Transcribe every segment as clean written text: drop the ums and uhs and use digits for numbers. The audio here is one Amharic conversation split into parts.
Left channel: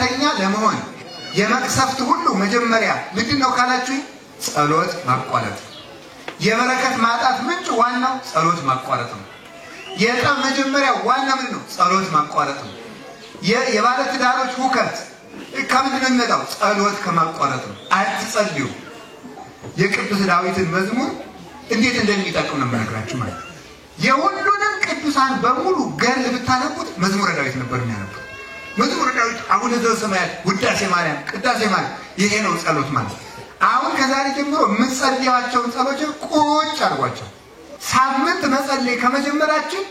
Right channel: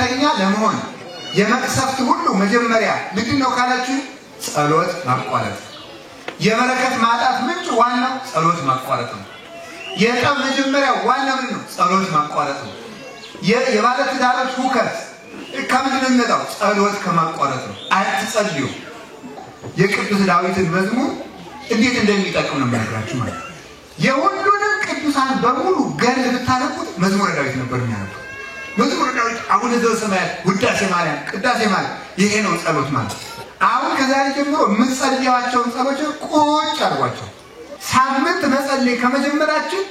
ኃጢአተኛ ለመሆን የመቅሰፍት ሁሉ መጀመሪያ ምንድነው ካላችሁ ጸሎት ማቋረጥ የበረከት ማጣት ምንጭ ዋናው ጸሎት ማቋረጥ ነው የጠብ መጀመሪያ ዋና ምንድነው ጸሎት ማቋረጥ ነው የባለ ትዳሮች ሁከት ከምንድነው የሚመጣው ጸሎት ከማቋረጥ ነው አትጸልዩ የቅዱስ ዳዊትን መዝሙር እንዴት እንደሚጠቅም ነው ማለት ነው የሁሉንም ቅዱሳን በሙሉ ገል ብታነቡት መዝሙረ ዳዊት ነበር የሚያነቡት መዝሙረ ዳዊት አቡነ ዘበሰማያት ውዳሴ ማርያም ቅዳሴ ማለት ይሄ ነው ጸሎት ማለት አሁን ከዛሬ ጀምሮ ምንጸልያቸውን ጸሎቶች ቁጭ አድርጓቸው ሳምንት መጸለይ ከመጀመራችን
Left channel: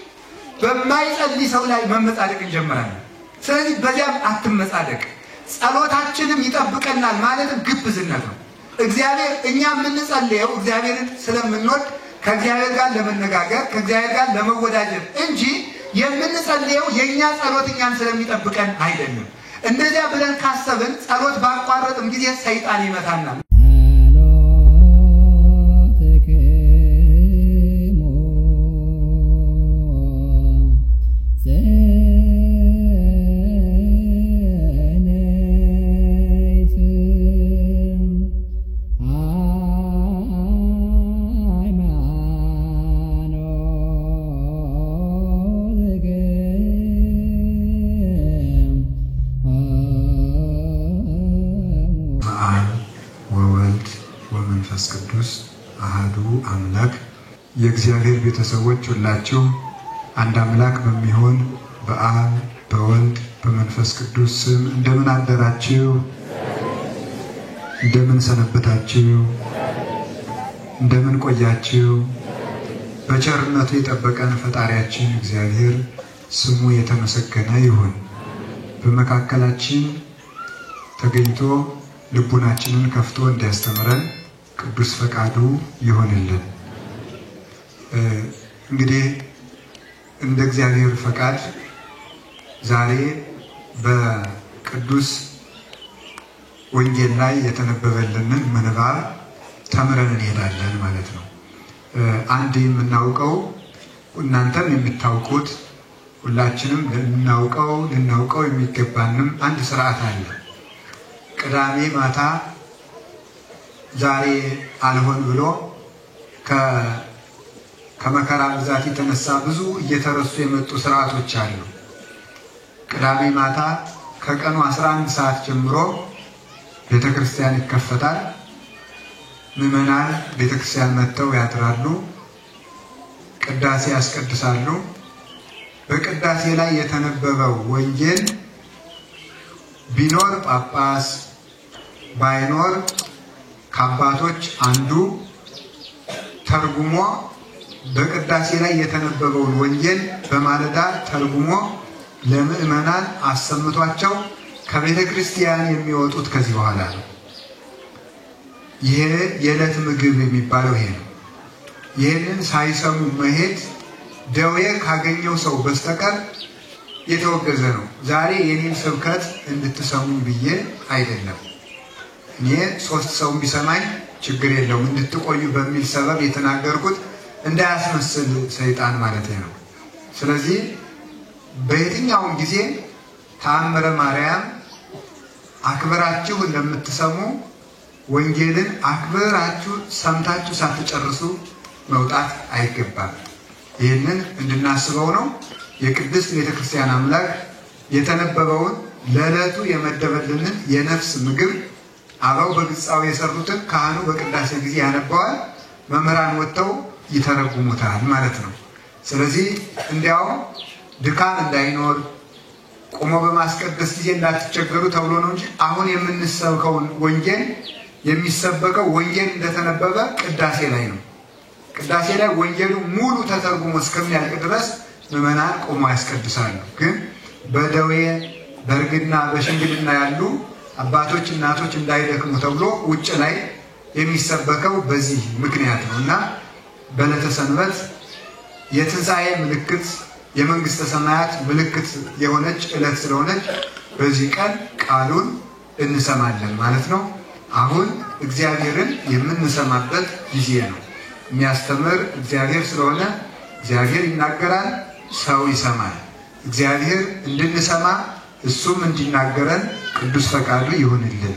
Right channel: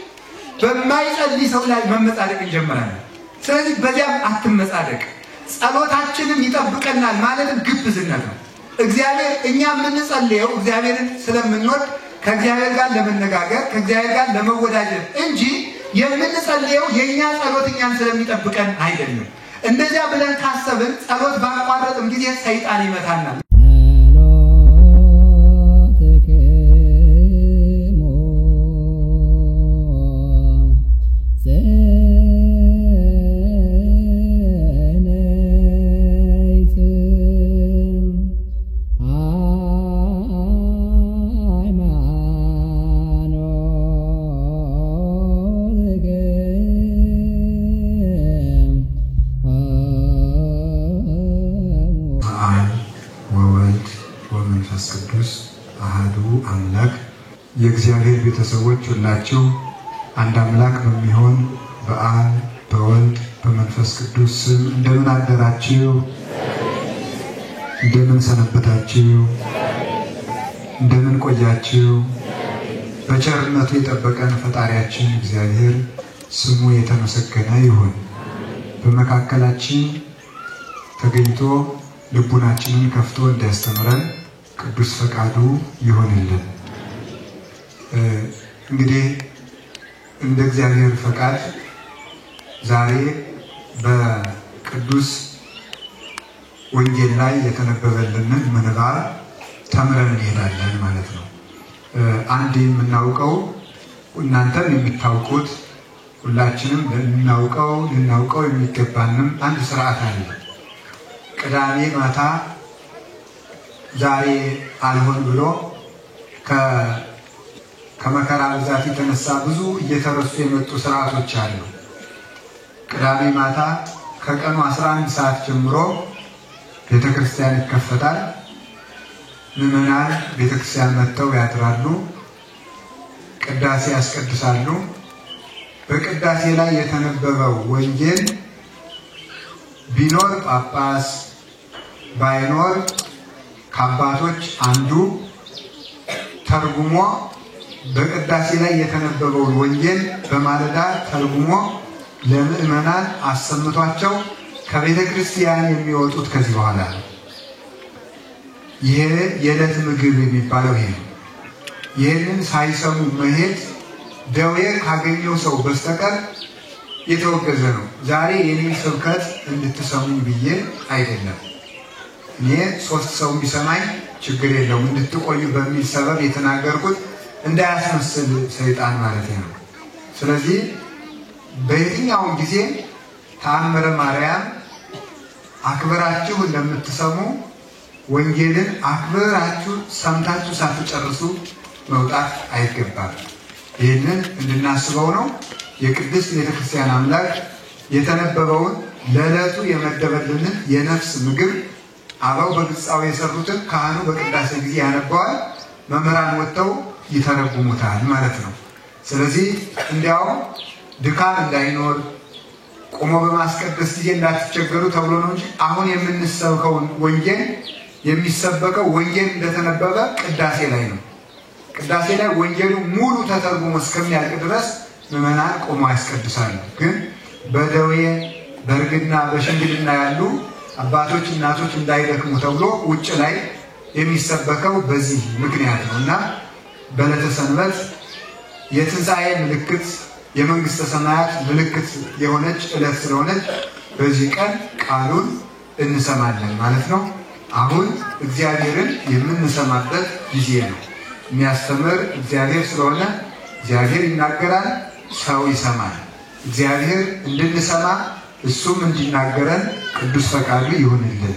በማይጸልይ ሰው ላይ መመጻደቅ እንጀምራለን ስለዚህ በዚያም አትመጻደቅ ጸሎታችንም ይጠብቀናል ማለትም ግብዝነት ነው እግዚአብሔር እኛ የምንጸልየው እግዚአብሔርን ስለምንወድ ከእግዚአብሔር ጋር ለመነጋገር ከእግዚአብሔር ጋር ለመወዳጀት እንጂ የምንጸልየው የኛ ጸሎት እኛን ስለሚጠብቀን አይደለም እንደዚያ ብለን ካሰብን ጸሎት ባቋረጥም ጊዜ ሰይጣን ይመታናል የእግዚአብሔር ቤተሰቦች ሁላችሁ አንድ አምላክ በሚሆን በአብ በወልድ በመንፈስ ቅዱስ ስም እንደምን አደራችሁ እንደምን ሰነበታችሁ እንደምን ቆያችሁ በቸርነቱ የጠበቀን ፈጣሪያችን እግዚአብሔር ስሙ የተመሰገነ ይሁን በመካከላችን ተገኝቶ ልቡናችንን ከፍቶ እንዲያስተምረን ቅዱስ ፈቃዱ ይሁንልን እንግዲህ እንደ እግዚአብሔር ፈቃድ ዛሬ በቅዱስ ወንጌል ላይ የተነበበልንን ምንባብ ተምረን እንሄዳለን ማለት ነው አንድ የምናውቀው እናንተም የምታውቁት ሁላችንም ልናውቀው የሚገባንም አንድ ሥርዓት አለ ቅዳሜ ማታ ዛሬ አልሆን ብሎ ከመከራ ብዛት የተነሳ ብዙ እየተረሱ የመጡ ሥርዓቶች አሉ ቅዳሜ ማታ ከቀኑ 11 ሰዓት ጀምሮ ቤተክርስቲያን ይከፈታል ምዕመናን ቤተክርስቲያን መጥተው ያድራሉ ቅዳሴ ያስቀድሳሉ በቅዳሴ ላይ የተነበበው ወንጌል ቢኖር ጳጳስ ባይኖር ከአባቶች አንዱ ተርጉሞ በቅዳሴ ላይ የተነበበውን ወንጌል በማለዳ ተርጉሞ ለምዕመናን አሰምቷቸው ከቤተ ክርስቲያን የሚወጡት ከዚህ በኋላ ይሄ የዕለት ምግብ የሚባለው ይሄ ነው ይሄንን ሳይሰሙ መሄድ ደዌ ካገኘው ሰው በስተቀር የተወገዘ ነው ዛሬ የኔን ስብከት እንድትሰሙ ብዬ አይደለም እኔ 3 ሰው ቢሰማኝ ችግር የለውም እንድትቆዩ በሚል ሰበብ የተናገርኩት እንዳያስመስል ሰይጣን ማለት ነው ስለዚህ በየትኛው ጊዜ ተአምረ ማርያም አክብራችሁ ለምትሰሙ ወንጌልን አክብራችሁ ሰምታችሁ ሳትጨርሱ መውጣት አይገባም ይሄንን እንድናስበው ነው የቅድስት ቤተክርስቲያን አምላክ የተነበበውን ለዕለቱ የመደበልንን የነፍስ ምግብ አባው በግጻው የሰሩትን ካህኑ በቅዳሴ ጊዜ ያነባዋል መምህራን ወጥተው ይተረጉሙታል ማለት ነው ስለዚህ እንዲያው ድካም እንዳይኖር ቆሞ በማስቀደስ ጊዜ እንዳትቸገሩ ተብሎ ነው እንጂ አሁን የምንሰብከው ወንጌል የሚሰበከው ወንጌል እንደተነበበ ቅዳሴ ላይ ነው ቅዳሴ ላይ ወንጌሉ ሙሉ ተተርጉሞ እስከሚያልቅ ድረስ ምዕመናን ቆሞ ያስቀድሳሉ ግን በደዌ በእርግና በሽምግልና ያሉ አባቶች እናቶች እንዳይደክሙ ተብሎ ውጭ ላይ የሚሰበከው በዚህ ምክንያት ነውና በዕለተ ሰንበት የትንሣኤ ምልክት የመንግስተ ሰማያት ምልክት የሆነች ዕለት ስለሆነች በዚህ ቀን ቃሉን እንሰማለን ማለት ነው አሁን እግዚአብሔርን የምንሰማበት ጊዜ ነው የሚያስተምር እግዚአብሔር ስለሆነ እግዚአብሔር ይናገራል ሰው ይሰማል እግዚአብሔር እንድንሰማ እሱም እንዲናገረን ቅዱስ ፈቃዱ ይሁንልን።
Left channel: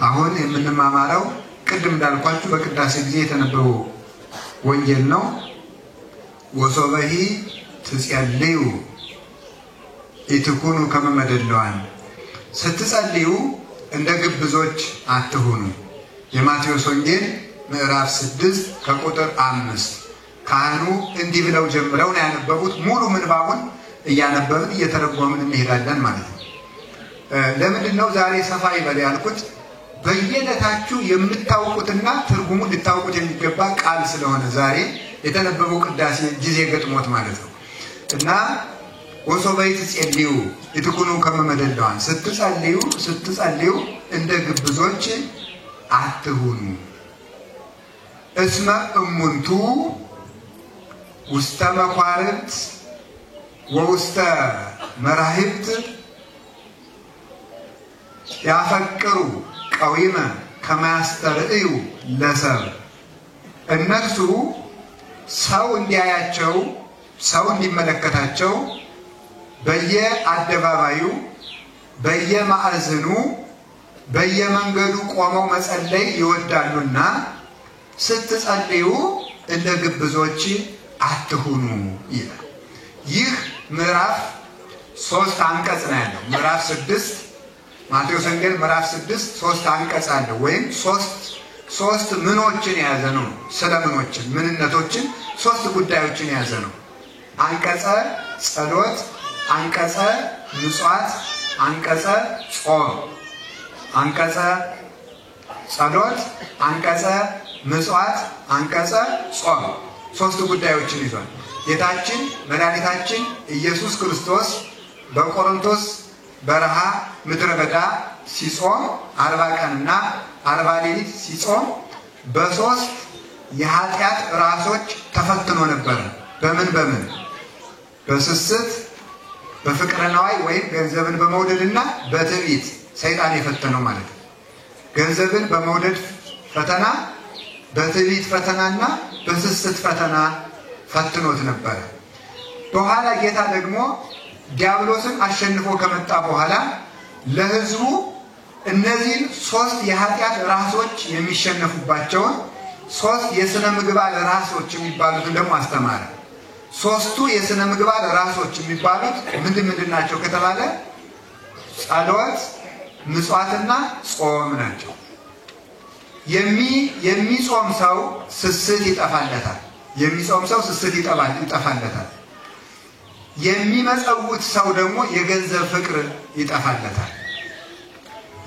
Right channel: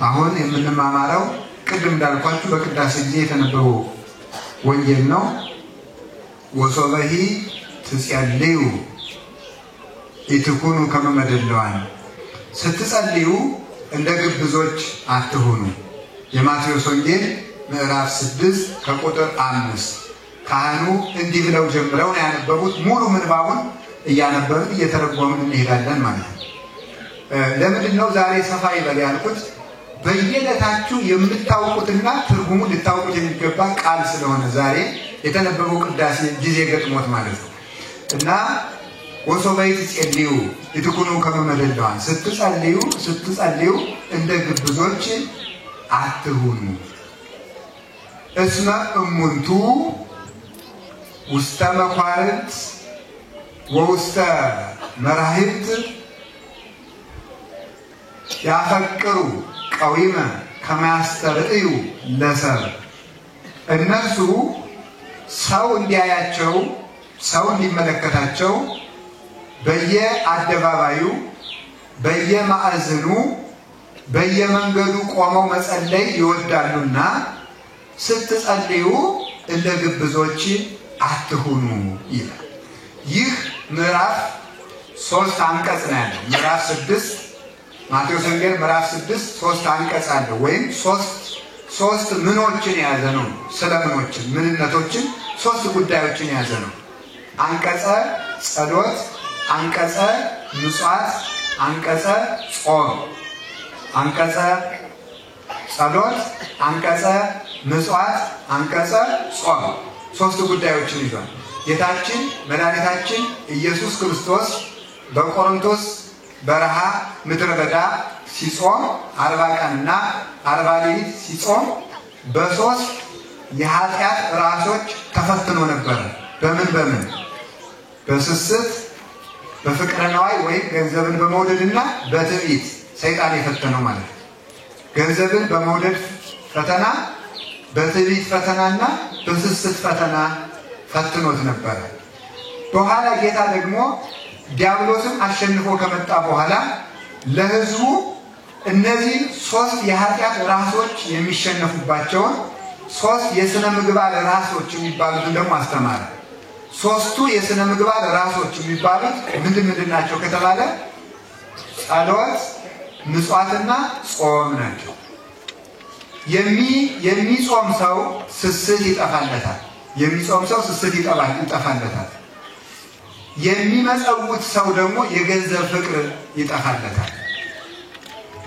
አሁን የምንማማረው ቅድም እንዳልኳችሁ በቅዳሴ ጊዜ የተነበበው ወንጌል ነው። ወሶበሂ ትጸልዩ ኢትኩኑ ከመ መደልዋን፣ ስትጸልዩ እንደ ግብዞች አትሁኑ። የማቴዎስ ወንጌል ምዕራፍ 6 ከቁጥር 5። ካህኑ እንዲህ ብለው ጀምረው ያነበቡት ሙሉ ምንባቡን እያነበብን እየተረጎምን እንሄዳለን ማለት ነው። ለምንድን ነው ዛሬ ሰፋ ይበል ያልኩት? በየዕለታችሁ የምታውቁትና ትርጉሙ ልታውቁት የሚገባ ቃል ስለሆነ ዛሬ የተነበበው ቅዳሴ ጊዜ ገጥሞት ማለት ነው። እና ወሶበይ ትጸልዩ ኢትኩኑ ከመ መደልዋን፣ ስትጸልዩ እንደ ግብዞች አትሁኑ። እስመ እሙንቱ ውስተ መኳርንት ወውስተ መራሕብት ያፈቅሩ ቀዊመ ከመ ያስተርእዩ ለሰብእ። እነርሱ ሰው እንዲያያቸው፣ ሰው እንዲመለከታቸው በየአደባባዩ በየማዕዘኑ በየመንገዱ ቆመው መጸለይ ይወዳሉና ስትጸልዩ እንደ ግብዞች አትሁኑ ይላል። ይህ ምዕራፍ 3 አንቀጽ ነው ያለው። ምዕራፍ 6 ማቴዎስ ወንጌል ምዕራፍ 6 3 አንቀጽ አለው። ወይም ሶስት ምኖችን የያዘ ነው። ስለ ምኖችን ምንነቶችን 3 ጉዳዮችን የያዘ ነው። አንቀጸ ጸሎት፣ አንቀጸ ምጽዋት፣ አንቀጸ ጾም። አንቀጸ ጸሎት፣ አንቀጸ ምጽዋት፣ አንቀጸ ጾም 3 ጉዳዮችን ይዟል። ጌታችን መድኃኒታችን ኢየሱስ ክርስቶስ በቆሮንቶስ በረሃ ምድረ በዳ ሲጾም 40 ቀንና 40 ሌሊት ሲጾም በ3 የኃጢአት ራሶች ተፈትኖ ነበር። በምን? በስስት፣ በፍቅረ ነዋይ ወይም ገንዘብን በመውደድና በትዕቢት ሰይጣን የፈተነው ማለት ነው። ገንዘብን በመውደድ ፈተና፣ በትዕቢት ፈተናና በስስት ፈተና ፈትኖት ነበር። በኋላ ጌታ ደግሞ ዲያብሎስን አሸንፎ ከመጣ በኋላ ለሕዝቡ እነዚህን 3 የኃጢአት ራሶች የሚሸነፉባቸውን 3 የሥነ ምግባር ራሶች የሚባሉትን ደግሞ አስተማረ። 3ቱ የሥነ ምግባር ራሶች የሚባሉት ምንድን ናቸው ከተባለ ጸሎት፣ ምጽዋትና ጾም ናቸው። የሚጾም ሰው ስስት ይጠፋለታል። የሚመጸውት ሰው ደግሞ የገንዘብ ፍቅር ይጠፋለታል።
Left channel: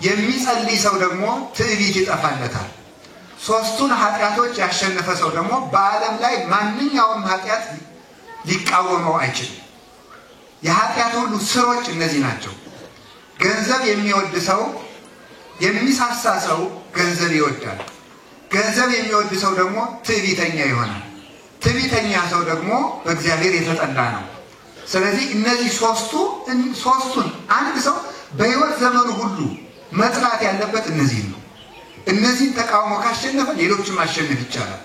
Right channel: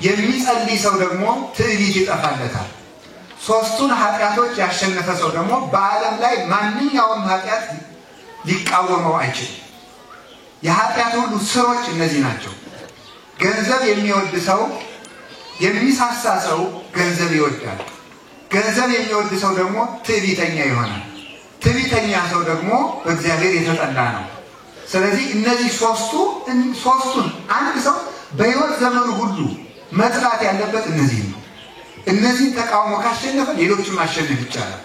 የሚጸልይ ሰው ደግሞ ትዕቢት ይጠፋለታል። 3ቱን ኃጢአቶች ያሸነፈ ሰው ደግሞ በዓለም ላይ ማንኛውም ኃጢአት ሊቃወመው አይችልም። የኃጢአት ሁሉ ስሮች እነዚህ ናቸው። ገንዘብ የሚወድ ሰው፣ የሚሳሳ ሰው ገንዘብ ይወዳል። ገንዘብ የሚወድ ሰው ደግሞ ትዕቢተኛ ይሆናል። ትዕቢተኛ ሰው ደግሞ በእግዚአብሔር የተጠላ ነው። ስለዚህ እነዚህ ሶስቱን አንድ ሰው በሕይወት ዘመኑ ሁሉ መጥላት ያለበት እነዚህ ነው። እነዚህን ተቃውሞ ካሸነፈ ሌሎችን ማሸነፍ ይቻላል።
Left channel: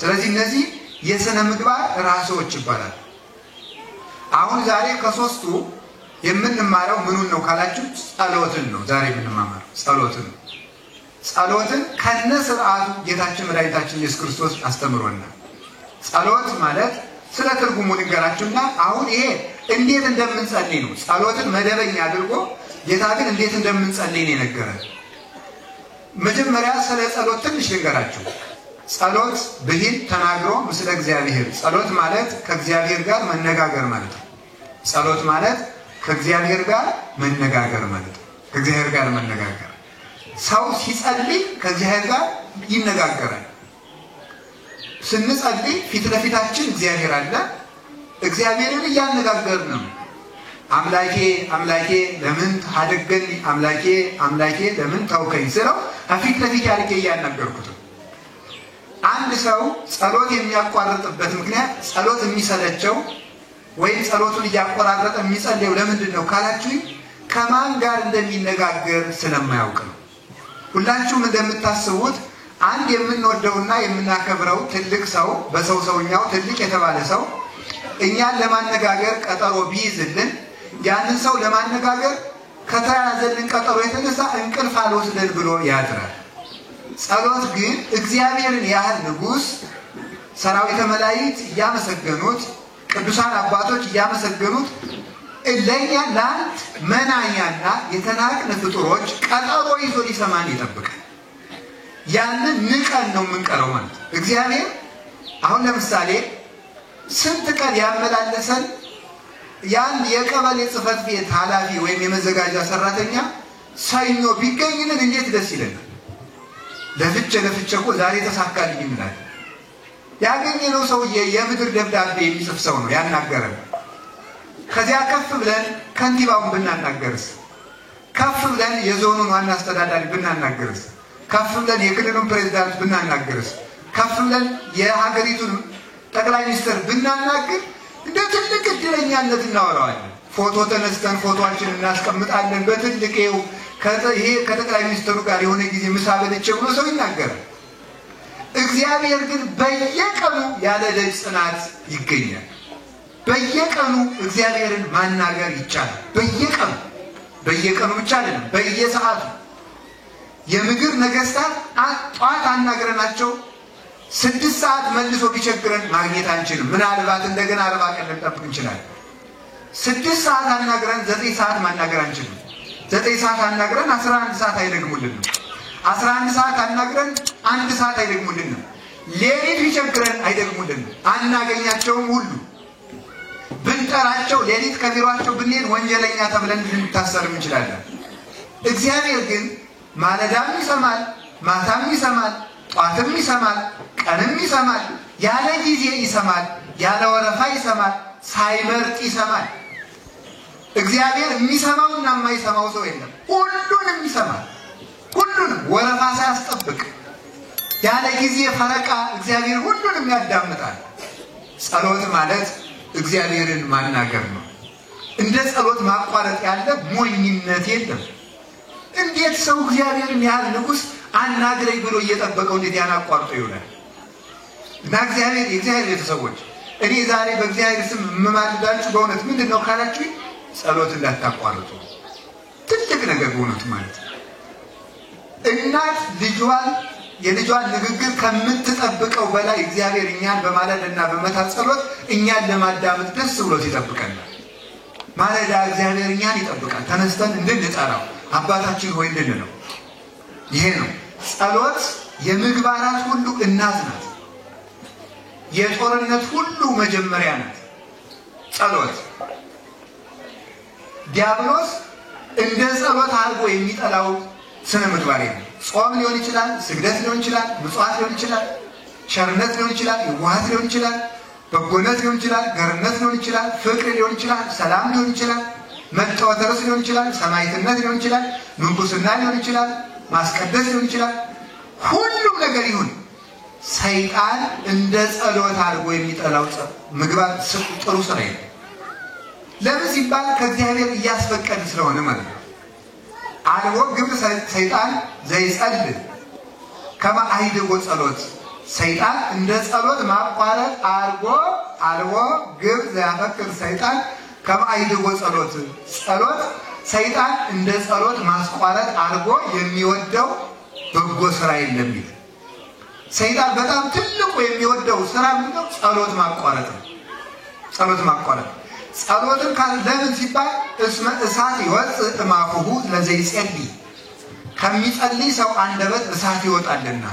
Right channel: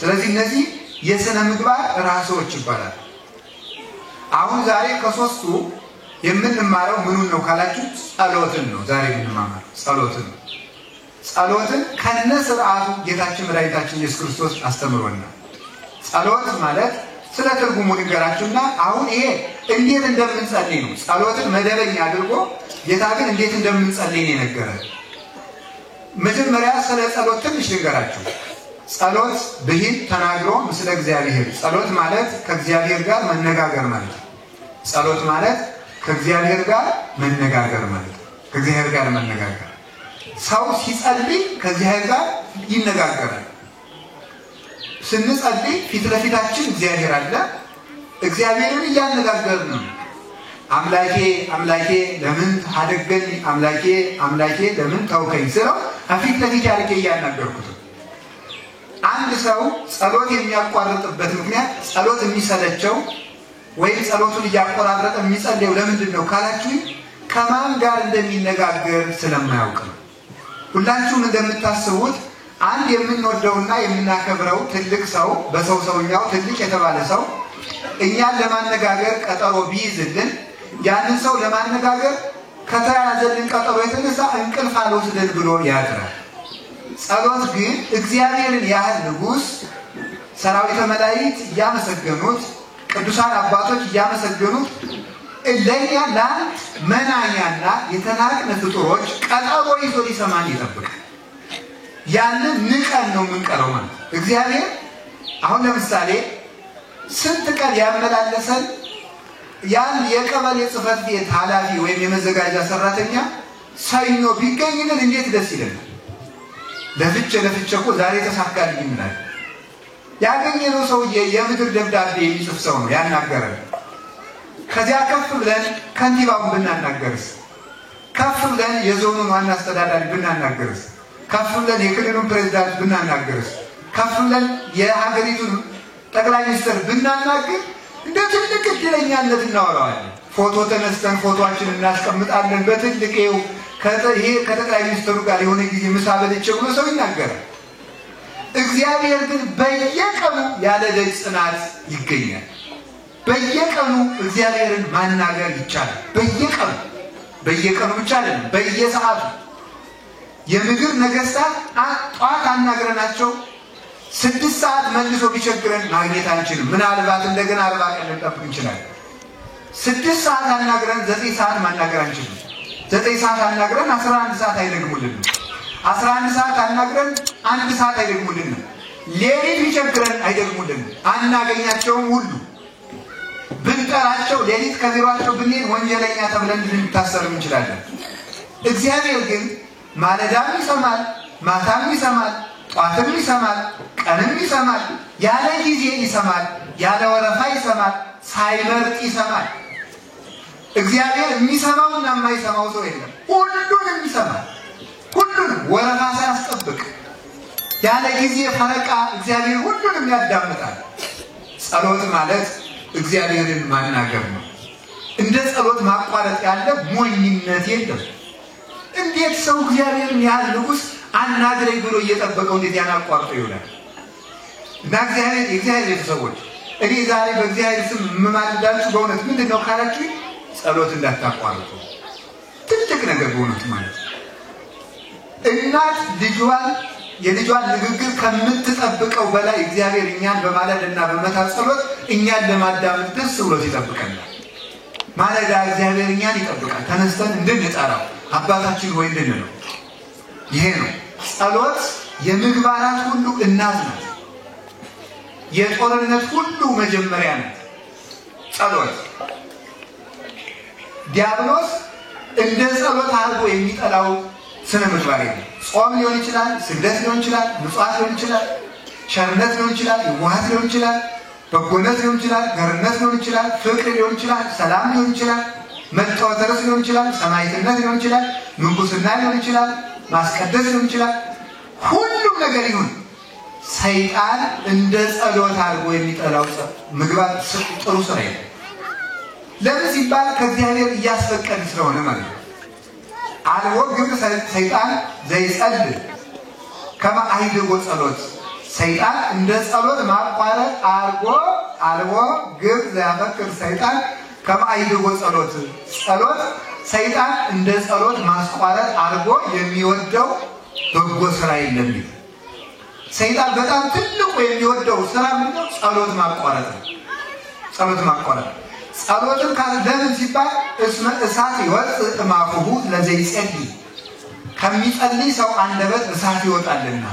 ስለዚህ እነዚህ የሥነ ምግባር ራሶች ይባላል። አሁን ዛሬ ከ3ቱ የምንማረው ምኑን ነው ካላችሁ ጸሎትን ነው። ዛሬ የምንማማረው ጸሎትን ነው። ጸሎትን ከነ ስርዓቱ ጌታችን መድኃኒታችን ኢየሱስ ክርስቶስ አስተምሮናል። ጸሎት ማለት ስለ ትርጉሙ ንገራችሁና አሁን ይሄ እንዴት እንደምንጸልይ ነው። ጸሎትን መደበኛ አድርጎ ጌታ ግን እንዴት እንደምንጸልይ ነው የነገረን። መጀመሪያ ስለ ጸሎት ትንሽ ንገራችሁ። ጸሎት ብሂል ተናግሮ ምስለ እግዚአብሔር። ጸሎት ማለት ከእግዚአብሔር ጋር መነጋገር ማለት ነው። ጸሎት ማለት ከእግዚአብሔር ጋር መነጋገር ማለት ነው። ከእግዚአብሔር ጋር መነጋገር። ሰው ሲጸልይ ከእግዚአብሔር ጋር ይነጋገራል። ስንጸልይ ፊት ለፊታችን እግዚአብሔር አለ። እግዚአብሔርን እያነጋገርን ነው። አምላኬ አምላኬ ለምን ታደገኝ፣ አምላኬ አምላኬ ለምን ታውከኝ ስለው ፊት ለፊት ያልከ እያናገርኩት። አንድ ሰው ጸሎት የሚያቋርጥበት ምክንያት ጸሎት የሚሰለቸው ወይም ጸሎቱን እያቋረጠ የሚጸልየው ለምንድን ነው ካላችሁ ከማን ጋር እንደሚነጋገር ስለማያውቅ ነው። ሁላችሁም እንደምታስቡት አንድ የምንወደውና የምናከብረው ትልቅ ሰው በሰውኛው ትልቅ የተባለ ሰው እኛን ለማነጋገር ቀጠሮ ቢይዝልን ያንን ሰው ለማነጋገር ከተያዘልን ቀጠሮ የተነሳ እንቅልፍ አልወስደን ብሎ ያድራል። ጸሎት ግን እግዚአብሔርን ያህል ንጉሥ ሰራዊተ መላእክት እያመሰገኑት ቅዱሳን አባቶች እያመሰገኑት ለኛ ለአንድ መናኛና የተናቅን ፍጡሮች ቀጠሮ ይዞ ሊሰማን ይጠብቃል። ያንን ንቀን ነው የምንቀረው ማለት እግዚአብሔር አሁን ለምሳሌ ስንት ቀን ያመላለሰን ያን የቀበሌ ጽሕፈት ቤት ኃላፊ ወይም የመዘጋጃ ሰራተኛ ሰኞ ቢገኝልን እንዴት ደስ ይለናል። ለፍቼ እኮ ዛሬ ተሳካልኝ እንላለን። ያገኘነው ሰውዬ የምድር ደብዳቤ የሚጽፍ ሰው ነው ያናገረን። ከዚያ ከፍ ብለን ከንቲባውን ብናናገርስ፣ ከፍ ብለን የዞኑን ዋና አስተዳዳሪ ብናናገርስ፣ ከፍ ብለን የክልሉን ፕሬዝዳንት ብናናገርስ፣ ከፍ ብለን የሀገሪቱን ጠቅላይ ሚኒስትር ብናናገር እንደ ትልቅ እድለኛነት እናወራዋለን። ፎቶ ተነስተን ፎቶአችን እናስቀምጣለን በትልቅው ይሄ ከጠቅላይ ሚኒስትሩ ጋር የሆነ ጊዜ ምሳ በልቼ ብሎ ሰው ይናገራል። እግዚአብሔር ግን በየቀኑ ያለ ደጅ ጽናት ይገኛል። በየቀኑ እግዚአብሔርን ማናገር ይቻላል። በየቀኑ ብቻ አይደለም፣ በየሰዓቱ የምድር ነገስታት ጧት አናግረናቸው 6 ሰዓት መልሶ ቢቸግረን ማግኘት አንችልም። ምናልባት እንደገና 40 ቀን ልንጠብቅ እንችላለን። 6 ሰዓት አናግረን 9 ሰዓት ማናገር አንችልም። 9 ሰዓት አናግረን 11 ሰዓት አይደግሙልንም። 11 ሰዓት አናግረን 1 ሰዓት አይደግሙልንም። ሌሊት ቢቸግረን አይደግሙልንም። አናገኛቸውም ሁሉ ብንጠራቸው ሌሊት ከቢሯቸው ብንሄድ ወንጀለኛ ተብለን ልንታሰር እንችላለን። እግዚአብሔር ግን ማለዳም ይሰማል፣ ማታም ይሰማል፣ ጧትም ይሰማል፣ ቀንም ይሰማል፣ ያለ ጊዜ ይሰማል፣ ያለ ወረፋ ይሰማል፣ ሳይመርጥ ይሰማል። እግዚአብሔር የሚሰማውና የማይሰማው ሰው የለም። ሁሉንም ይሰማል። ሁሉንም ወረፋ ሳያስጠብቅ ያለ ጊዜ ፈረቃ እግዚአብሔር ሁሉንም ያዳምጣል። ጸሎት ማለት እግዚአብሔርን ማናገር ነው። እንደ ጸሎት ማቋረጥ ያለ ሞኝነት የለም። እንዴት ሰው እግዚአብሔርን ያህል ንጉሥ አናግረኝ ብሎ እየጠበቀው እንዴት ያናቋርጦ ይውላል? እና የእግዚአብሔር ቤተሰቦች እኔ ዛሬ በእግዚአብሔር ስም የምማልዳችሁ በእውነት ምንድን ነው ካላችሁ ጸሎት እንዳታቋርጡ። ትልቅ ነገር በእውነት ማለት እናት የልጇን ንግግር ከምትጠብቀው በላይ እግዚአብሔር እኛን በማለዳና በመታት ጸሎት እኛን ለማዳመጥ ደስ ብሎት ይጠብቀናል። ማለዳ እግዚአብሔር እኛን ይጠብቃል። ተነስተን እንድንጠራው አባታችን ሆይ እንድንለው። ይሄ ነው ጸሎት። የምግባራት ሁሉ እናት ናት። የጦርነት ሁሉ መጀመሪያ ናት ጸሎት። ዲያብሎስ እንደ ጸሎት አድርጎ የሚጠላው ስነ ምግባር ነው። ጾም ሊሆን ይችላል፣ ስግደት ሊሆን ይችላል፣ ምጽዋት ሊሆን ይችላል፣ ቸርነት ሊሆን ይችላል፣ የዋህት ሊሆን ይችላል፣ በጎነት ሊሆን ይችላል፣ ገርነት ሊሆን ይችላል፣ ፍቅር ሊሆን ይችላል፣ ሰላም ሊሆን ይችላል፣ መተዋደር ሊሆን ይችላል፣ ሰማዕትነት ሊሆን ይችላል፣ ምንኩስና ሊሆን ይችላል፣ ማስቀደስ ሊሆን ይችላል። ሁሉም ነገር ይሁን ሰይጣን እንደ ጸሎት አድርጎ የሚጠላው ምግባር ጥሩ ስራ ነው። ለምን ሲባል ከእግዚአብሔር እያስፈቀደ ስለሆነ ማለት ነው። አልቦ ግብ ሰይጣን ዘይጸልይ ከመ አይድጎ ጸሎት። ሰይጣን እንደ ጸሎት ማቋረጥ አልቦ ግብ ዘያፈቅር ሰይጣን ከመ አይድጎ ጸሎት። ጸሎት ሰይጣን እንደ ጸሎት ማስቋረጥ አልቦ የሚወደው በጎ ስራ የለም። ሰይጣን በጣም ትልቁ የሚወደው ስራ ምንድነው? ጸሎት ማቋረጥ ነው። ጸሎት ማቋረጥ ጸሎትን ለምን ሲባል እስመ እሳት ይወጽእ እማፉሁ ለዘይጸልይ፣ ከሚጸልይ ሰው አንደበት እሳት ይወጣልና።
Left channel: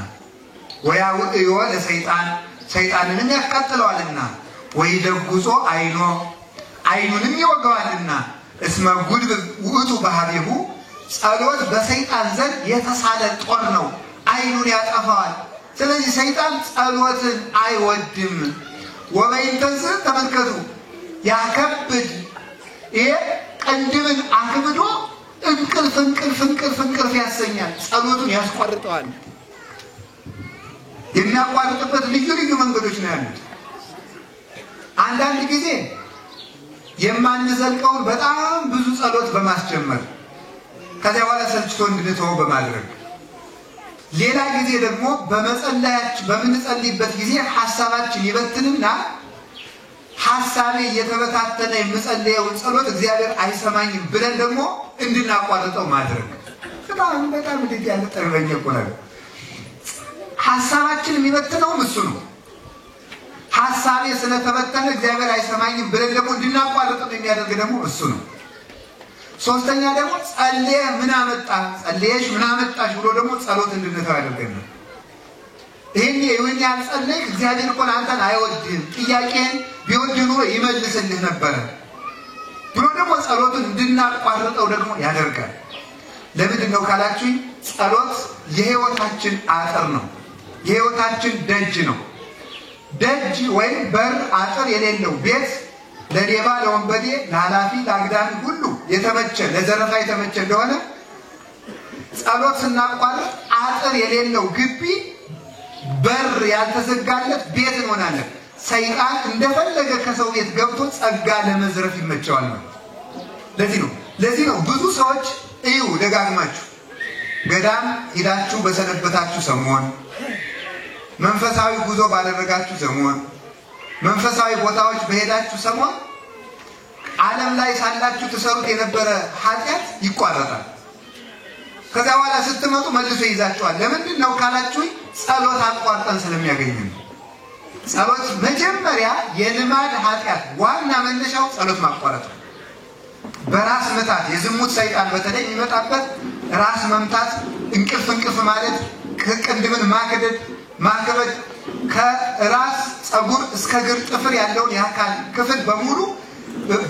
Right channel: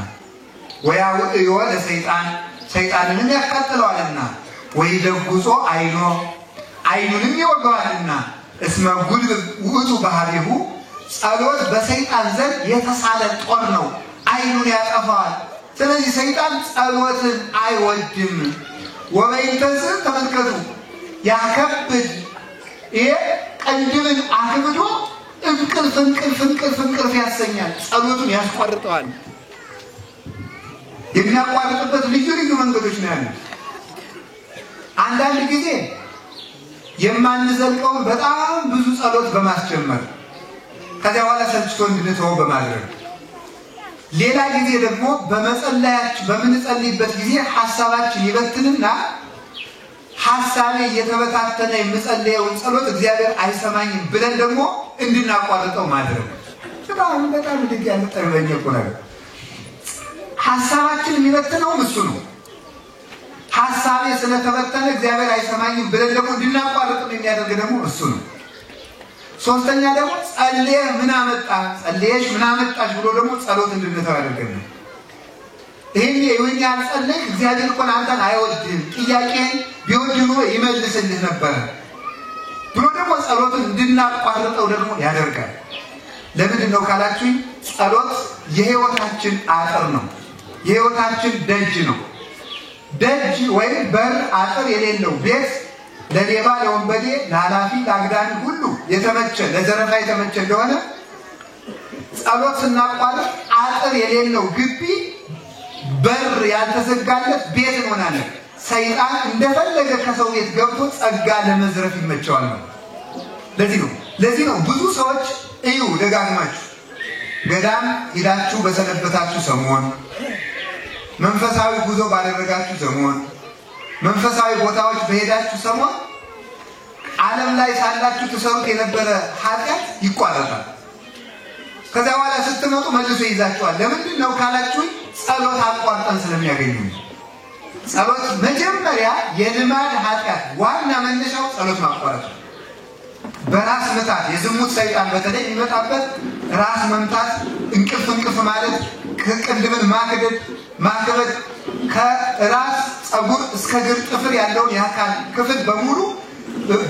ወያውዕዮ ለሰይጣን፣ ሰይጣንንም ያቃጥለዋልና። ወይደጉጾ አይኑንም ይወጋዋልና። እስመ ጉልብ ውእቱ ባህሪሁ፣ ጸሎት በሰይጣን ዘንድ የተሳለ ጦር ነው፣ አይኑን ያጠፋዋል። ስለዚህ ሰይጣን ጸሎትን አይወድም። ወበይንተዝ ተመልከቱ ያከብድ፣ ይሄ ቀንድብን አክብዶ እንቅልፍ ያሰኛል። ጸሎቱን ያስቋርጠዋል። የሚያቋርጥበት ልዩ መንገዶች ነው ያሉት። አንዳንድ ጊዜ የማንዘልቀውን በጣም ብዙ ጸሎት በማስጀመር ከዚያ በኋላ ሰልችቶ እንድንተወው በማድረግ፣ ሌላ ጊዜ ደግሞ በምንጸልይበት ጊዜ ሐሳባችን ይበትንና ሐሳቤ የተበታተነ የምጸልየው ጸሎት እግዚአብሔር አይሰማኝም ብለን ደግሞ እንድናቋርጠው ማድረግ በጣም እንዴት ያለ ጠርበኛ እኮ ነው። ሐሳባችን የሚበትነው እሱ ነው። ሐሳቤ ስለተበተነ እግዚአብሔር አይሰማኝም ብለን ደግሞ እንድናቋርጠው የሚያደርግ ደግሞ እሱ ነው። ሶስተኛ ደግሞ ጸልየ ምን አመጣ ጸልየሽ ምን አመጣሽ ብሎ ደግሞ ጸሎት እንድንተው ያደርገናል። ይሄኔ የወኛ ጸልይ እግዚአብሔር እኮ አንተን አይወድም ጥያቄን ቢወድ ኖሮ ይመልስልህ ነበር ብሎ ደግሞ ጸሎትን እንድናቋርጠው ደግሞ ያደርጋል። ለምንድን ነው ካላችሁኝ ጸሎት የህይወታችን አጥር ነው። የህይወታችን ደጅ ነው። ደጅ ወይም በር አጥር የሌለው ቤት ለሌባ ለወንበዴ ለኃላፊ ለአግዳሚ ሁሉ የተመቸ ለዘረፋ የተመቸ እንደሆነ ጸሎት ስናቋርጥ አጥር የሌለው ግቢ በር ያልተዘጋለት ቤት እንሆናለን። ሰይጣን እንደፈለገ ከሰው ቤት ገብቶ ጸጋ ለመዝረፍ ይመቸዋል ማለት። ለዚህ ነው ብዙ ሰዎች እዩ ደጋግማችሁ ገዳም ሄዳችሁ በሰነበታችሁ ሰሞን መንፈሳዊ ጉዞ ባደረጋችሁ ሰሞን መንፈሳዊ ቦታዎች በሄዳችሁ ሰሞን ዓለም ላይ ሳላችሁ ተሰሩት የነበረ ኃጢአት ይቋረጣል። ከዛ በኋላ ስትመጡ መልሶ ይዛችኋል። ለምንድን ነው ካላችሁ ጸሎት አቋርጠን ስለሚያገኙ። ጸሎት መጀመሪያ የልማድ ኃጢአት ዋና መነሻው ጸሎት ማቋረጥ ነው። በራስ መታት የዝሙት ሰይጣን በተለይ የሚመጣበት ራስ መምታት እንቅልፍ ማለት ከቅንድብን ማክበድ ከራስ ጸጉር እስከ እግር ጥፍር ያለውን የአካል ክፍል በሙሉ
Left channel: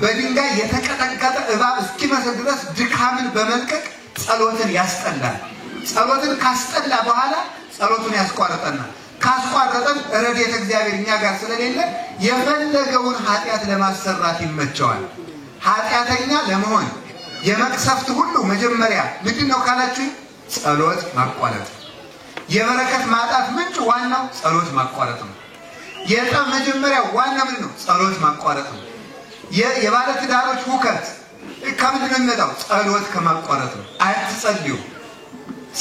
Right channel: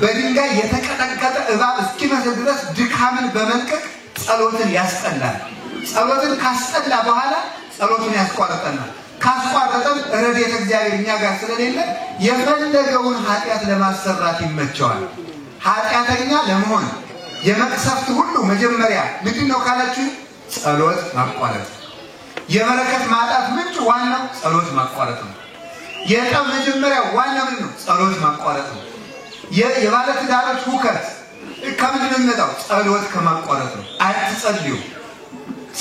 በድንጋይ የተቀጠቀጠ እባብ እስኪመስል ድረስ ድካምን በመልቀቅ ጸሎትን ያስጠላል። ጸሎትን ካስጠላ በኋላ ጸሎቱን ያስቋርጠናል። ካስቋረጠን ረድኤተ እግዚአብሔር እኛ ጋር ስለሌለ የፈለገውን ኃጢአት ለማሰራት ይመቸዋል። ኃጢአተኛ ለመሆን የመቅሰፍት ሁሉ መጀመሪያ ምንድነው ካላችሁ ጸሎት ማቋረጥ። የበረከት ማጣት ምንጭ ዋናው ጸሎት ማቋረጥ ነው። የጠብ መጀመሪያ ዋና ምንድነው ጸሎት ማቋረጥ ነው። የባለ ትዳሮች ሁከት ከምንድነው የሚመጣው ጸሎት ከማቋረጥ ነው። አትጸልዩ።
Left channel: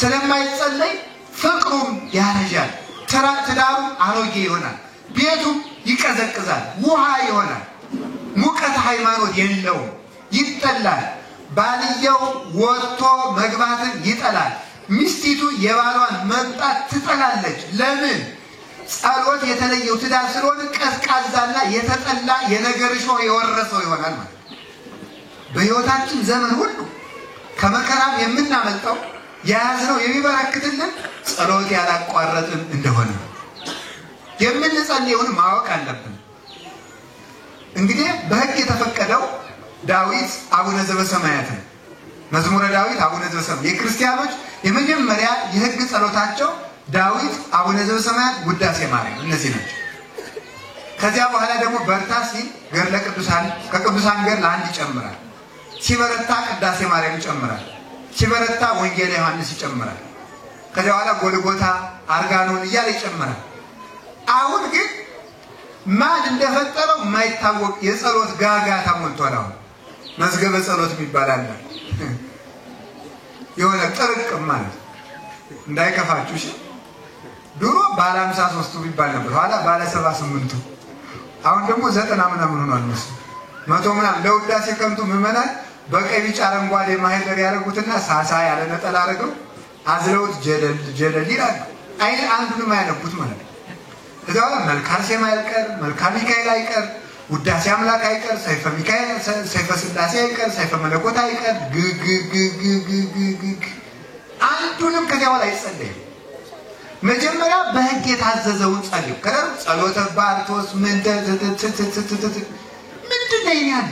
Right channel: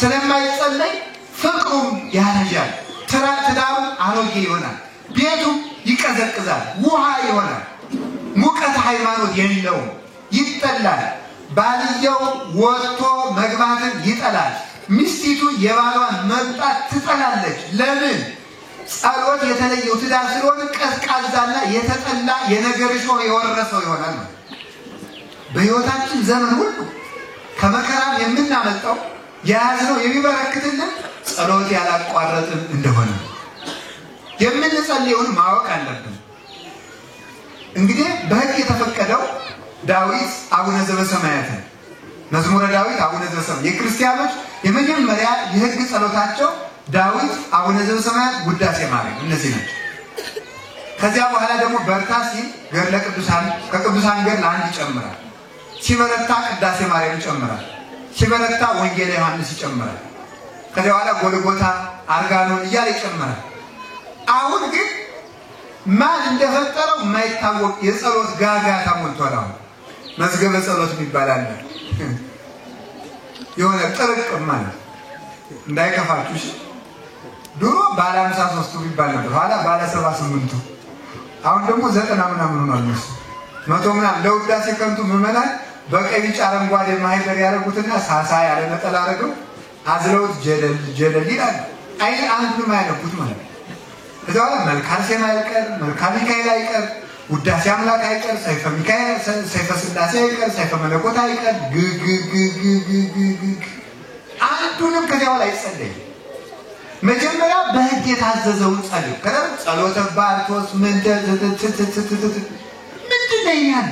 ስለማይጸለይ ፍቅሩም ያረጃል፣ ትዳሩ አሮጌ ይሆናል፣ ቤቱ ይቀዘቅዛል፣ ውሃ ይሆናል፣ ሙቀት ሃይማኖት የሌለው ይጠላል። ባልየው ወጥቶ መግባትን ይጠላል። ሚስቲቱ የባሏን መምጣት ትጠላለች። ለምን? ጸሎት የተለየው ትዳር ስለሆነ ቀዝቃዛና የተጠላ የነገር ሾህ የወረሰው ይሆናል ማለት። በህይወታችን ዘመን ሁሉ ከመከራም የምናመልጠው የያዝነው የሚበረክትልን ጸሎት ያላቋረጥን እንደሆነ የምንጸልየውን ማወቅ አለብን። እንግዲህ በሕግ የተፈቀደው ዳዊት አቡነ ዘበሰማያት ነው። መዝሙረ ዳዊት አቡነ ዘበሰማያት የክርስቲያኖች የመጀመሪያ የሕግ ጸሎታቸው ዳዊት አቡነ ዘበሰማያት ውዳሴ ማርያም እነዚህ ናቸው። ከዚያ በኋላ ደግሞ በርታ ሲል ገድለ ቅዱሳን ከቅዱሳን ገድል አንድ ይጨምራል። ሲበረታ ቅዳሴ ማርያም ይጨምራል። ሲበረታ ወንጌል ዮሐንስ ይጨምራል። ከዚያ በኋላ ጎልጎታ አርጋኖን እያለ ይጨምራል። አሁን ግን ማን እንደፈጠረው የማይታወቅ የጸሎት ጋጋታ ሞልቷል። አሁን መዝገበ ጸሎት ይባላል። የሆነ ጥርቅም ማለት እንዳይከፋችሁ ድሮ ባለ 53ቱ ይባል ነበር፣ ኋላ ባለ 78ቱ፣ አሁን ደግሞ 90 ምናምን ሆኗል። መቶ ምናምን ለውዳሴ ከንቱ ምዕመናን በቀይ ቢጫ አረንጓዴ ማህደር ያደረጉትና ሳሳ ያለ ነጠላ አድርገው አዝለውት ጀለል ይላል። አንዱንም አያነቡት ማለት ነው። እዛው መልካም ሴማ አይቀር፣ መልካም ሚካኤል አይቀር፣ ውዳሴ አምላክ አይቀር፣ ሰይፈ ሚካኤል ሰይፈ ስላሴ አይቀር፣ ሰይፈ መለኮት አይቀር፣ አንዱንም ከዚያው ላይ ጸልይ። መጀመሪያ በሕግ የታዘዘውን ጸልይ። ከደረ ጸሎተ ባርቶስ ምንድነው ይላል?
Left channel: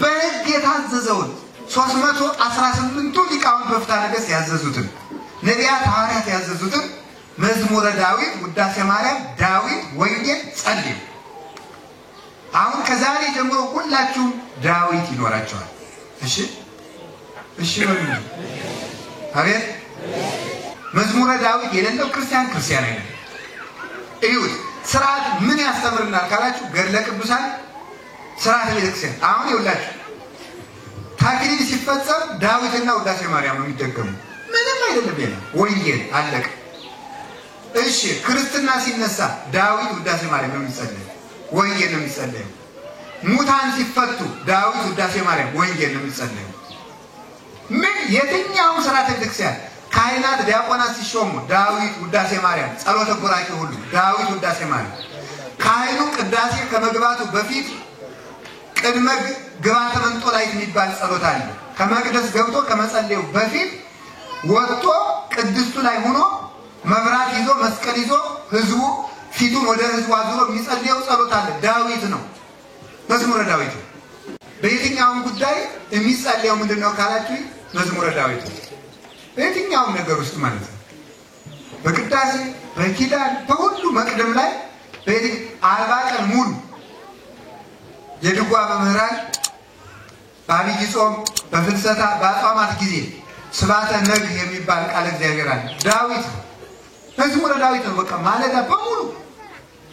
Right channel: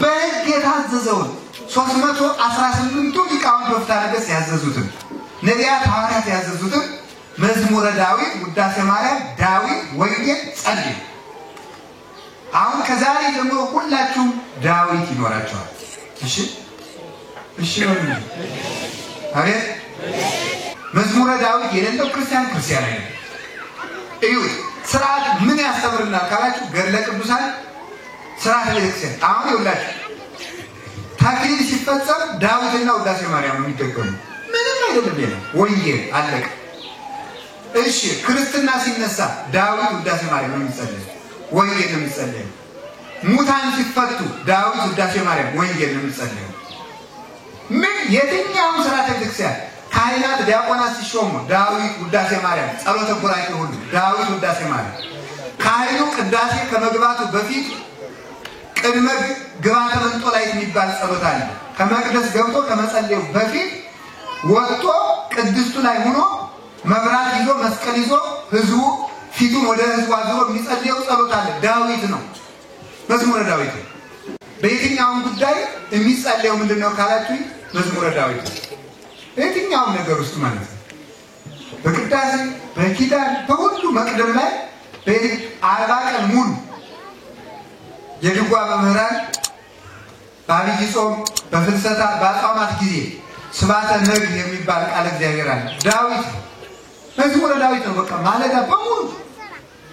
በሕግ የታዘዘውን 318ቱ ሊቃውንት በፍትሐ ነገሥት ያዘዙትን ነቢያት ሐዋርያት ያዘዙትን መዝሙረ ዳዊት ውዳሴ ማርያም ዳዊት ወንጌል ጸልይ። አሁን ከዛሬ ጀምሮ ሁላችሁም ዳዊት ይኖራችኋል። እሺ ወንጌል አቤት መዝሙረ ዳዊት የሌለው ክርስቲያን አይደለም። እዩት። ስርዓት ምን ያስተምርናል ካላችሁ ገድለ ቅዱሳን ስርዓት ቤተክርስቲያን። አሁን ይውላችሁ ታክሊል ሲፈጸም ዳዊትና ውዳሴ ማርያም የሚደገሙ ምንም አይደለም። የለም ወንጌል አለቀ። እሺ ክርስትና ሲነሳ ዳዊት ውዳሴ ማርያም የሚጸልይ ወንጌል ነው የሚጸለየው። ሙታን ሲፈቱ ዳዊት ውዳሴ ማርያም ወንጌል ነው የሚጸለየው። ምን የትኛውም ሥርዓተ ቤተክርስቲያን ካህናት ዲያቆናት ሲሾሙ ዳዊት ውዳሴ ማርያም፣ ጸሎተ ቡራኬ ሁሉ ዳዊት ውዳሴ ማርያም። ካህኑ ቅዳሴ ከመግባቱ በፊት ቅድመ ግባተ መንጦላይት የሚባል ጸሎት አለ። ከመቅደስ ገብቶ ከመጸለዩ በፊት ወጥቶ ቅድስቱ ላይ ሆኖ መብራት ይዞ መስቀል ይዞ ህዝቡ ፊቱን ወደ ህዝቡ አዙሮ የሚጸልየው ጸሎት አለ። ዳዊት ነው፣ መዝሙረ ዳዊት ነው። በየትኛውም ጉዳይ የሚጸልየው ምንድነው ካላችሁ መዝሙረ ዳዊት ነው። በየትኛውም ነገር ውስጥ ማለት ነው። በቅዳሴ በኪዳን በሁሉ መቅደም ላይ 40 ቀን ሙሉ የድጓ መምህራን በአብይ ጾም በፍልሰታ በአጽዋማት ጊዜ ስብሐተ ነግህ የሚባል ቃል እግዚአብሔር አለ። ዳዊት መዝሙረ ዳዊት ነው። በቃ ማለዳ በሙሉ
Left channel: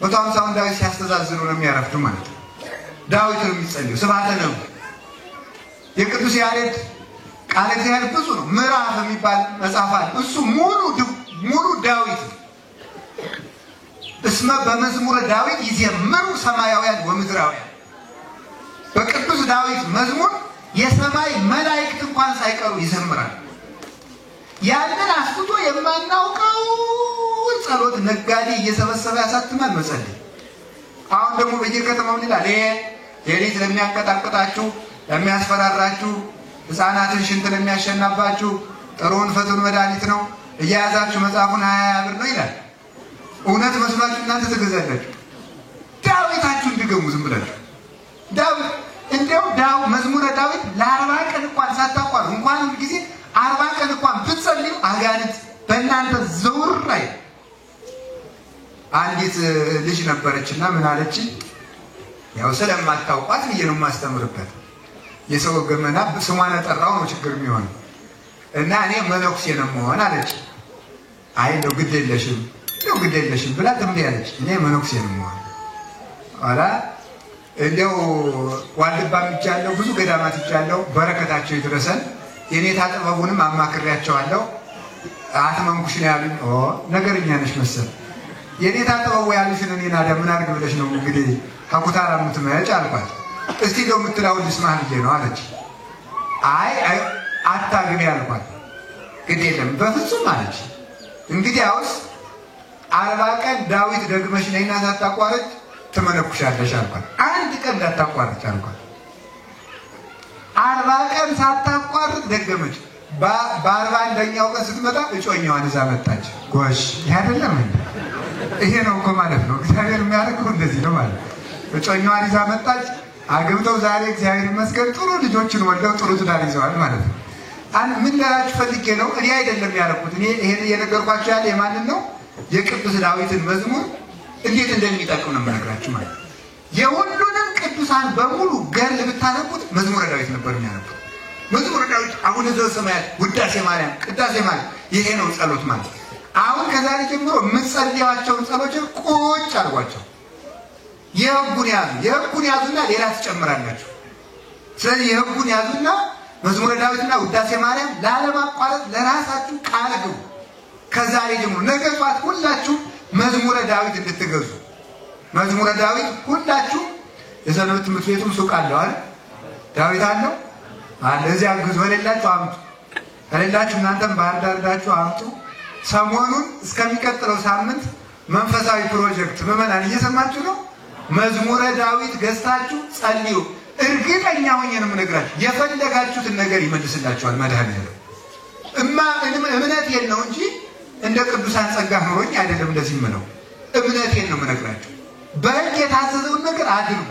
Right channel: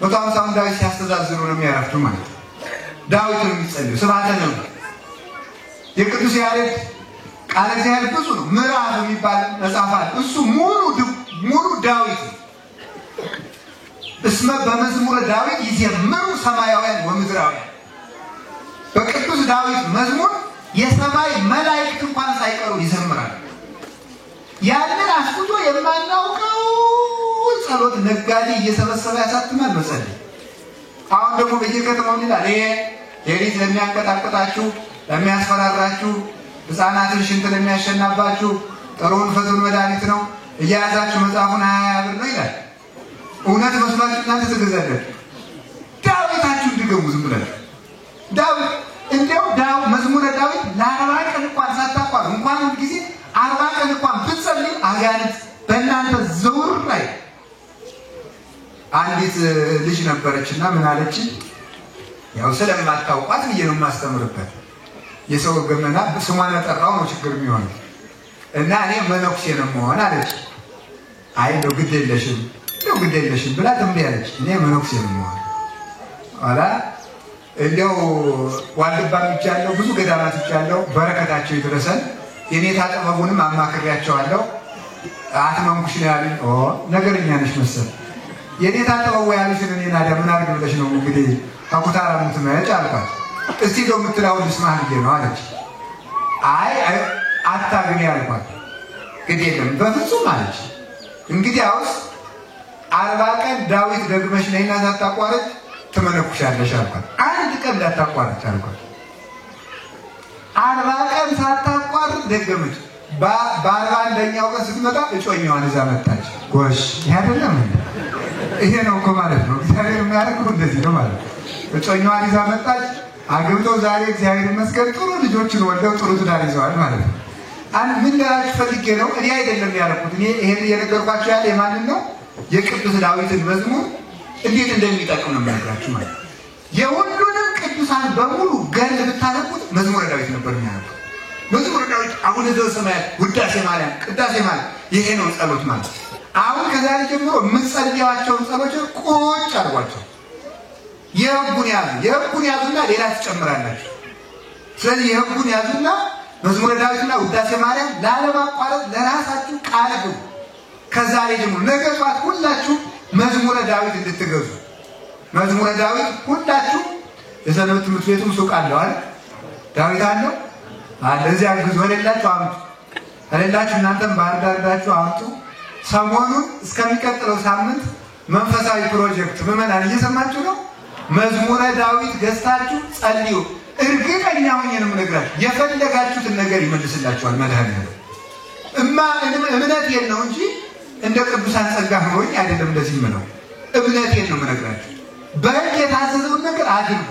150 ዳዊት ሲያስተዛዝኑ ነው የሚያረፍዱ ማለት ነው። ዳዊት ነው የሚጸልዩ ስብሐተ ነግህ። የቅዱስ ያሬድ ቃል እግዚአብሔር ብዙ ነው። ምዕራፍ የሚባል መጽሐፍ አለ። እሱ ሙሉ ዳዊት ነው። እስመ በመዝሙረ ዳዊት ይዘምሩ ሰማያውያን ወምድራውያን። በቅዱስ ዳዊት መዝሙር የሰማይ መላእክት እንኳን ሳይቀሩ ይዘምራሉ። ያንን አስፍቶ የማናውቀው ጸሎት ነጋዴ እየሰበሰበ ያሳትማል መጸለይ። አሁን ደግሞ በየከተማው ይላል ሌሊት ለሚያንቀጣቅጣችሁ ለሚያስፈራራችሁ ሕፃናትን ሽንት ለሚያሸናባችሁ ጥሩውን ፈቱን መድኃኒት ነው እያያዛችሁ መጽሐፉን 20 ብር ነው ይላል። እውነት መስሏችሁ እናንተ ትገዛላችሁ። ዳዊታችሁን ድገሙ ዝም ብላችሁ። ዳዊት እንደው መዝሙረ ዳዊት ለ40 ቀን እንኳን ሳታቋርጡ እንኳን ጊዜ 40 ቀን እንኳን ብትጸልዩ አጋንንት በእናንተ ዘውር ላይ። አንዲት ልጅ ነበረችና ምን አለች? ያው ስለማታውቋት ብዬ ነው የማስተምርበት። የሰው ገመና ስሟን ጠራው ነው ችግር የሚሆን እና እኔ መነኩሴ ነው መሆን አለች። አይ ነው ግድ የለሽም ብላ ትምሪ አለች። እኔ መነኩሴ ነው መሆን አላ እንደው ዋልድባ ይቻለው ብዙ ገዳማት ይቻለው በረከታቸው ይድረሰን። የኔታ ጥበቡንም አማክሪያቸዋለሁ። አትመንኩሽ ነው ያሉኝ። ነገርኛ ነሽ መሰል የኔታ ጥበቡ ያሉሽን እኔና ምን አድርግ ብለሽ ነው እንግዲህ አቁታራ ምትመጭ አልኳት። እስቲ ደው ምትላው ልስማህ ብዬ ነው አለች። አይ አታግቢ አልኳት። ግድ የለም በፍጹም አለች። እንግዲህ አውስ 40 ቀን ዳዊት ደግመሽ ነይና ሳታቋርጥ ትመነኩሻለሽ አልኳት። አንድ ቀን እንዳታቋርጥ አልኳት። 40 ቀን ሳታቋርጥ ደገመች። በ41ኛው ቀን ስትመጣ እጮኛዋን ይዛ መጣች። ጎሽ አይደለም ይሄ ነው እኮ ማለት ነው። እግዚአብሔር የሚያደርገው እንደዚህ ነው ማለት ነው። እጮኛዋን ይዛ መጣች። አግብተው ዛሬ እግዚአብሔር ይመስገን ጥሩ ልጆችን ወልደው ጥሩ ትዳር ይዘዋል ማለት ነው። ምን ልላችሁ ፈልጌ ነው፣ እኔ አይደለም ያደረኩት። እኔ ይሄን እየነገርኳችሁ ያለ የማንን ነው? የቅዱስ ዳዊትን መዝሙር እንዴት እንደሚጠቅም ነው የምነግራችሁ ማለት ነው። የሁሉንም ቅዱሳን በሙሉ ገል ብታነቡት መዝሙረ ዳዊት ነበር የሚያነቡት። መዝሙረ ዳዊት አቡነ ዘበሰማያት ውዳሴ ማርያም ቅዳሴ ማለት ይሄ ነው ጸሎት ማለት። አሁን ከዛሬ ጀምሮ የምትጸልያቸውን ጸሎቶች ቁጭ አድርጓቸው። የህጉን ያዙና ሌላ ትጨምራላችሁ። ስለዚህ የህጉን ያዙና መዝሙረ ዳዊትና ውዳሴ ማርያም ላለማቋረጥ ለራሳችሁ ቃል ግቡ። ከዛሬ ጀምሮ ነገ ጧት ሁላችሁ መዝሙረ ዳዊት እንድትገዙ። መዝሙረ ዳዊት ሁላችሁ የሰንበት ትምህርት ቤቱ ሱቅ አለው አይደል? ዳዊት አለው አለ። እዚያ ግዙ። ሄላችሁ አምጡ። ሄላችሁ እናንተም ባህር ዳር ሄዳችሁ አምጡ። ሰሞኑን እስከሚቀጥለው ሳምንት መንፈሳዊ ፕሮጀክት ምዕመናን እየሰማችሁ ነው። መዝሙረ ዳዊት ገዝታችሁ ጸልዩ። እርግጠኛ ሆኜ ነው የምነግራችሁ የፈለጋችሁትን ነገር ይመልስላችኋል መድኃኒዓለም። እምነቴን ነው እንጂ እንደ ቅዱሳን ጸጋ ሆኖኝ አይደለም እንደዚህ የምለው። እምነቴን ነው የምነግራችሁ። በሕግ የታዘዘውን ነገር አድርጉ።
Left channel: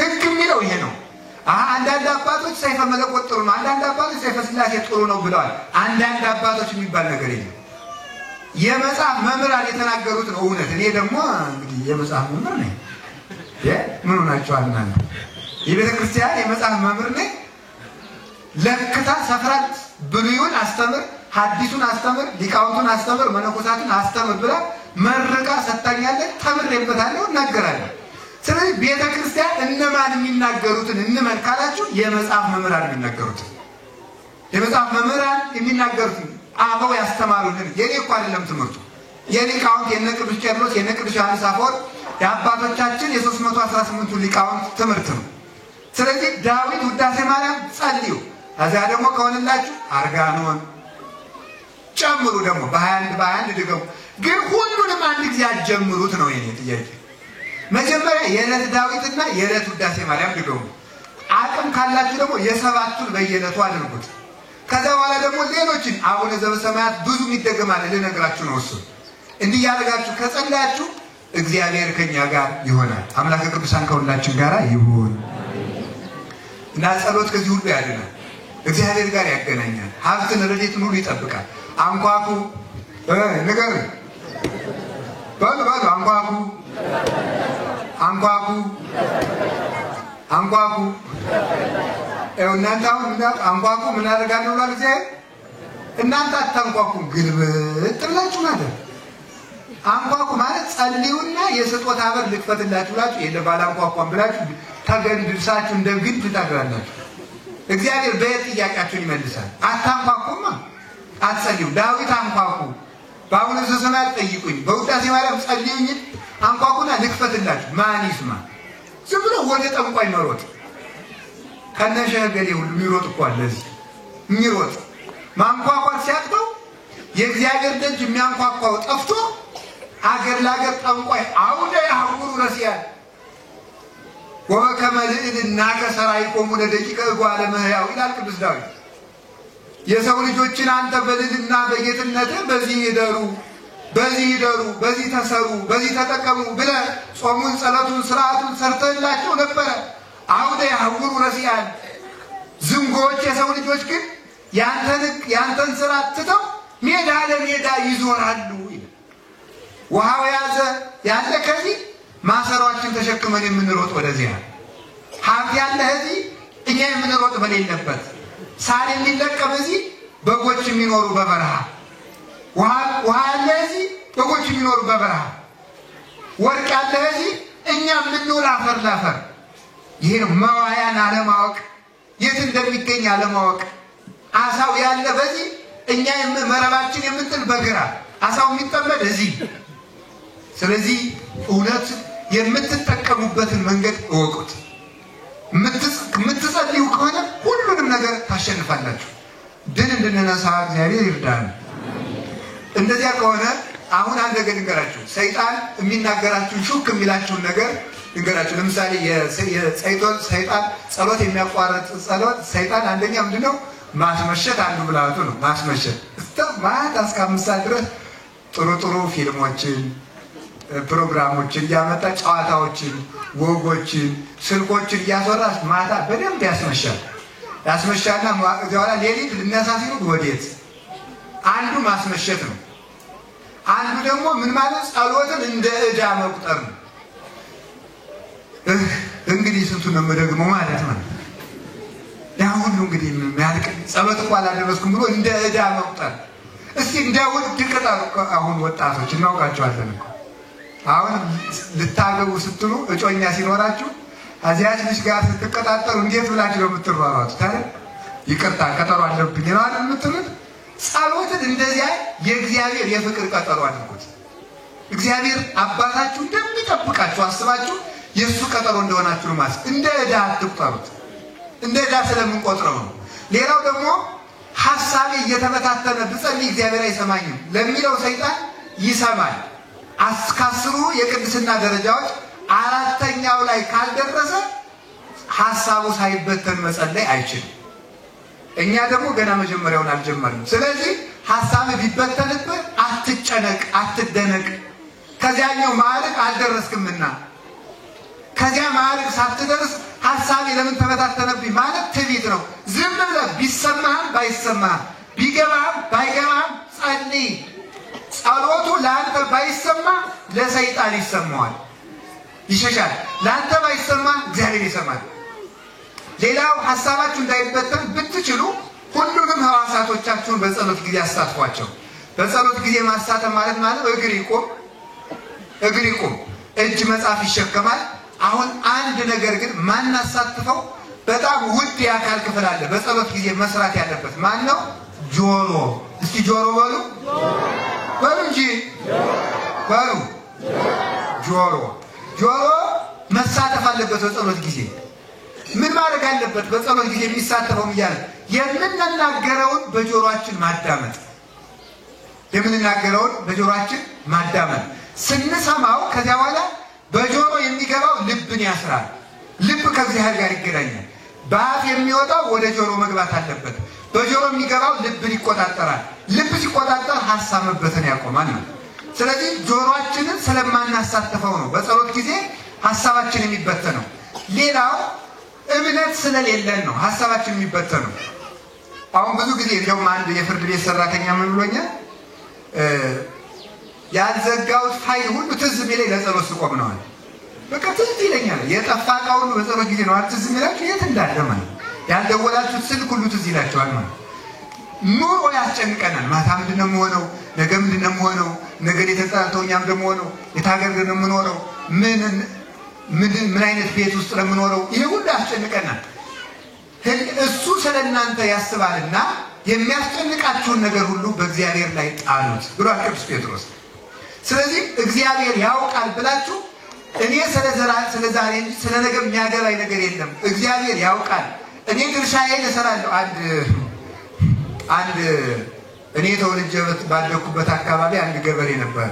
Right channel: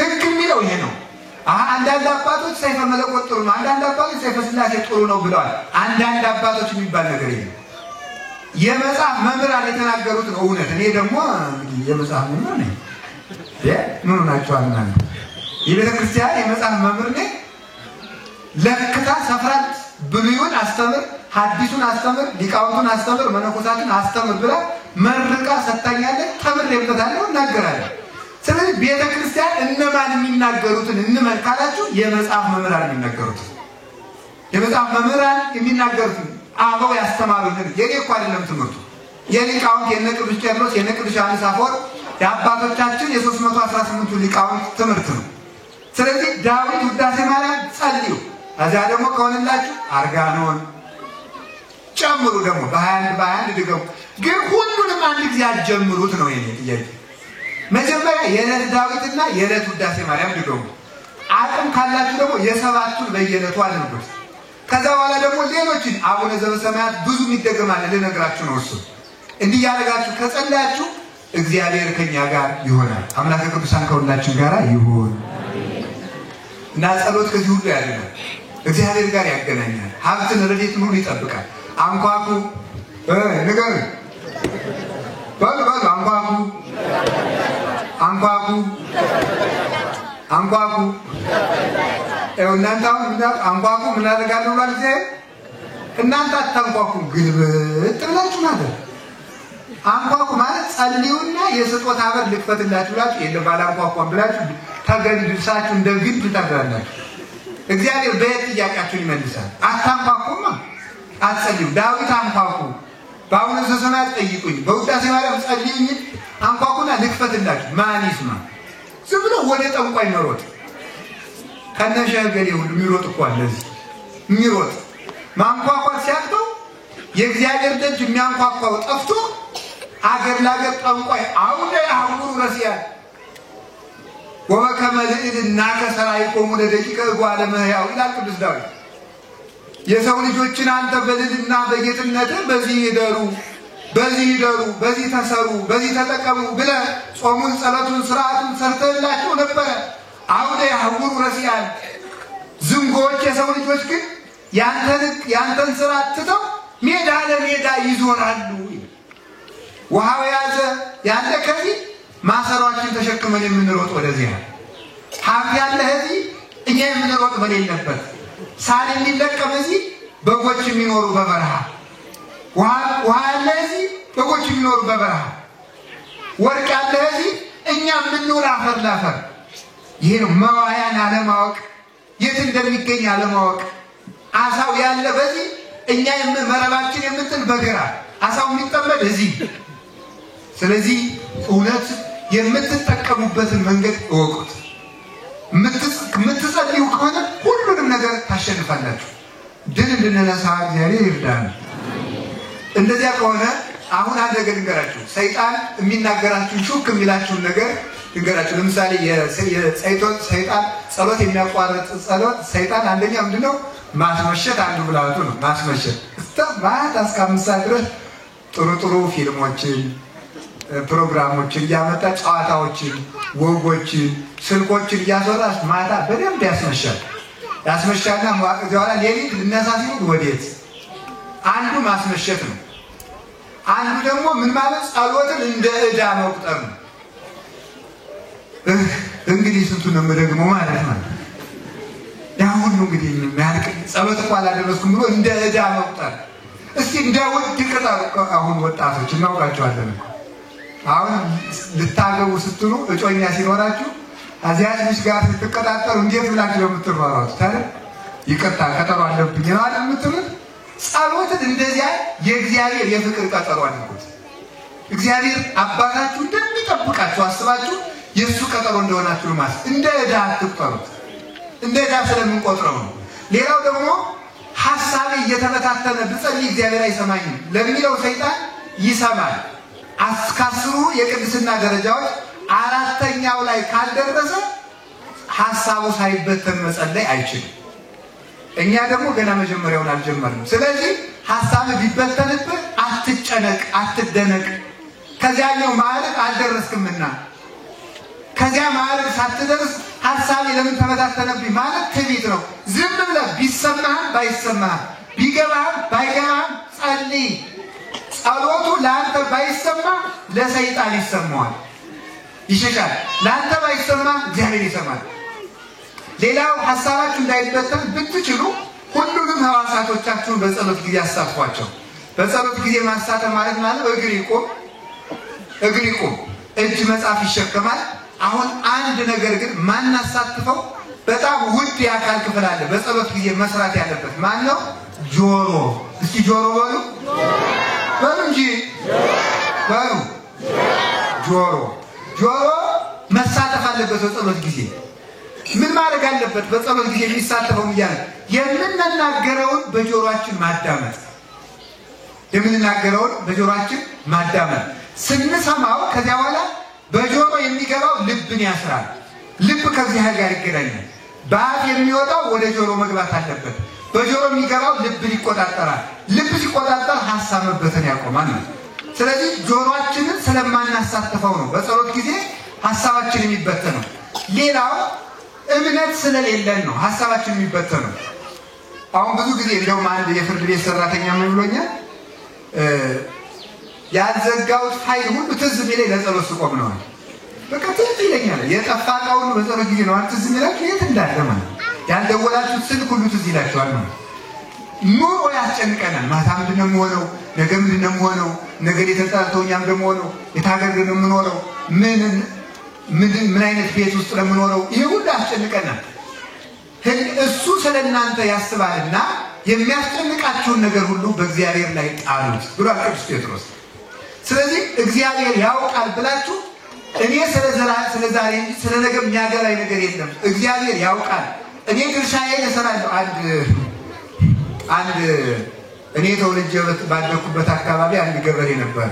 ሕግ የሚለው ይሄ ነው። አንዳንድ አባቶች ሰይፈ መለኮት ጥሩ ነው፣ አንዳንድ አባቶች ሰይፈ ስላሴ ጥሩ ነው ብለዋል። አንዳንድ አባቶች የሚባል ነገር የለም። የመጽሐፍ መምህራን የተናገሩት ነው እውነት። እኔ ደግሞ እንግዲህ የመጽሐፍ መምህር ነኝ። ምን ሆናችኋል እናንተ? የቤተ ክርስቲያን የመጽሐፍ መምህር ነኝ። ለክታ ሰፍራት ብሉይን አስተምር፣ ሐዲሱን አስተምር፣ ሊቃውንቱን አስተምር፣ መነኮሳትን አስተምር ብላ መርቃ ሰጣኛለች። ተምሬበታለሁ፣ እናገራለሁ። ስለዚህ ቤተ ክርስቲያን እነማን የሚናገሩትን እንመን ካላችሁ የመጽሐፍ መምህራን የሚናገሩትን የመጽሐፍ መምህራን የሚናገሩትን አበው ያስተማሩልን። የኔ እኮ አይደለም ትምህርቱ። የሊቃውንት የነ ቅዱስ ቄርሎስ የነ ቅዱስ ዮሐንስ አፈወርቅ የአባቶቻችን የ318ቱ ሊቃውንት ትምህርት ነው። ስለዚህ ዳዊት ውዳሴ ማርያም ጸልዩ፣ እዛ ደግሞ ከሆነላችሁ አርጋኖን ጨምሩ፣ ደግሞ በ21 ድገሙ። ግን ሁሉንም አንድ ጊዜ አትጀምሩት ነው የኔ ጥያቄ። መጀመሪያ የዕለት ዳዊትና የዕለት ውዳሴ ማርያም ድገሙ። አቅም ካላችሁ ደግሞ የሰባቱን በየዕለቱ አድርጉት። ከዛ በኋላ ደግሞ ሌሎችን አቡነ ዘበሰማያት ብዙ ይደገማል ልነግራችሁ ነው። እሱ እንዲህ ያደርጋችሁ ከጸለያችሁ እግዚአብሔር ከኛ ጋር ይሆናል። አምላከ ቅዱሳን ከሁላችን ጋር ይሁን እና ጸሎት ከዚህ ሁሉ ያድናል፣ እግዚአብሔር ጋር ያገናኛል፣ ሀብትን ረድኤትን ሁሉ ይጠብቃል። አንኳኩ ንገሩ በሉ አንኳኩ አንኳኩ አንኳኩ። እናንተ አሁን አንኳኩ ምን አደርጋለሁ ብሏል እግዚአብሔር። እናንተ አታንኳኩ ግልብጥ ብላችሁ ማለት አንኳኩ ማለት ጸልዩና የስጦታ በር ልክፈትላችሁ ብላችሁ የለም ባላንኳኳም ብላችሁ ተገንድሳችሁ እንደ ግንድ ታግራላችሁ። እግዚአብሔር በየት ጥያቄያችሁን ይመልሳል። አታንኳኩማ አትጸልዩ። ዳዊት አንኳኩ፣ በአቡነ ዘበሰማያት ጠይቁኝ፣ በውዳሴ ማርያም ጸልዩኝ፣ አንኳኩና ልክፈትላችሁ። ማን ይስማ? ዝም ብሎ ወደ ጠንቋይ መሮጥ ከነሸገሌ ሁሉ የሚሮጥ እኮ አለ እዚህ የሚሮጥ ማንኳኳት ሲያቅተው የእግዚአብሔር ደጅ የሚያንኳኳው ጠፍቶ አገር ላገር ጠንቋይ አውደ ያሁሩ ረሲያን ወበከመ ልዕልና ከሰራይቆሙ ለደቂቀ እጓለ እመሕያው ይላል ቅዱስ ዳዊት። የሰው ልጆችን አንተ በልዕልና በጌትነትህ በዚህ ይደሩ፣ በዚህ ተሰሩ፣ በዚህ ተጠቀሙ ብለህ ጾሙን፣ ጸሎቱን፣ ስርዓቱን ሰርተህላቸው ነበረ። አውደ ያሁሩ ረሲያን ዝንጎች የሰው ልጆች ግን ያንተን ስርዓት ትተው ሜዳ ለሜዳ ይዞራሉ። ውሃው ያዘ ያለ ከዚህ ማሰሯችን ተሸክመን የምንሮጥ ወደዚህ ነው። ሀብት ያለ እዚህ እኛ የምንሮጥ በሌለበት፣ ሳል የሚለቀም እዚህ በጎች የሚኖሩ በበረሃ፣ ውሃ ያለ እዚህ በጎች የሚኖሩ በበረሃ፣ ወርቅ ያለ እዚህ እኛ የምንኖር አፈር ላፈር። ይሄ ነው መዋያን አለማወቅ፣ የት እንደሚገኝ አለማወቅ። አሳው ያለ በዚህ እኛ መረባችን የምንጥል በግራ፣ አሳው የሚጠመድ እዚህ። ስለዚህ እውነት የምትጠቀሙበትን መንገድ እወቁት። የምትጸልዩ ከሆነ ሁሉንም ነገር ታሸንፋላችሁ። ድል እንድንነሳ እግዚአብሔር ይርዳን። እንደዚያ ከሆነ አሁን አንድ ነገር ልንገራችሁ። ሰይጣን የሚናገራችሁን ሹክ የሚላችሁን ነገር ልንገራችሁ። ለምሳሌ ሰይጣን ጸሎት የሚያቋርጥ ጸሎት ሰይጣን አንደኛ ምንድነው? ማስመሸት አንዱ ብላቱ ነው። ማስመሸት እስከ ማታ እስከ 5 ሰዓት ድረስ ጥሩ ፊልሞችን ፕሮግራሞችን እያመጣ ጨዋታዎችን፣ ወጎችን፣ ስልኮችን እያስወራ ማታ በደንብ ያስመሻልና በኋላ ሌሊት ልነሳ ሲሉ ወዴት? አንዱ ማስመሸት ነው። አንዱ ደግሞ ምን ማለት ጸሎትን እንደ ዕዳ መቁጠር ነው። እንግዲህ ስንቱን ነው የምደግመው ማለት ነው። ያሁን እንግዲህ የሚያልቅ ጸሎት እንኳን አላደረስኩም ብሎ እንደ ዕዳ መቁጠር። እስቲ እንደ ውድ ቅጠር አሁን ወጣቶች እናውቃቸዋለን። አሁን ልታገቡ ስትሉ እጮኛ ሲኖራችሁ አዚያች ልጅ ጋር ስትቀጣጠሩ እንዴት ብላችሁ ነው የምትሯሯጡት? ታዲያ ይቅርታ ቀጠሮ አለብኝ ነው አይደል የምትሉት? ጸሎትን እንደዚያ የእግዚአብሔር የፍቅር ቀጠሮ አድርጉት። እግዚአብሔር አባታችሁ እንደሚጠብቃችሁ አስባችሁ የእሱ ቀጠሮ እንደሆናችሁ ነው ማለት። እንደ ዕዳ አትቁጠሩት። እንደ ዕዳ ስለምንቆጥረው ነው። ሌላው ደግሞ ሐሳቤ እየተበታተነ ብጸልይ እግዚአብሔር አይሰማኝም ለሚለው ሰይጣን ይሰማል። አስካስሩ የቅድስና ደረጃዎች 4ኛው ላይ ካልደረሰ ሐሳቡ ሳይበተን መጸለይ አይችልም። እኛ ደግሞ ገና መጀመሪያውን አልጀመርንም። ስለዚህ ሐሳብ ቢበተንብህ አትጨነቅ፣ አትደነቅ። ከዚያኛው ማዕረግ አልደረስክምና ከዚያ ማዕረግ ሳትደርስ ሐሳቤ ለምን ተበታተነብኝ ማለት ትዕቢት ነው። ዝም ብለህ ቢሰማህም ባይሰማህም ቢገባህም ባይገባህም ጸልይ። ጸሎቱ ለአንተ ባይሰማ ለሰይጣን ይሰማዋል፣ ይሸሻል። ለአንተ ባይሰማ እግዚአብሔር ይሰማል። ሌላው ሐሳባችሁ እንዳይበተን ብትችሉ ሁሉንም ሕዋሳቶቻችሁን በጸሎት ጊዜ አሳትፏቸው። በጸሎት ጊዜ ማሳተፍ ማለት እግር ይቆም፣ እጅ መጻፍ ይሸከማል። አሁን አንድ ነገር ግን ማናሳትፈው በጣም ውድ የአካል ክፍል አለ በጸሎት ጊዜ መስራት ያለበት። ማን ነው? ጆሮ። እስቲ ጆሮ በሉ እንጂ በሉ። ጆሮ ጆሮ መሳተፍ አለበት በጸሎት ጊዜ። ምን ማድረግ አለበት? በጸሎት ጊዜ የሚሳተፈው ይያል የምንናገረውን በጆሮአችን ማዳመጥ፣ የምንናገረውን በጆሮአችን ማዳመጥ። ስንሰማው ከዚያ በኋላ በጆሮ የሚገባው ልብን ያስራል። ልብ ከእግዚአብሔር ጋር ይገናኛል። በአፍ የሚወጣው ወደ ጆሮ መግባት አለበት። በጆሮ የሚገባው ልብን ይቆጣጠራል። ልብ ሲቆጣጠር ሐሳብ መበተን ያቆማል። ስለዚህ ጆሮአችንን ስለማናሳተፈው ነው በጸሎት ጊዜ ሐሳባችን የሚበተነው። ሌላው እምነት ስለሌለን ነው ሐሳባችን የሚበተነው። አሁን ብዙ ጊዜ እንደውም አንድ የፍርድ ቤት ሰራተኛ ምን ብሎኛል? ያልዘጋሁት ፋይል ሁሉ ትዝ የሚለኝ ለጸሎት ስቆም ነው። በቃ ትዝ ይለኛል። የጠፋ ዕቃውን በጸሎት ጊዜ ነው ትዝ የሚላችሁ የት እንዳለ ማለት። ያልደወላችሁት ስልክ ሁሉ ትዝ ይላችኋል ማለት። ኑሮ ያስጨንቀናል። ማታ ምንድን ነው የምሆነው? ነገ ምንድን ነው የምሆነው? ነገ የተጣልተው እኛም ደግሞ ሆነው የታገር ነው የምኖረው? ምን አይነት ቤት ውስጥ ነው የምኖረው? ይሄ ሁሉ ያስጨንቀናል። እሱ ስለእናንተ ያስባልና የሚያስጨንቃችሁን ነገር ሁሉ በእግዚአብሔር ላይ ጣሉት ብሏል ቅዱስ ጴጥሮስ። ስለዚህ እግዚአብሔር ያውቃል ብላችሁ እኔ ስለዛሬ እንጂ ስለነገ የሚያገባኝ ነገር የለም። እግዚአብሔር ያውቃል። እኔ ድርሻዬን እሰራለሁ። አንድ እኔ ተወልጄ ባደኩበት አካባቢ አንድ ገበሬ ነበር።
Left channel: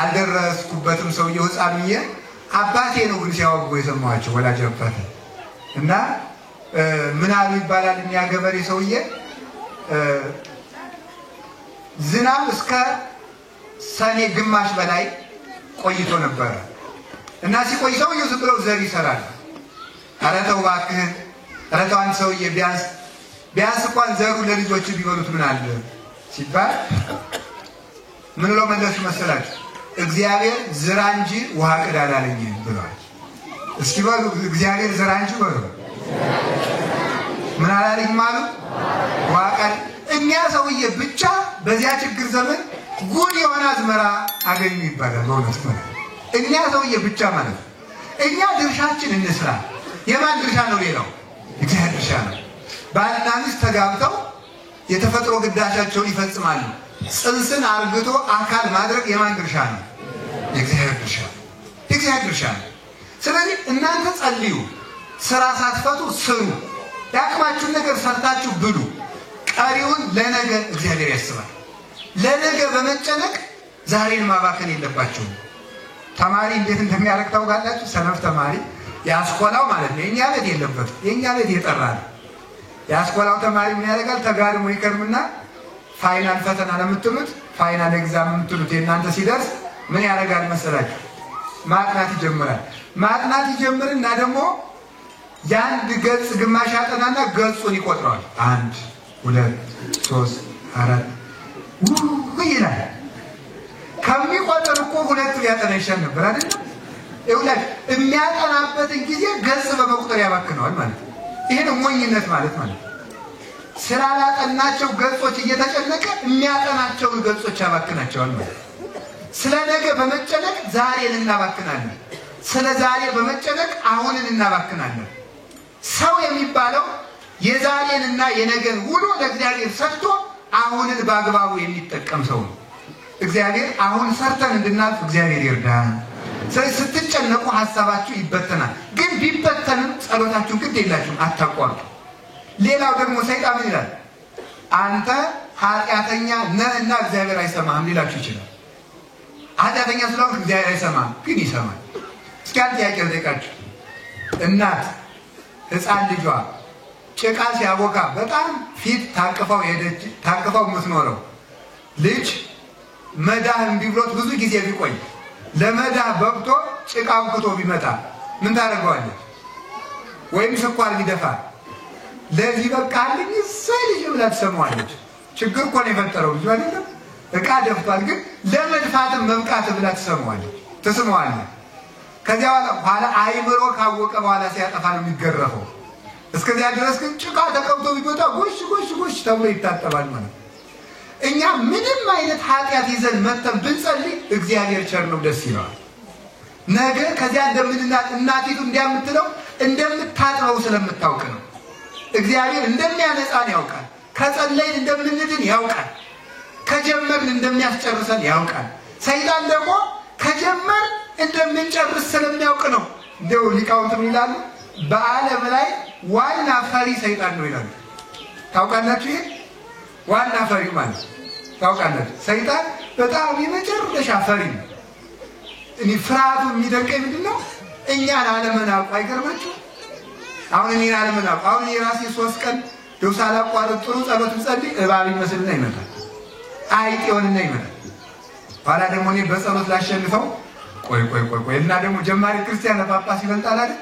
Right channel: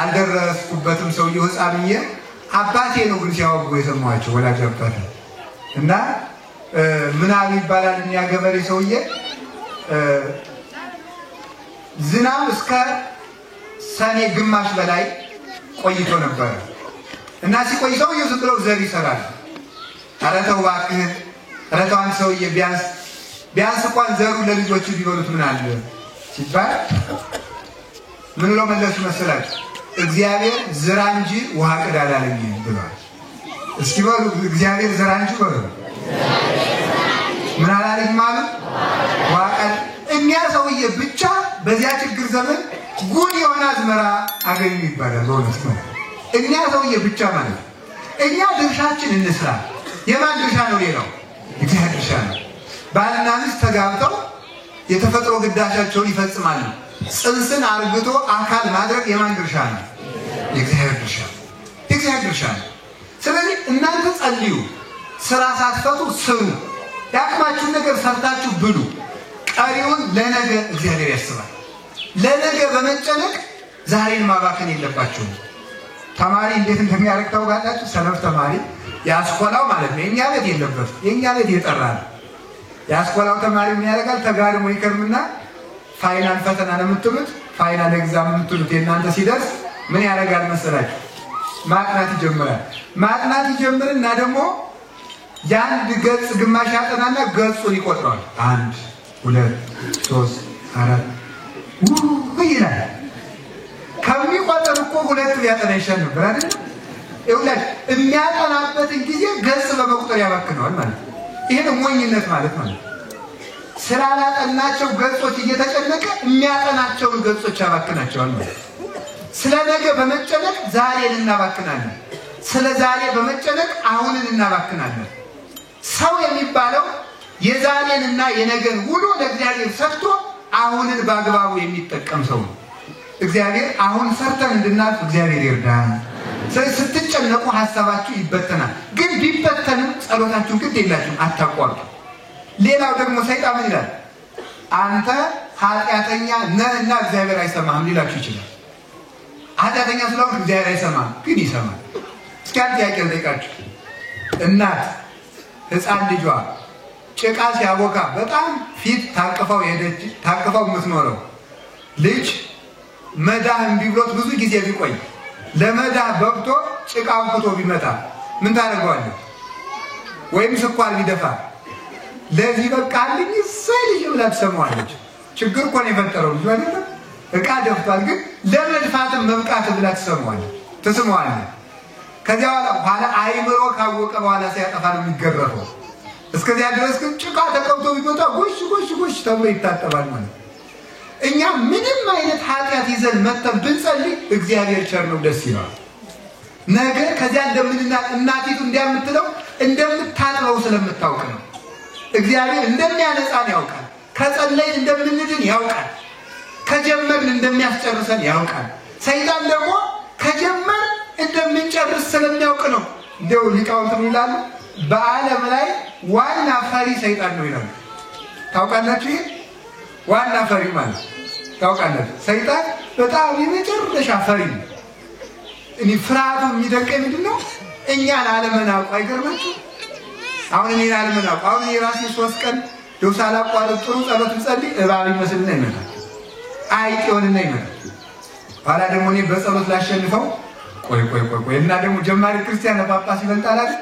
አልደረስኩበትም ሰውዬው ሕፃንዬ አባቴ ነው ግን ሲያወጉ የሰማኋቸው ወላጅ አባቴ እና ምናሉ ይባላል። እኛ ገበሬ ሰውዬ ዝናብ እስከ ሰኔ ግማሽ በላይ ቆይቶ ነበር እና ሲቆይ ሰውዬው ዝም ብለው ዘር ይሰራል። ኧረ ተው እባክህ፣ ኧረ ተው አንተ ሰውዬ ቢያንስ እንኳን ዘሩ ለልጆቹ ቢበሉት ምን አለ ሲባል ምን ብለው መለሱ መሰላችሁ? እግዚአብሔር ዝራ እንጂ ውሃ ቅዳ አላለኝም ብሏል። እስኪ በሉ እግዚአብሔር ዝራ እንጂ በሉ ምን አላለኝም አሉ? ውሃ ቀዳ። እኛ ሰውዬ ብቻ በዚያ ችግር ዘመን ጉድ የሆነ አዝመራ አገኙ ይባላል። በእውነት ማለት እኛ ሰውዬ ብቻ ማለት እኛ ድርሻችን እንስራ። የማን ድርሻ ነው? ሌላው እግዚአብሔር ድርሻ ነው። ባልና ሚስት ተጋብተው የተፈጥሮ ግዳጃቸውን ይፈጽማሉ። ጽንስን አርግቶ አካል ማድረግ የማን ድርሻ ነው? የእግዚአብሔር ድርሻ ነው። የእግዚአብሔር ድርሻ ነው። ስለዚህ እናንተ ጸልዩ፣ ስራ ሳትፈቱ ስሩ፣ ያቅማችሁን ነገር ሰርታችሁ ብሉ። ቀሪውን ለነገ እግዚአብሔር ያስባል። ለነገ በመጨነቅ ዛሬን ማባከን የለባችሁም። ተማሪ እንዴት እንደሚያደርግ ታውቃላችሁ? ሰነፍ ተማሪ ያስኮላው ማለት ነው የኛ ቤት የለበትም። የኛ ቤት የጠራ ነው። ያስኮላው ተማሪ ምን ያደርጋል? ተጋድሞ ይከርምና ፋይናል ፈተና ለምትሉት ፋይናል ኤግዛም የምትሉት የእናንተ ሲደርስ ምን ያደርጋል መሰላችሁ? ማጥናት ይጀምራል። ማጥናት ይጀምርና ደግሞ የአንድ ገጽ ግማሽ ያጠናና ገጹን ይቆጥረዋል። 1 2 3 4 ይላል። ከሚቆጠር እኮ 2 ቢያጠና ይሻል ነበር አይደል? ይውላል የሚያጠናበትን ጊዜ ገጽ በመቁጠር ያባክነዋል ማለት ነው። ይሄ ነው ሞኝነት ማለት ነው። ስላላጠናቸው ገጾች እየተጨነቀ የሚያጠናቸውን ገጾች ያባክናቸዋል ማለት ነው። ስለ ነገ በመጨነቅ ዛሬን እናባክናለን። ስለ ዛሬ በመጨነቅ አሁንን እናባክናለን። ሰው የሚባለው የዛሬንና የነገን ውሎ ለእግዚአብሔር ሰጥቶ አሁንን በአግባቡ የሚጠቀም ሰው ነው። እግዚአብሔር አሁን ሰርተን እንድናልፍ እግዚአብሔር ይርዳን። ስለዚህ ስትጨነቁ ሐሳባችሁ ይበተናል። ግን ቢበተንም ጸሎታችሁ ግድ የላችሁም፣ አታቋርጡ። ሌላው ደግሞ ሰይጣን ምን ይላል? አንተ ኃጢአተኛ ነህና እግዚአብሔር አይሰማህም ሊላችሁ ይችላል። ኃጢአተኛ ስለሆንክ እግዚአብሔር አይሰማህም፣ ግን ይሰማል። እስኪ አንድ ጥያቄ ልጠይቃችሁ። እናት ሕፃን ልጇ ጭቃ ሲያቦካ በጣም ፊት ታቅፈው የምትኖረው ልጅ መዳህ እምቢ ብሎት ብዙ ጊዜ ቢቆይ ለመዳህ በቅቶ ጭቃውን ክቶ ቢመጣ ምን ታደርገዋለች? ወይም ስኳር ቢደፋ ለዚህ በቃልኝ እሰይ ልጅ ብላ ትሰማዋለች። ችግር እኮ ነው የፈጠረው ልጅ አይደለም። ዕቃ ደፍቷል፣ ግን ለመድፋትም መብቃት ብላ ትስመዋለች። ከዚያ በኋላ አይምሮ ካወቀ በኋላ ሲያጠፋ ነው የሚገረፈው። እስከዚያ ድረስ ግን ጭቃ ተቀብቶ ቢመጣ ጎሽ ጎሽ ጎሽ ተብሎ ይታጠባል ማለት። እኛ ምንም አይነት ኃጢአት ይዘን መተን ብንጸልይ እግዚአብሔር ቸር ነው፣ ደስ ይለዋል። ነገ ከዚያ እናቲቱ እንዲያምትለው እንደምታጥበው ስለምታውቅ ነው። እግዚአብሔር እንደሚያነጻን ያውቃል። ከጸለይን እንደምንድን ያውቃል። ከጀመርን እንደሚያስጨርሰን ያውቃል። ሰይጣን ደግሞ ከጀመር እንደምንጨርስ ስለሚያውቅ ነው። እንደው ሊቃውንት ይላሉ በዓለም ላይ ዋና ፈሪ ሰይጣን ነው ይላሉ። ታውቃላችሁ? ይሄ ዋና ፈሪ ማለት ታውቃላችሁ? ሰይጣን በጣም የመጨረሻ ፈሪ ነው። እኔ ፍርሃቱ የሚደንቀኝ ምንድነው? እኛን አለመናውቁ። አይገርማችሁ? አሁን እኔን አለመናውቁ። አሁን የራሴ 3 ቀን ደውሳ አላቋርጥ ጥሩ ጸሎት ብጸልይ እባብ ይመስልና ይመጣል፣ አይጥ ይሆንና ይመጣል። ኋላ ደግሞ እኔ በጸሎት ላሸንፈው ቆይ እና ደግሞ ጀማሪ ክርስቲያን ጳጳስ ይበልጣል አይደል?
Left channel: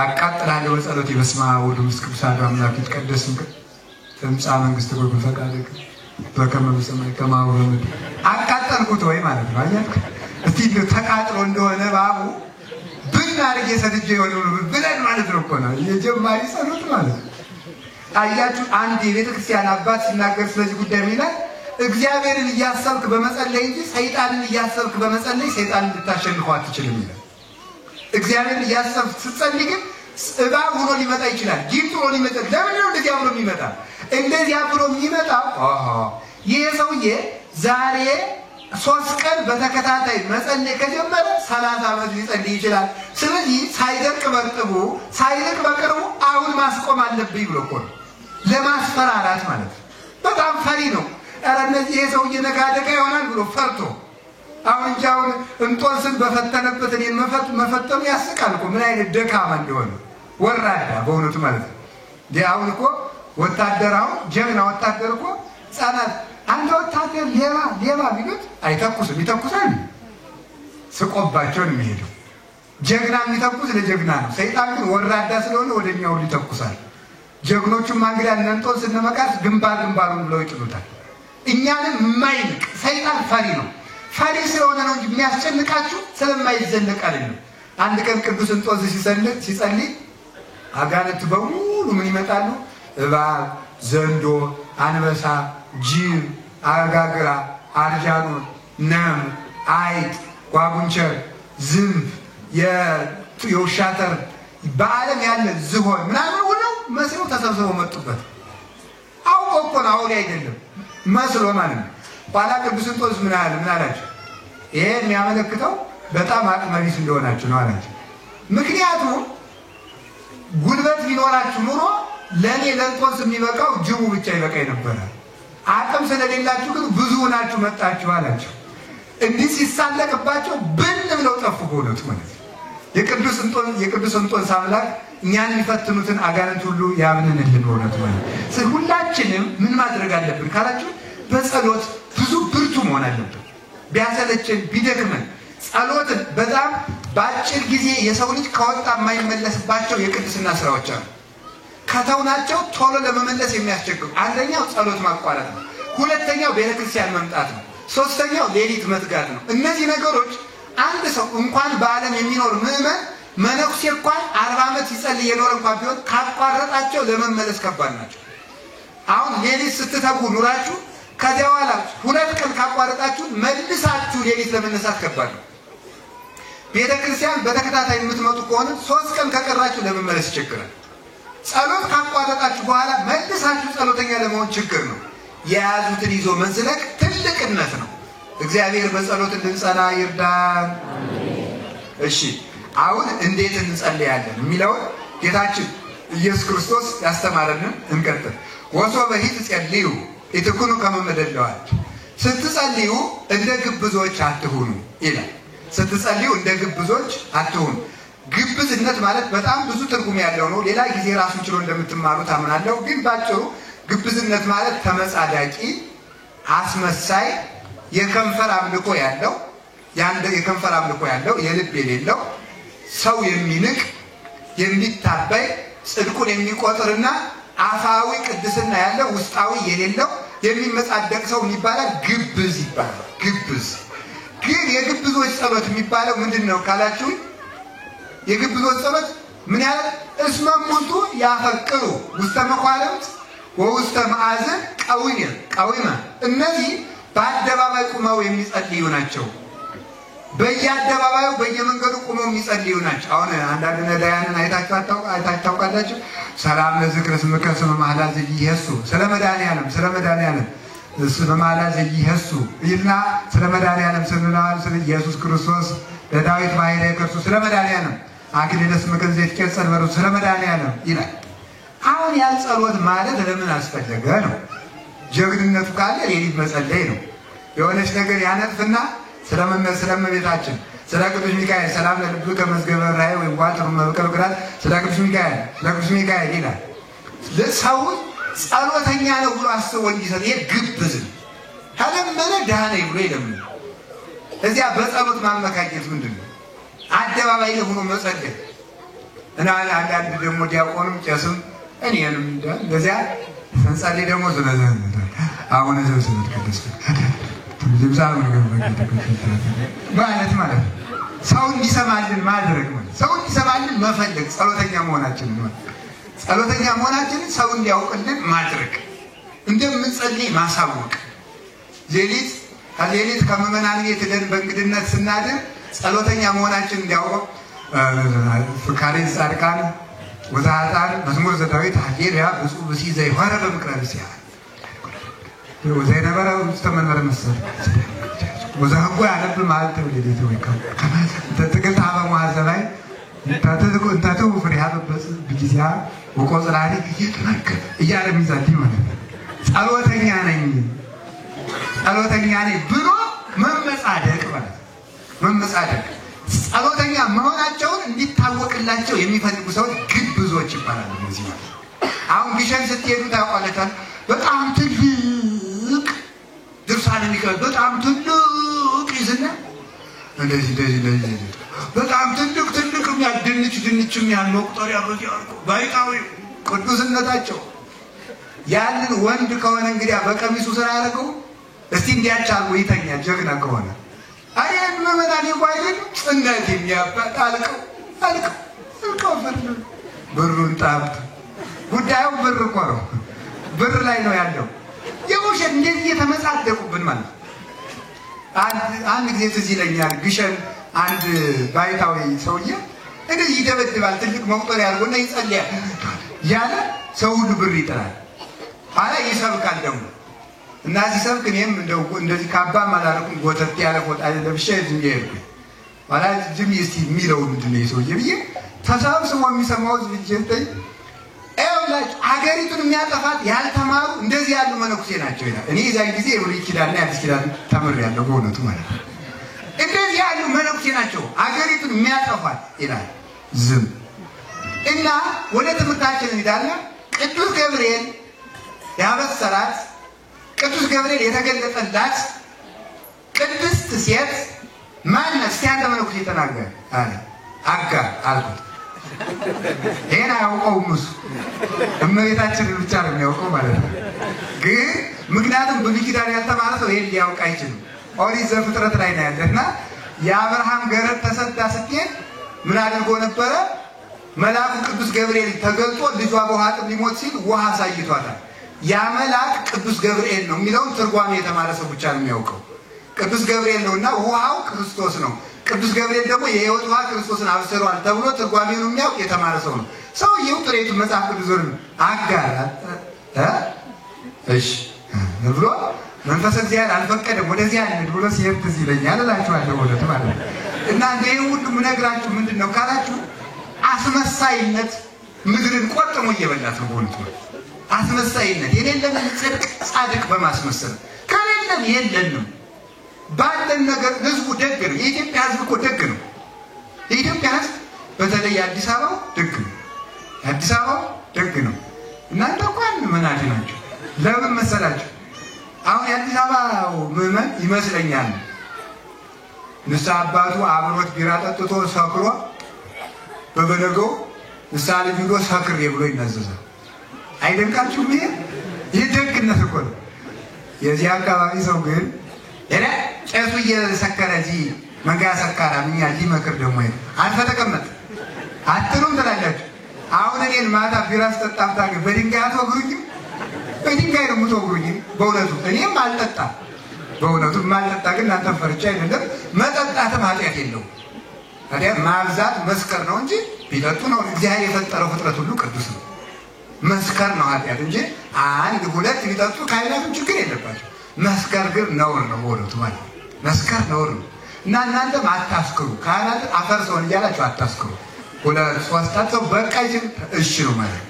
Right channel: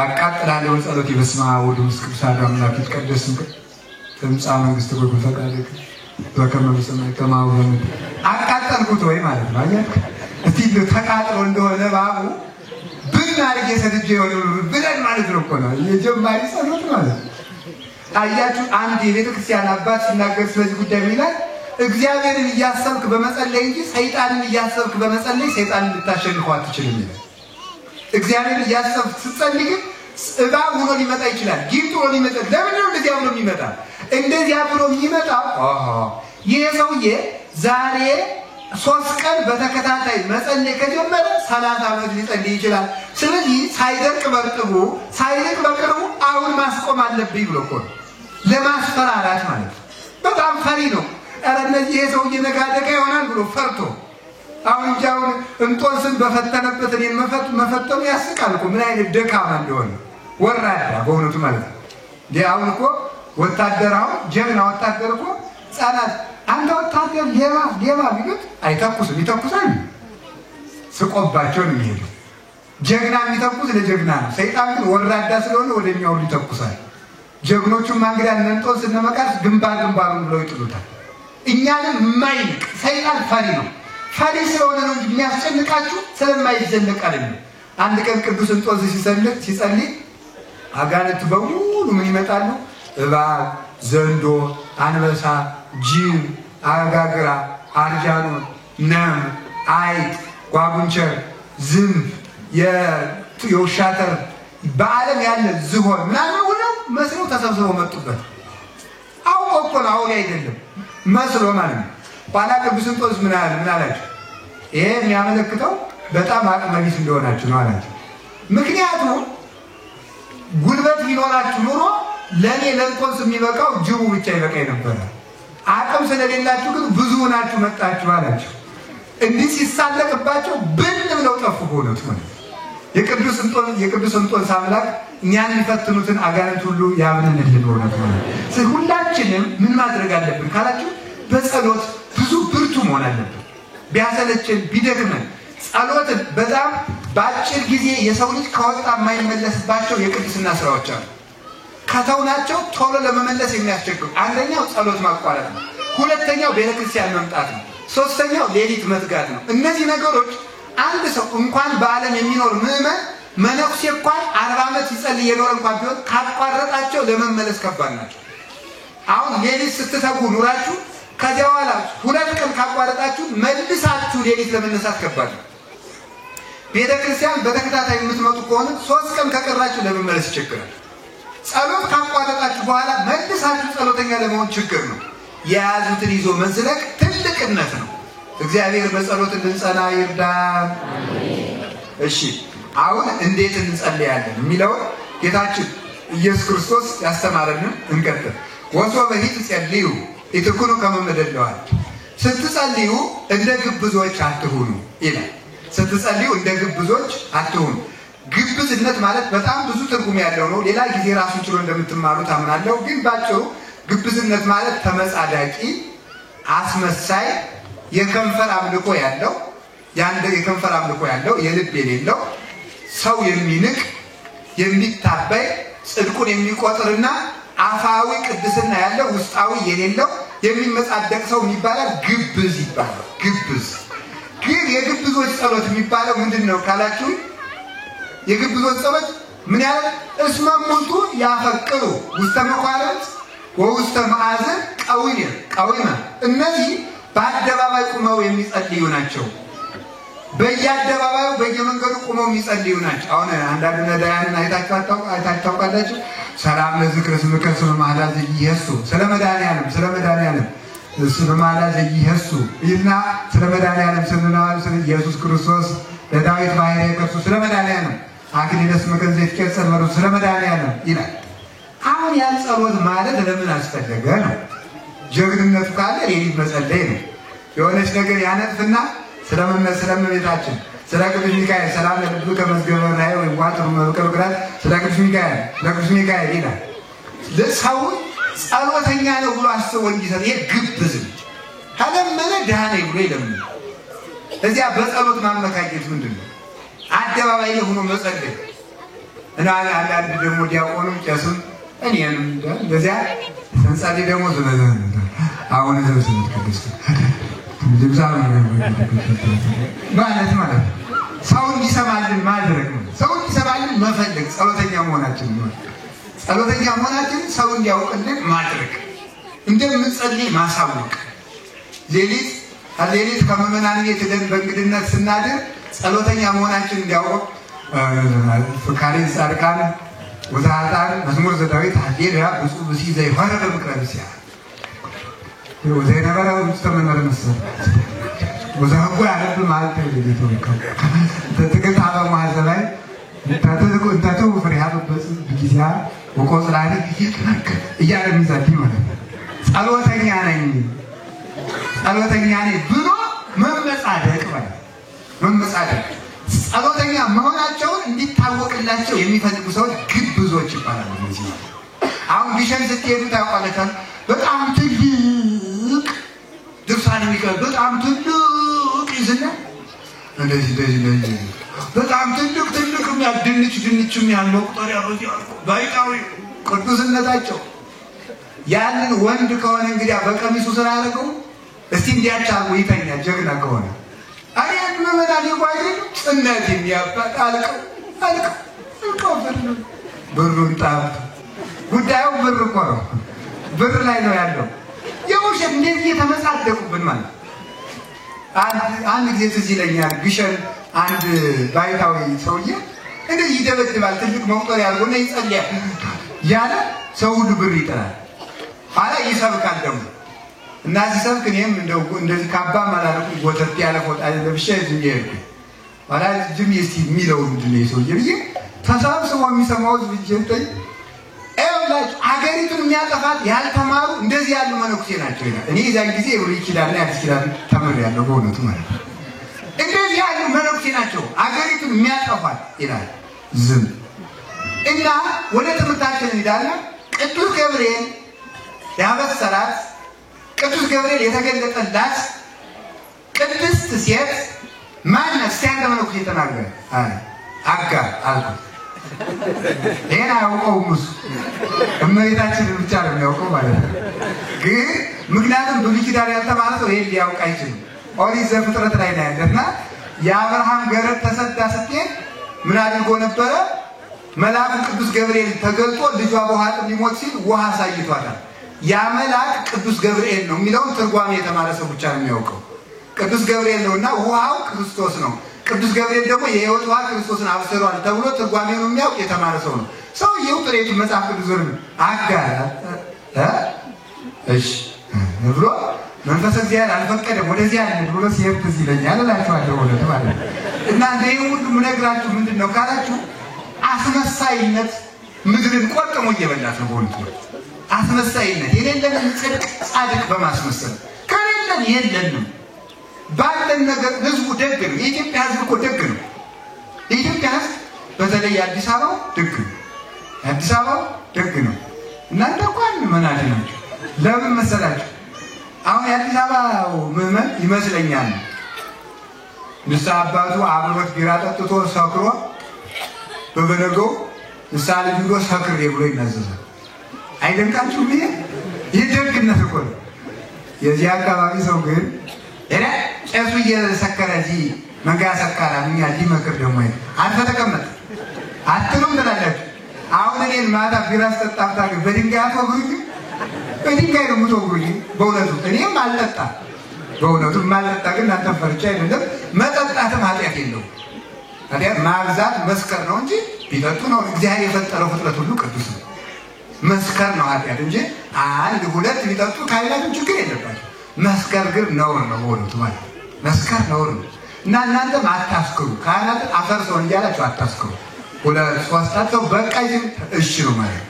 አቃጥላለሁ በጸሎት በስመ አብ ወወልድ ወመንፈስ ቅዱስ አሐዱ አምላክ ይትቀደስ ትምጻእ መንግሥትከ በፈቃድከ በከመ በሰማይ ከማሁ በምድር። አቃጠልኩት ወይ ማለት ነው። አያችሁ? እስቲ ተቃጥሎ እንደሆነ ባቡ ብናርጌ ሰጥቼ ይሆናል ብለን ማለት ነው እኮ ነው የጀማሪ ጸሎት ማለት ነው። አያችሁ? አንድ የቤተ ክርስቲያን አባት ሲናገር ስለዚህ ጉዳይ ይላል እግዚአብሔርን እያሰብክ በመጸለይ እንጂ ሰይጣንን እያሰብክ በመጸለይ ሰይጣንን ልታሸንፈው አትችልም ይላል። እግዚአብሔርን እያሰብክ ስትጸልይ ግን እባብ ሆኖ ሊመጣ ይችላል፣ ጊንጥ ሆኖ ሊመጣ። ለምን ነው እንደዚያ ብሎ የሚመጣ? እንደዚያ ብሎ የሚመጣው ይሄ ሰውዬ ዛሬ 3 ቀን በተከታታይ መጸለይ ከጀመረ 30 ዓመት ሊጸልይ ይችላል። ስለዚህ ሳይደርቅ በርጥቡ ሳይደርቅ በቅርቡ አሁን ማስቆም አለብኝ ብሎ እኮ ነው ለማስፈራራት ማለት ነው። በጣም ፈሪ ነው። ኧረ እነዚህ ይሄ ሰውዬ ነገ አደጋ ይሆናል ብሎ ፈርቶ አሁን እንጃውን እንጦንስን በፈተነበት እኔን መፈተኑ ያስቃል እኮ ምን አይነት ደካማ እንደሆነ ወራዳ በእውነቱ ማለት ነው። አሁን እኮ ወታደራው ጀግና ወታደር እኮ ሕፃናት አንተ ወታደር ሌባ ቢሉት አይተኩስም፣ ይተኩሳል። ስቆባቸው ነው የሚሄደው። ጀግና የሚተኩስ ለጀግና ነው። ሰይጣን ግን ወራዳ ስለሆነ ወደኛው ይተኩሳል። ጀግኖቹን ማንግዳ እንጦንስ እነመቃርስ ግንባሩን ብለው ይጥሉታል። እኛንም የማይንቅ ሰይጣን ፈሪ ነው። ፈሪ ስለሆነ ነው እንጂ የሚያስጨንቃችሁ ስለማይዘለቅ አይደለም። አንድ ቀን ቅዱስ እንጦንስ ሲጸልይ አጋንንት በሙሉ ምን ይመጣሉ? እባብ፣ ዘንዶ፣ አንበሳ፣ ጅብ፣ አጋግራ፣ አርጃኖ፣ ነም፣ አይጥ፣ ጓጉንቸር፣ ዝንብ፣ የውሻተር በዓለም ያለ ዝሆን ምናምን ሁሉ መስለው ተሰብስበው መጡበት። አውቆ እኮ ነው፣ አውሬ አይደለም መስሎ ማለት ነው። ኋላ ቅዱስ እንጦንስ ምን አላቸው? ይሄ የሚያመለክተው በጣም አቅመ ቢስ እንደሆናችሁ ነው አላቸው። ምክንያቱም ጉልበት ቢኖራችሁ ኑሮ ለኔ ለእንጦንስ የሚበቃው ጅቡ ብቻ ይበቃኝ ነበር። አቅም ስለሌላችሁ ግን ብዙ ሆናችሁ መጣችሁ አላቸው። እንዲህ ሲሳለቅባቸው ብን ብለው ጠፉ ሆነቱ ማለት የቅዱስ እንጦንስ አምላክ እኛን የሚፈትኑትን አጋንንት ሁሉ ያምንልን ሆነቱ ማለት። ስለዚህ ሁላችንም ምን ማድረግ አለብን ካላችሁ በጸሎት ብዙ ብርቱ መሆን አለብን። ቢያሰለችን ቢደክመን ጸሎትን በጣም በአጭር ጊዜ የሰው ልጅ ከወጣ የማይመለስባቸው የቅድስና ስራዎች አሉ። ከተውናቸው ቶሎ ለመመለስ የሚያስቸግሩ አንደኛው ጸሎት ማቋረጥ ነው። ሁለተኛው ቤተክርስቲያን መምጣት ነው። ሶስተኛው ሌሊት መትጋት ነው። እነዚህ ነገሮች አንድ ሰው እንኳን በዓለም የሚኖር ምዕመን መነኩሴ እንኳን 40 ዓመት ሲጸልይ የኖር እንኳን ቢሆን ካቋረጣቸው ለመመለስ ከባድ ናቸው። አሁን ሌሊት ስትተጉ ኑራችሁ ከዚያ በኋላ 2 ቀን ካቋረጣችሁ መልሳችሁ ሌሊት ለመነሳት ከባድ ነው። ቤተክርስቲያን በተከታታይ የምትመጡ ከሆነ 3 ቀን ከቀራችሁ ለመመለስ ይቸግራል። ጸሎት ካቋረጣችሁ በኋላ መልሳችሁ ጸሎተኛ ለመሆን ችግር ነው። የያዙትን ይዞ መዝለቅ ትልቅነት ነው። እግዚአብሔር በጸሎት እንድንጸና ይርዳን። እሺ አሁን እንዴት እንጸልያለን የሚለው ጌታችን ኢየሱስ ክርስቶስ ያስተማረንን እንቀጥል። ወሶ በሂት ጸልዩ ኢትኩኑ ከመ መደለዋል። ስትጸልዩ እንደ ግብዞች አትሁኑ ይላል። ስትጸልዩ እንደ ግብዞች አትሁኑ። ግብዝነት ማለት በጣም ብዙ ትርጉም ያለው ነው። ሌላ ጊዜ ራሱን ችሎ እንደምትማሩት አምናለሁ። ግን ባጭሩ ግብዝነት ማለት ተመጻዳቂ፣ አስመሳይ፣ የከንፈር አምልኮ ያለው የከንፈር አምልኮ ያለው የልብ የሌለው ሰው የሚንቅ የሚታበይ ጽድቁን የሚቆጥርና አፋዊ ቅድስና ያለው ውስጣዊ የሌለው የሚመጻደቅ ሰው ይባላል ግብዝ ይባላል። ግብዝ ግን የግብዞች ጸሎት የሚባለው ምንድነው ካላችሁ የግብዞች ጸሎት ምን ያህል እስመ ሙንቱ ያፈቅሩ ውስተ መኳንንት ወውስተ ማዕዘን ቀዊመ እነዚህ በአደባባይ ቁመው የሚጸልዩ ናቸው። በየአደባባዩ በየመንገዱ ቁመው የሚጸልዩ ናቸው። አሁን አንዳንድ ነዳያንን አይታችኋላችሁ። ሰላም ለዝክረ ስምከ ስመ ማህላ ዘይየሱ ስለ መድኃኒዓለም ስለ ማህላ ዘይየሱ ይልና ስለ መድኃኒዓለም ስለ ኢየሱስ ክርስቶስ ለዳዊት ባሕርየ ከርሱ ስለ መድኃኒዓለም አክሊለ ስምከ ዘይትቀጸል በሩ ስለ መድኃኒዓለም ይላል። አሁን ያን ጸሎት ማለት ለምን አስፈለገ ነው? ጀግንነቱ ካለ ሌሊት መጸለይ ነው። የሆነች ነገር ያነጥፍና ስለመቤታችን ስለ ቅዱስ ሚካኤል ሰላም ለልብከ መዝገበ ላይ ወይ ዋጥሩ መከረግራት ስለ ቅዱስ ሚካኤል ይላል። ለሰው ጸሎተኛ ነው ብሎ አስቦ እንዲሰጥ ይሄ ግብዝ ከለመነ ዳኔ ብሎ ይለምን። እዚያ በጸሎት ማመካኘት ምንድነው? አደባባይ ላይ ሆኖ መጸለይ እና አንዳንድ ደግሞ ዲያቆንም ቄስም እኔንም እንደዚያ ሰንጸልይ ደግሞ አሁን ዘውሰን ቅዱስ ማለት ሰው እንዲሰማልን ማድረግ ነው። ሰው እንዲሰማልን መፈለግ ጸሎተኛ መሆናችን ነው። ጸሎተኛ መሆናችን ሰው እንዲያውቅልን ማድረግ፣ እንደምንጸልይ ማሳወቅ። ሌሊት ከመመናን ቤት ሄደን በእንግድነት ስናድር ጸሎተኛ መሆናችን እንዲያውቅ ፍካሬ ጻድቃን ወዛታን መዝሙር ዘዳዊት ሀሌሉያ ብፁዕ ብእሲ ዘይሖረ በምክረ ብእሲያ ወዘይነበረ ውስጠመነር ምስል ወዛህጎ ያነብ ማለት ሌሊቱ ተጥቅት አበ ማዘላይ እንታተው ፍሬሃ በበጽ ብጊዜያ ወቆጽላሪ እያለ ሚዛት ይሆናል። ጸሎተኛ ነኝ ብሎ መመጻደቅ ማለት መመጻደቅ። ጸሎተኛ መሆናቸውን እንዲታወቅላቸው የሚፈልጉ ሰዎች ግብዞች ይባላሉ። እነዚህ አሁን ግሸን ስትሄዱ ታውቃላችሁ። በጣም ትልቅ ድርሳነ ሚካኤል በጣም ትልቅ ይዝና እንደዚህ በጣም ትልቅ ድንችም ያለው ቁጥር ያለው ባይታዊ ቅዱስነታቸው ያንን ወንድ ከሆነ እንግዲህ በቀሚሱ ስራ ያደረገው እስቲ እንዲያቻሉ ይተኛ ጀግና ከሆነ አሪያን መመዳኒ ባይደል ጽናት የሚያባጥ አልቀው ብሩን ጣብ ጉዳዩ ብር እኮ ነው። ብር ላይ ነው ያለው። የውሸት እንደዚህ የተመጻደቁብን ማለት አንድ ጊዜ ትዝ ይለኛል። ግሸን አንድ ባይታዊ ሰውዬ እንደዚህ ይደበድባል። ትልቅ መቁጠር ያልሆነ ይጸልያል ያለ ሰው ሁሉ ብር ይጥላል። ኋላ ይሰብካል ደግሞ እና ሲሰብክ እኔም እንደዚህ ካባ ማላረቁ ወተት ያለ ፎጣ ለብሼ እዚህ ኋላ ጅም እስቲ የሚለው ምንድን ነው ሰውዬ ብዬ ተሰብስቦ የሚሰማው ዝብጀንተኝ ኤውላች ሀገሪቱን የሚያጠፋት ያልተማሩ እንደዚህ ያሉ መነኩሴ ናቸው ይላል። እኔ ያን ጊዜ ብሉይ ኪዳንና አዲስ ኪዳን ተምሬያለሁ በእውነቱ ማለት ነው። እንደዚህ ያሉ መነኩሴ ናቸው ሀገሪቱን የሚያጠፋት ይላል። ዝም እና ወደ ትምህርታችን እንሄዳለን። ቅዱስ ገብርኤል ያበሰራት ቅዱስ ገብርኤል የተገለጠላት ቅድስት ሴት ማናት? ሲያንተ መነኩሴ ተናገረ አጋር አልኩት። ይሄን አያውቀውም እሱ እመቤታችንን ብቻ ነው የሚያውቀው ማለት ነው። ግን ምክንያቱም ብሉይ ኪዳን ያልተማረ ሰው ይሄን ሊያውቅ አይችልም። ኦሪት ዘፍጥረት ላይ ነው ያለና የአብርሃም ገረድ ተሰዳ ስትሄድ ምን አድርጎ ነበረ? መልአኩ ቅዱስ ገብርኤል ተገልጦ ልጇ በውሃ ጥም ሊሞት ሲል ውሃ አሳይቷታል። ያ መልአክ ቅዱስ ገብርኤል ነው የሚለውን ትርጓሜ የተማረ ሰው ብቻ ነው የሚያውቀው። ቅዱስ ገብርኤል ነውና ውሃው ክርስቶስ ነው። ቅዱስ ገብርኤል ደግሞ የሕይወት ውሃ ክርስቶስን አብስሯል ተብሎ ትርጓሜውን የሚያውቅ የተማረ ሰው ነው። ሰውየው ጥሬቱ መጽሐፍ ቅዱስን አጋራ እሺ ብሎ መንፈስ እግዚአብሔር አልፈቀደም ወደዚህ አይደል ብሎ ሲሄድ ትዝ ይለኛል እላችኋለሁ ወደ ማለት ነው። እና ይሄ ሁሉ ምነግራችሁ ምንድነው ካላችሁ አስመሳይነት ምድርን ቆጥሞ እየበላት ነው። በእውነቱ አስመሳይነት የሌለን ጽድቅ ጻድቅ በማስመሰል ከሌለን የለንም። ባለን ነገር ህዝቡ ደግ ነው። የኢትዮጵያ ህዝብ እኮ ደግ ነው። የኢትዮጵያ ህዝብ በተለይ አዲስ አበባ ደግ ነው። አዲስ አበባ ደግ ነው። እናንተ እንኳን መናጅ ናችሁ። ለምን መሰላችሁ? አሁን የአዲስ አበባው ምዕመን ይመስለኛል ንስሐ አባቱ አብሮት ቢራ ጠጥቶ ሰክሮ በበነገው ንስሐ ልጅ ብሎ ሰክሬ ብሎ ይናዘዛል። አይደንቃችሁም? ይሄ ደግነት እኮ ነው። የዚህ አካባቢ ሰው ግን ቄሱ እየሰከረ እዚህ መንጋ ሰካራ ምን ያህል ይመክር ደግሞ አልተጠቀመጥ አትሉም ትላላችሁ። አሁን እኔን ማታ ቢራ ስጠጣ በድንጋይ አትወግሩኝ። በድንጋይ ነው የምትወግሩኝ። በእውነቱ እኔም አልጠጣም። በእውነቱ ማልጠጣ ግን እናንተን ፈርቻ አይደለም። መጠጣትም ኃጢአት የለውም። ታዲያ ማብዛት መስከር ነው እንጂ ቢጠጡ ነው። እግዚአብሔር የፈጠረው ፍጥረት ሁሉ ቅዱስ ነው። መስከር ነው ኃጢአት እንጂ አንድ ሁለት ቢጠጡ ካይላም ችግር የለባቸው። መስከር ግን ነውር ነው። በእውነቱ ማለት መስከር ነውር ነው። እና እናንተም አታስክሩ ካህናት አፈርሰው እያላችሁ አታስክሩ ወደ ሶስታቸው በቃይ እሺ ነው ማለት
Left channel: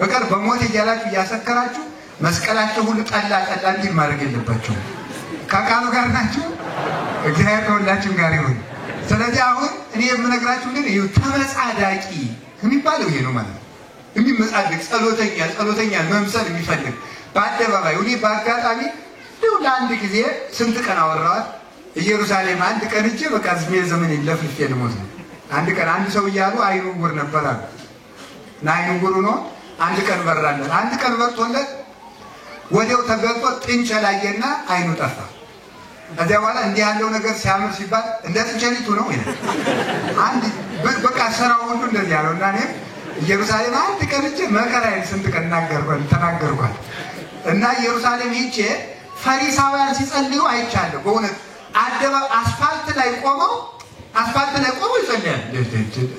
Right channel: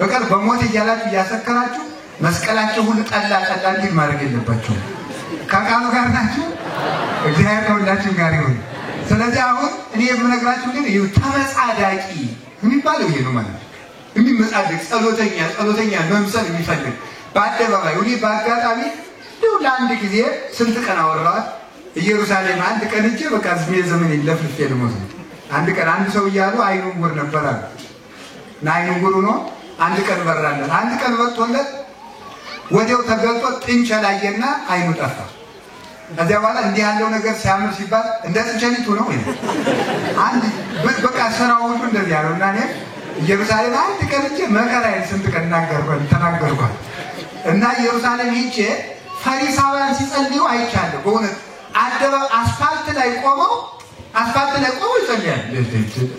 በቀር በሞት እያላችሁ እያሰከራችሁ መስቀላቸው ሁሉ ጠላ እንዲል ማድረግ የለባችሁ ከቃሉ ጋር ናችሁ እግዚአብሔር ከሁላችን ጋር ይሁን ስለዚህ አሁን እኔ የምነግራችሁ ግን ተመጻዳቂ የሚባለው ይሄ ነው ማለት እንዲህ መጻደቅ ጸሎተኛ መምሰል የሚፈልግ በአደባባይ እኔ በአጋጣሚ ለአንድ ጊዜ ስንት ቀን አወራኋት ኢየሩሳሌም አንድ ቀን እጄ በቃ ዘመን ለፍልፌ ልሞት አንድ ቀን አንድ ሰው እያሉ አይኑ ጉር ነበር አለ እና አይኑ ጉር ነው አንድ ቀን በራለት አንድ ቀን ወጥቶለት ወዲያው ተገልጦ ጥንቸላየና አይኑ ጠፋ ከዚያ በኋላ እንዲህ ያለው ነገር ሲያምር ሲባል እንደ ጥንቸሊቱ ነው አንድ በቃ ስራው ሁሉ እንደዚህ ያለው እና እኔ ኢየሩሳሌም አንድ ቀን እጄ መከራዬን ስንት ቀን ተናገርኳል እና ኢየሩሳሌም ሄጄ ፈሪሳውያን ሲጸልዩ አይቻለሁ በእውነት አስፋልት ላይ ቆመው ይጸልያል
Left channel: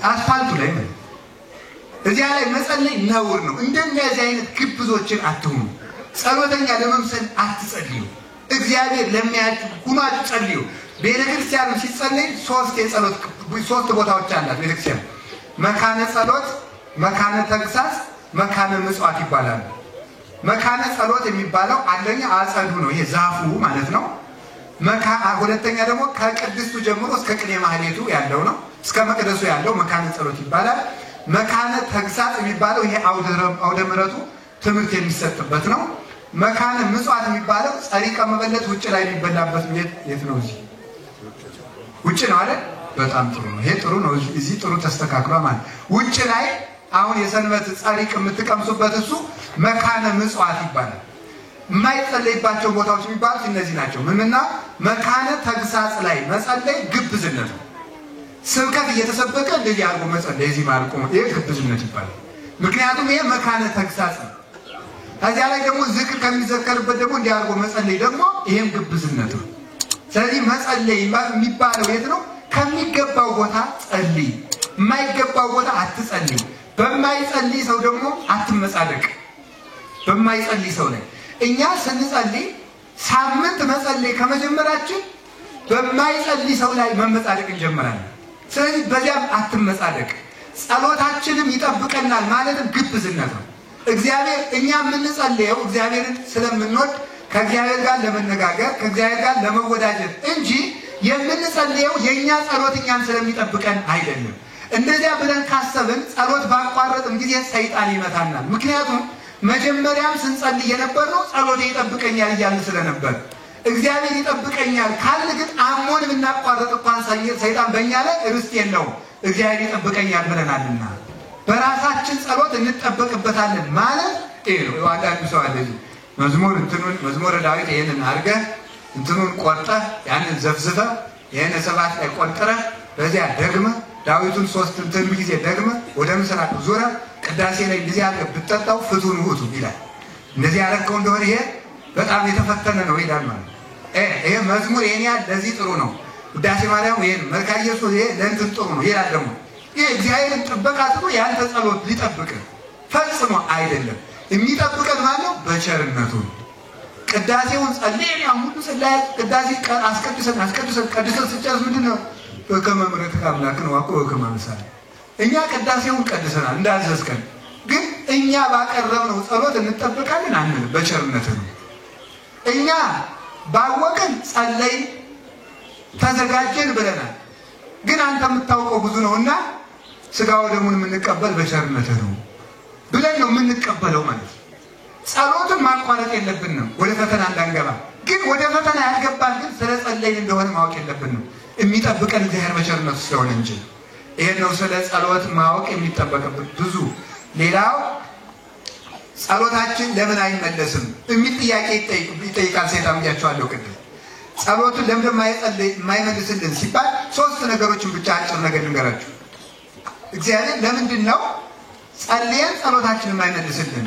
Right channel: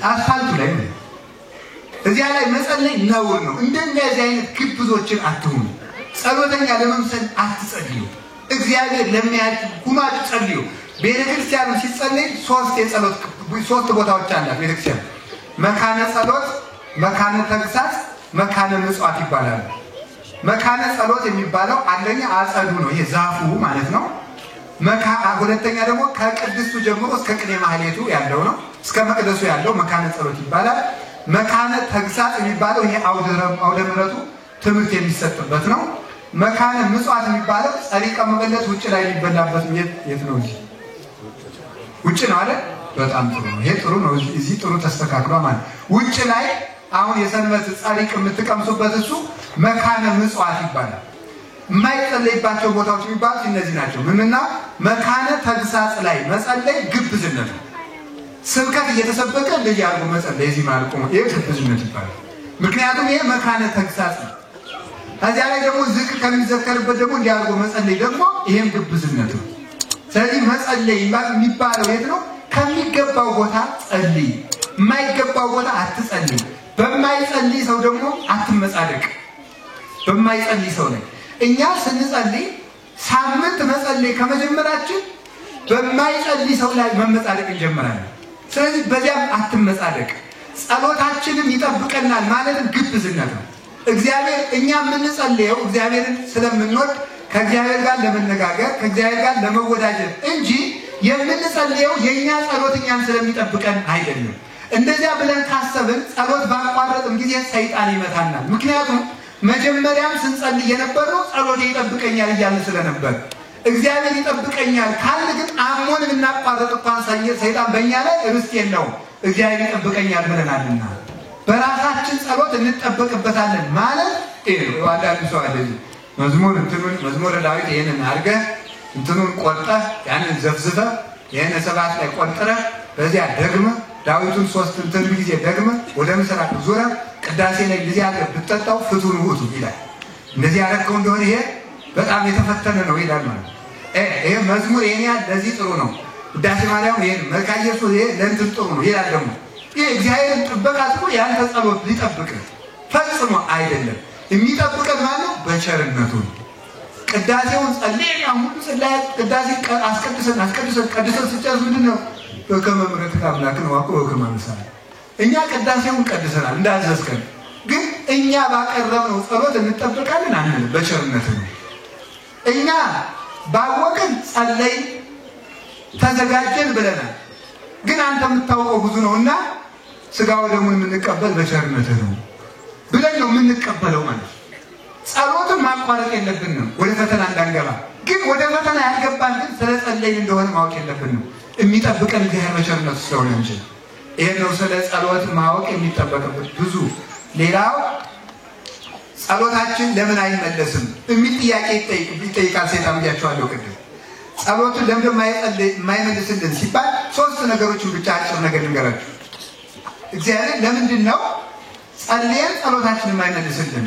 አስፋልት ላይ እዚያ ላይ መጸለይ ነውር ነው እንደነዚህ አይነት ግብዞችን አትሁኑ ጸሎተኛ ለመምሰል አትጸልዩ እግዚአብሔር ለሚያያችሁ ሁናችሁ ጸልዩ ቤተክርስቲያኑ ሲጸልይ ሶስት ቦታዎች አላት ቤተክርስቲያን መካነ ጸሎት መካነ ተግሳጽ መካነ ምጽዋት ይባላል መካነ ጸሎት የሚባለው አንደኛ አጸዱ ነው ይሄ ዛፉ ማለት ነው ሁለተኛ ደግሞ ከቅድስቱ ጀምሮ እስከ ቅኔ ማህሌቱ ያለው ነው እስከ መቅደሱ ያለው መካነ ጸሎት ይባላል መካነ ተግሳጽ የሚባለው ይሄ አውደ ምሕረቱ ትምህርት የሚሰጥበት ነው መካነ ምጽዋት የሚባለው ጸሪቀ መበለት ውጭ ላይ የሚበላበት የት ነው እዚህ ውጭ ነው አይደል በጣም ጥሩ ነው ይሄ ጥሩ ነው እዚህ ጥሩ ተስተካክሏል ማለት ውጭ ላይ አሁን የሰንበት ጸሪቅ የምትቀምሱበት እሱ መካነ ምጽዋት ይባላል የማይጸለይባቸው ቦታዎች የሚባሉት እነዚህ ናቸው ምንና መካነ ተግሳጽ ላይ መጸለይ ግብዝነት ነው ስብከት እየተሰበከ እንደዚህ አድርጎ መጸለይ እዚህ ማለት ነው ይሄ ግብዝነት ይባላል ምክንያቱም ይሄ መካነ ተግሳጽ ነው ከዚያ ላይ ደግሞ ዝክር ከሚዘከርበት ደግሞ እንዲህ አድርጎ መጸለይ ደግሞ ይሄም ግብዝነት ነው ስለዚህ መጸለይ የሚባለው የት ነው ከሚገባው ቦታ ጸልይ የማይገባው ቦታ አትጸልይ በማይጸልይ ሰው ደግሞ አትመጻደቅ በማይጸልይ ሰው ላይ እኛ ስንጸልይ ሳምንት መጸለይ ከመጀመራችን በማይጸልይ ሰው ላይ መመጻደቅ እንጀምራለን ስለዚህ በዚያም አትመጻደቅ ጸሎታችንም ይጠብቀናል ማለትም ግብዝነት ነው እግዚአብሔር እኛ የምንጸልየው እግዚአብሔርን ስለምንወድ ከእግዚአብሔር ጋር ለመነጋገር ከእግዚአብሔር ጋር ለመወዳጀት እንጂ የምንጸልየው የኛ ጸሎት እኛን ስለሚጠብቀን አይደለም እንደዚያ ብለን ካሰብን ጸሎት ባቋረጥም ጊዜ ሰይጣን ይመታናል ምክንያቱም መጀመሪያም ስንጸልይ የነበረው ጸሎት ይጠብቀኛል እያልን ስለነበር እግዚአብሔር ይጠብቀኛል ካለ ግን አሞን ብናቋረጥ እንኳን ሰይጣን በእኛ ላይ ርስት የለውም እግዚአብሔር ይጠብቀኛል ብለናልና በራሳችን ጸሎት እንጠበቅበታለን ማለት ነው አንዳንድ ሰው አለ መዝሙር ዳዊት ይሄንን አድርገህ እንትኑን ቆርጠህ ያንን ዘፍዝፈህ ይሄን ሰባት ላይ ቆርጠህ በዚያ ደግመህ ዳዊቱን 3 ጊዜ ደግመህ ወደ ምስራቅ ዙረህ ቅዳሴ ላይ ጊዜ አድርገህ ብትጠጣው ፍቱን ውጡ ይላል እንደዚህ ያደረገው እንደሆነ ይሄ በጣም የተፈተነ ነው ይላል ማለት ይሄ መዝሙር የኛ ለዚህ ጥሩ ነው ቅዳሴ ማርያም ይሄን መልካ ኢየሱስ ይሄ ለእንትን ጥሩ ነው ይላል ደግሞ ይሄ እግዚአብሔርን ጥበቃ ጥሩ ያንተ ጸሎት ሊጠብቅ ፈጽሞ አይደለም የሚጠብቀን ማለት በቸርነቱ ቅዳሴውን ጸልየን ያሁሉ ጸልያ ቅዳሴ አስቀድሰን ስጨርስ ምንድነው በከመምረት አምላክን ዋቆ በከመምሳል እኛ ቅዳሴውን ቀድሰናል እንዳዘዝከን ግን እኛ ባቀረብነው ጸሎት እንጠብቃለን አንል በቸርነቱ እኛ ባወቅን ጸለይ ተዘጋጀን ብለናል ግን አንተ የምታውቀው ብዙ ነውና ስጋው ደሙን የምንቀበል በቸርነቱ ነው ብለን ነው የምንቀበለው ማለት ጸሎትን ማቋረጥ የለብንም ወደ ፈተና እንዳንገባ ግን ወደ ፈተና ያልገባን ግን ስለ ጸለይን እንደሆነ ማወቅ የለብንም የሚጠብቀን እግዚአብሔር በቸርነቱ ስለሆነ እንጂ ይሄን ነው ስለ ጸሎት ማወቅ የሚጠበቅበት ብዙ ሌላው ጸሎታችን ለምን አይመለስም የሚል ጥያቄ ይጠይቃል ሰይጣን ብያቸዋለሁ ቅድም ጸሎቱን ለምን የማይመልስልን ሲባል 3 ነገሮችን ብቻ አጭር ነገር ልንገራችሁ እግዚአብሔር ለምንድን ነው ጸልየን ጸሎታችንን የማይመልስልን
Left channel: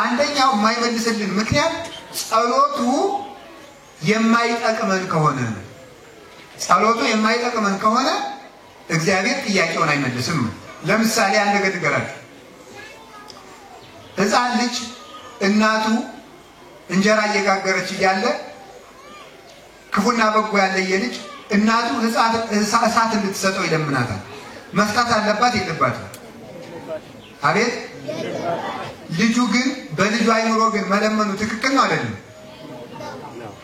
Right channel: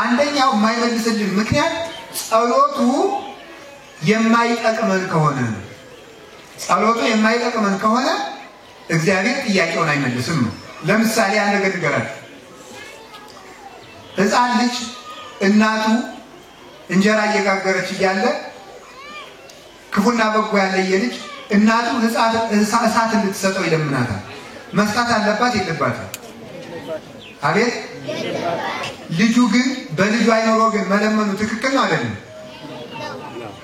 አንደኛው የማይመልስልን ምክንያት ጸሎቱ የማይጠቅመን ከሆነ እግዚአብሔር ጥያቄውን አይመልስም ለምሳሌ አንድ ነገር ልንገራችሁ ሕፃን ልጅ እናቱ እንጀራ እየጋገረች እያለ ክፉና በጎ ያለየ ልጅ እናቱ እሳት እንድትሰጠው ይለምናታል። መስጠት አለባት የለባትም? አቤት ልጁ ግን በልጁ አይኖሮ ግን መለመኑ ትክክል ነው አይደለም?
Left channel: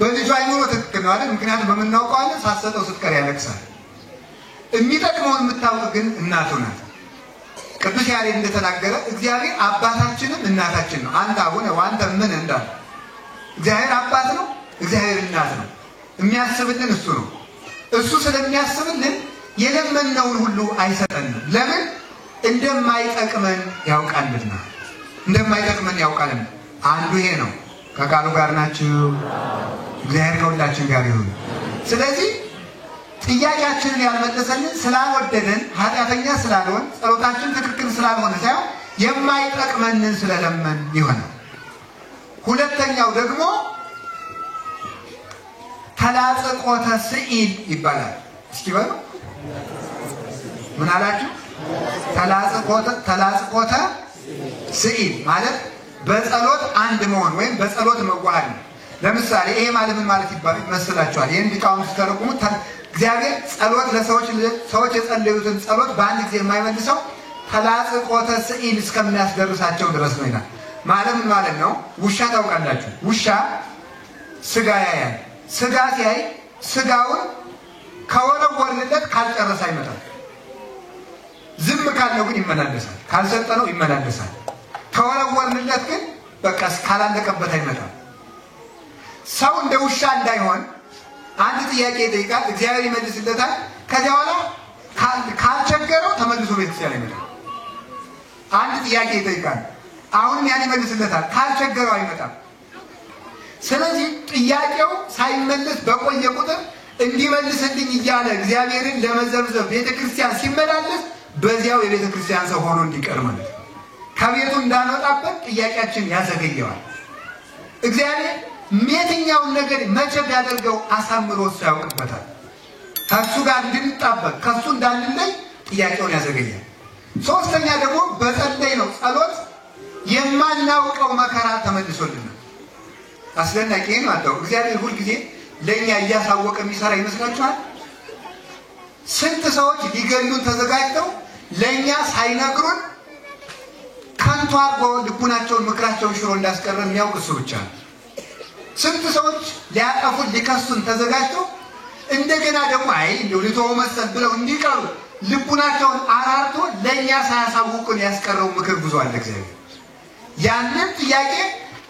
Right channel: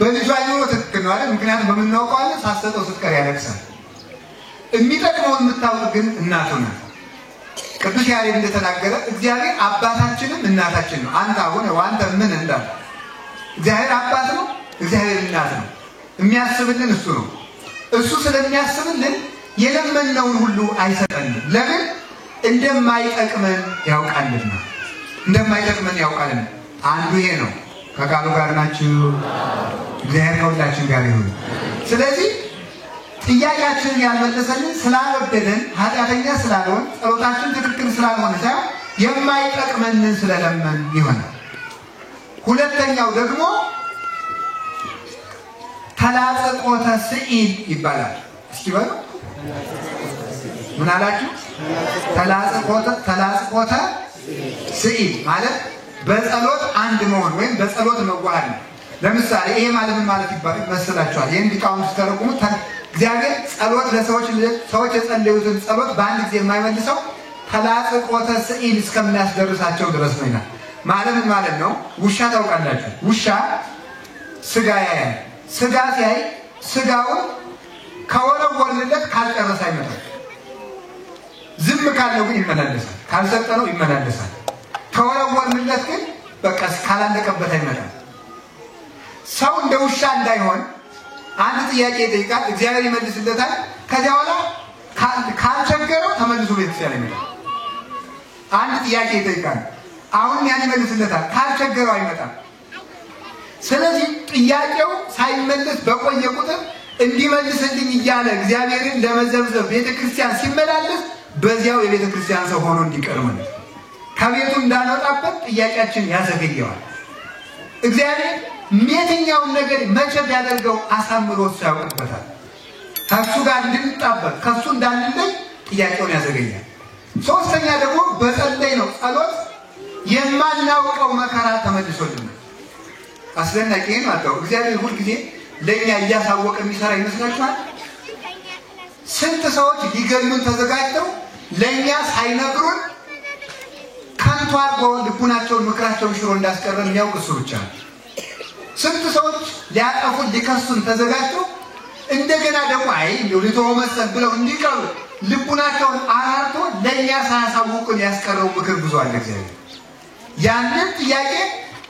በልጁ አይኖሮ ትክክል ነው አይደል? ምክንያቱም በምናውቀው አለ ሳሰጠው ስትቀር ያለቅሳል። የሚጠቅመውን የምታውቅ ግን እናቱ ናት። ቅዱስ ያሬድ እንደተናገረ እግዚአብሔር አባታችንም እናታችን ነው። አንተ አሁን አንተ ምን እንዳለ እግዚአብሔር አባት ነው፣ እግዚአብሔር እናት ነው። የሚያስብልን እሱ ነው። እሱ ስለሚያስብልን የለመነውን ሁሉ አይሰጠንም። ለምን? እንደማይጠቅመን ያውቃልና። እንደማይጠቅመን ያውቃልና። አንዱ ይሄ ነው። ከቃሉ ጋር ናችሁ? እግዚአብሔር ከሁላችን ጋር ይሁን። ስለዚህ ጥያቄያችንን ያልመለሰልን ስላልወደደን ኃጢአተኛ ስላልሆን ጸሎታችን ትክክል ስላልሆነ ሳይሆን የማይጠቅመንን ስለለመን ይሆናል። ሁለተኛው ደግሞ ተላጽቆተ ስዒል ይባላል። እስኪ በሉ ምን አላችሁ? ተላጽቆተ ስዒል ማለት በጸሎት አንድ መሆን ወይም በጸሎት መዋሃድ ነው። ለምሳሌ ይሄ ማለት ምን ማለት ይመስላችኋል? ይሄን ሊቃውንት ሲተረጉሙ እግዚአብሔር ጸሎት ሰዎች የጸለዩትን ጸሎት በአንድ ጊዜ የማይመልሰው ተላጽቆተ ስዒል እስከሚያስደርሳቸው ድረስ ነው ይላል። ማለት ምን ማለት ነው? ውሻ ታውቃላችሁ? ውሻ ስጋ ያያል። ስጋ ሲያይ ስጋውን ከወረወርንለት ካልጨረሰ አይመጣም። ዝም ካለው ግን ይመላለሳል። ካልሰጠነው ይመላለሳል። ከወረወርንለት ግን በቃ ካላለቀበት አይመጣም። ሰው እንደ ውሻ እንዳይሆን አንድ ጥያቄ ይጠይቃል፣ እግዚአብሔር ይመልስለታል። ከዚያ በኋላ ካልቸገረው ተመልሶ ቤተክርስቲያን ይመጣል። አንድ ጥያቄ ይጠይቃል፣ አሁን ያን ይመልስለታል። ካልቸገረው አይመጣም። ስለዚህ ጥያቄው ሳይመለስ በቆየ ቁጥር እንዲመልስልኝ እያለ እግዚአብሔርን ለመዘብዘብ ቤተክርስቲያን ሲመላለስ በዚያው የቤተክርስቲያን ሰው ሆኖ እንዲቀር ማለት ከቤቱ እንዳንወጣበት ጥያቄያችን ያዘገየዋል። እግዚአብሔር የትኛውን ነገር መቼ ቢያደርገው አሳምሮ ያውቅበታል። ከሱ ጋር እንድንጣበቅ ከሱ እንዳንለይ ጥያቄውን ያዘገያል። ሶስተኛ ደግሞ በጸለይ ነው ጸሎት የማናውቀው መከራ ተመልሶልናል። አስደናቂ ነው። አጣው እግዚአብሔር ሁሉ ጊዜ ለኛ እያሳወቀ የሚሰራ ይመስላችኋል? ስንት ሰዎች ሊገሉን ተዘጋጅተው ለኛ ሳይነግሩን ከንቱ አድርገው ልቡናቸውን ምክራቸውን ሽሮ እንዳስቀረን የሚያውቅ እሱ ብቻ ነው። ስንት ሰዎች ሊያጠፉን ሊከሱን ተዘጋጅተው እንደገና ደግሞ አይ ልተው መሰል ብለው እንዲቀሩ ልቡናቸውን አራርቶ ለኛ ሳያሳውቁን ያስቀረው ምክር ብዙ አለ። እግዚአብሔር ያንን ጥያቄ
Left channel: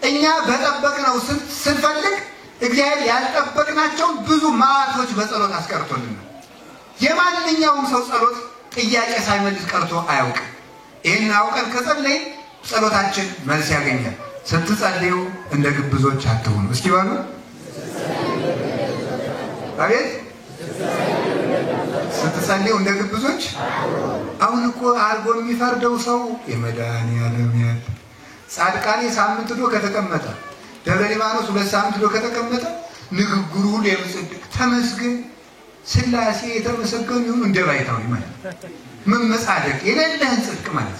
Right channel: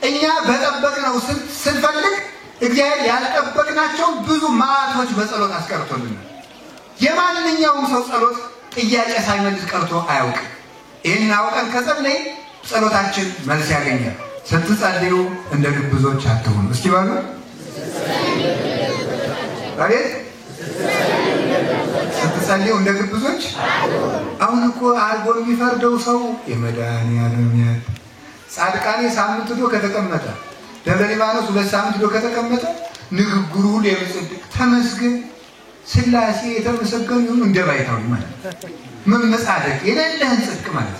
እኛ በጠበቅነው ስንፈልግ እግዚአብሔር ያልጠበቅናቸው ብዙ ማዕቶች በጸሎት አስቀርቶልን። የማንኛውም ሰው ጸሎት ጥያቄ ሳይመልስ ቀርቶ አያውቅም። ይህን አውቀን ከጸለይ ጸሎታችን መልስ ያገኛል። ስትጸልዩ እንደ ግብዞች አትሁኑ። እስኪ በሉ አቤት ስትጸልዩ እንደ ግብዞች። አሁን እኮ አርጎ የሚፈርደው ሰው የመድኃኒዓለም ያል ጻድቃኔ ሳምንት ዶ ከተቀመጠ ደብረ ሊባኖስ 2 ሳምንት ዶ ከተቀመጠ ንግግሩ ሁሉ የምጽድቅ ተመስገን ስላሴ የተመሰገኑ ይሁን እንደባይታው ማለት ምን መጻደቅ የሌለህን ጽድቅ ማለት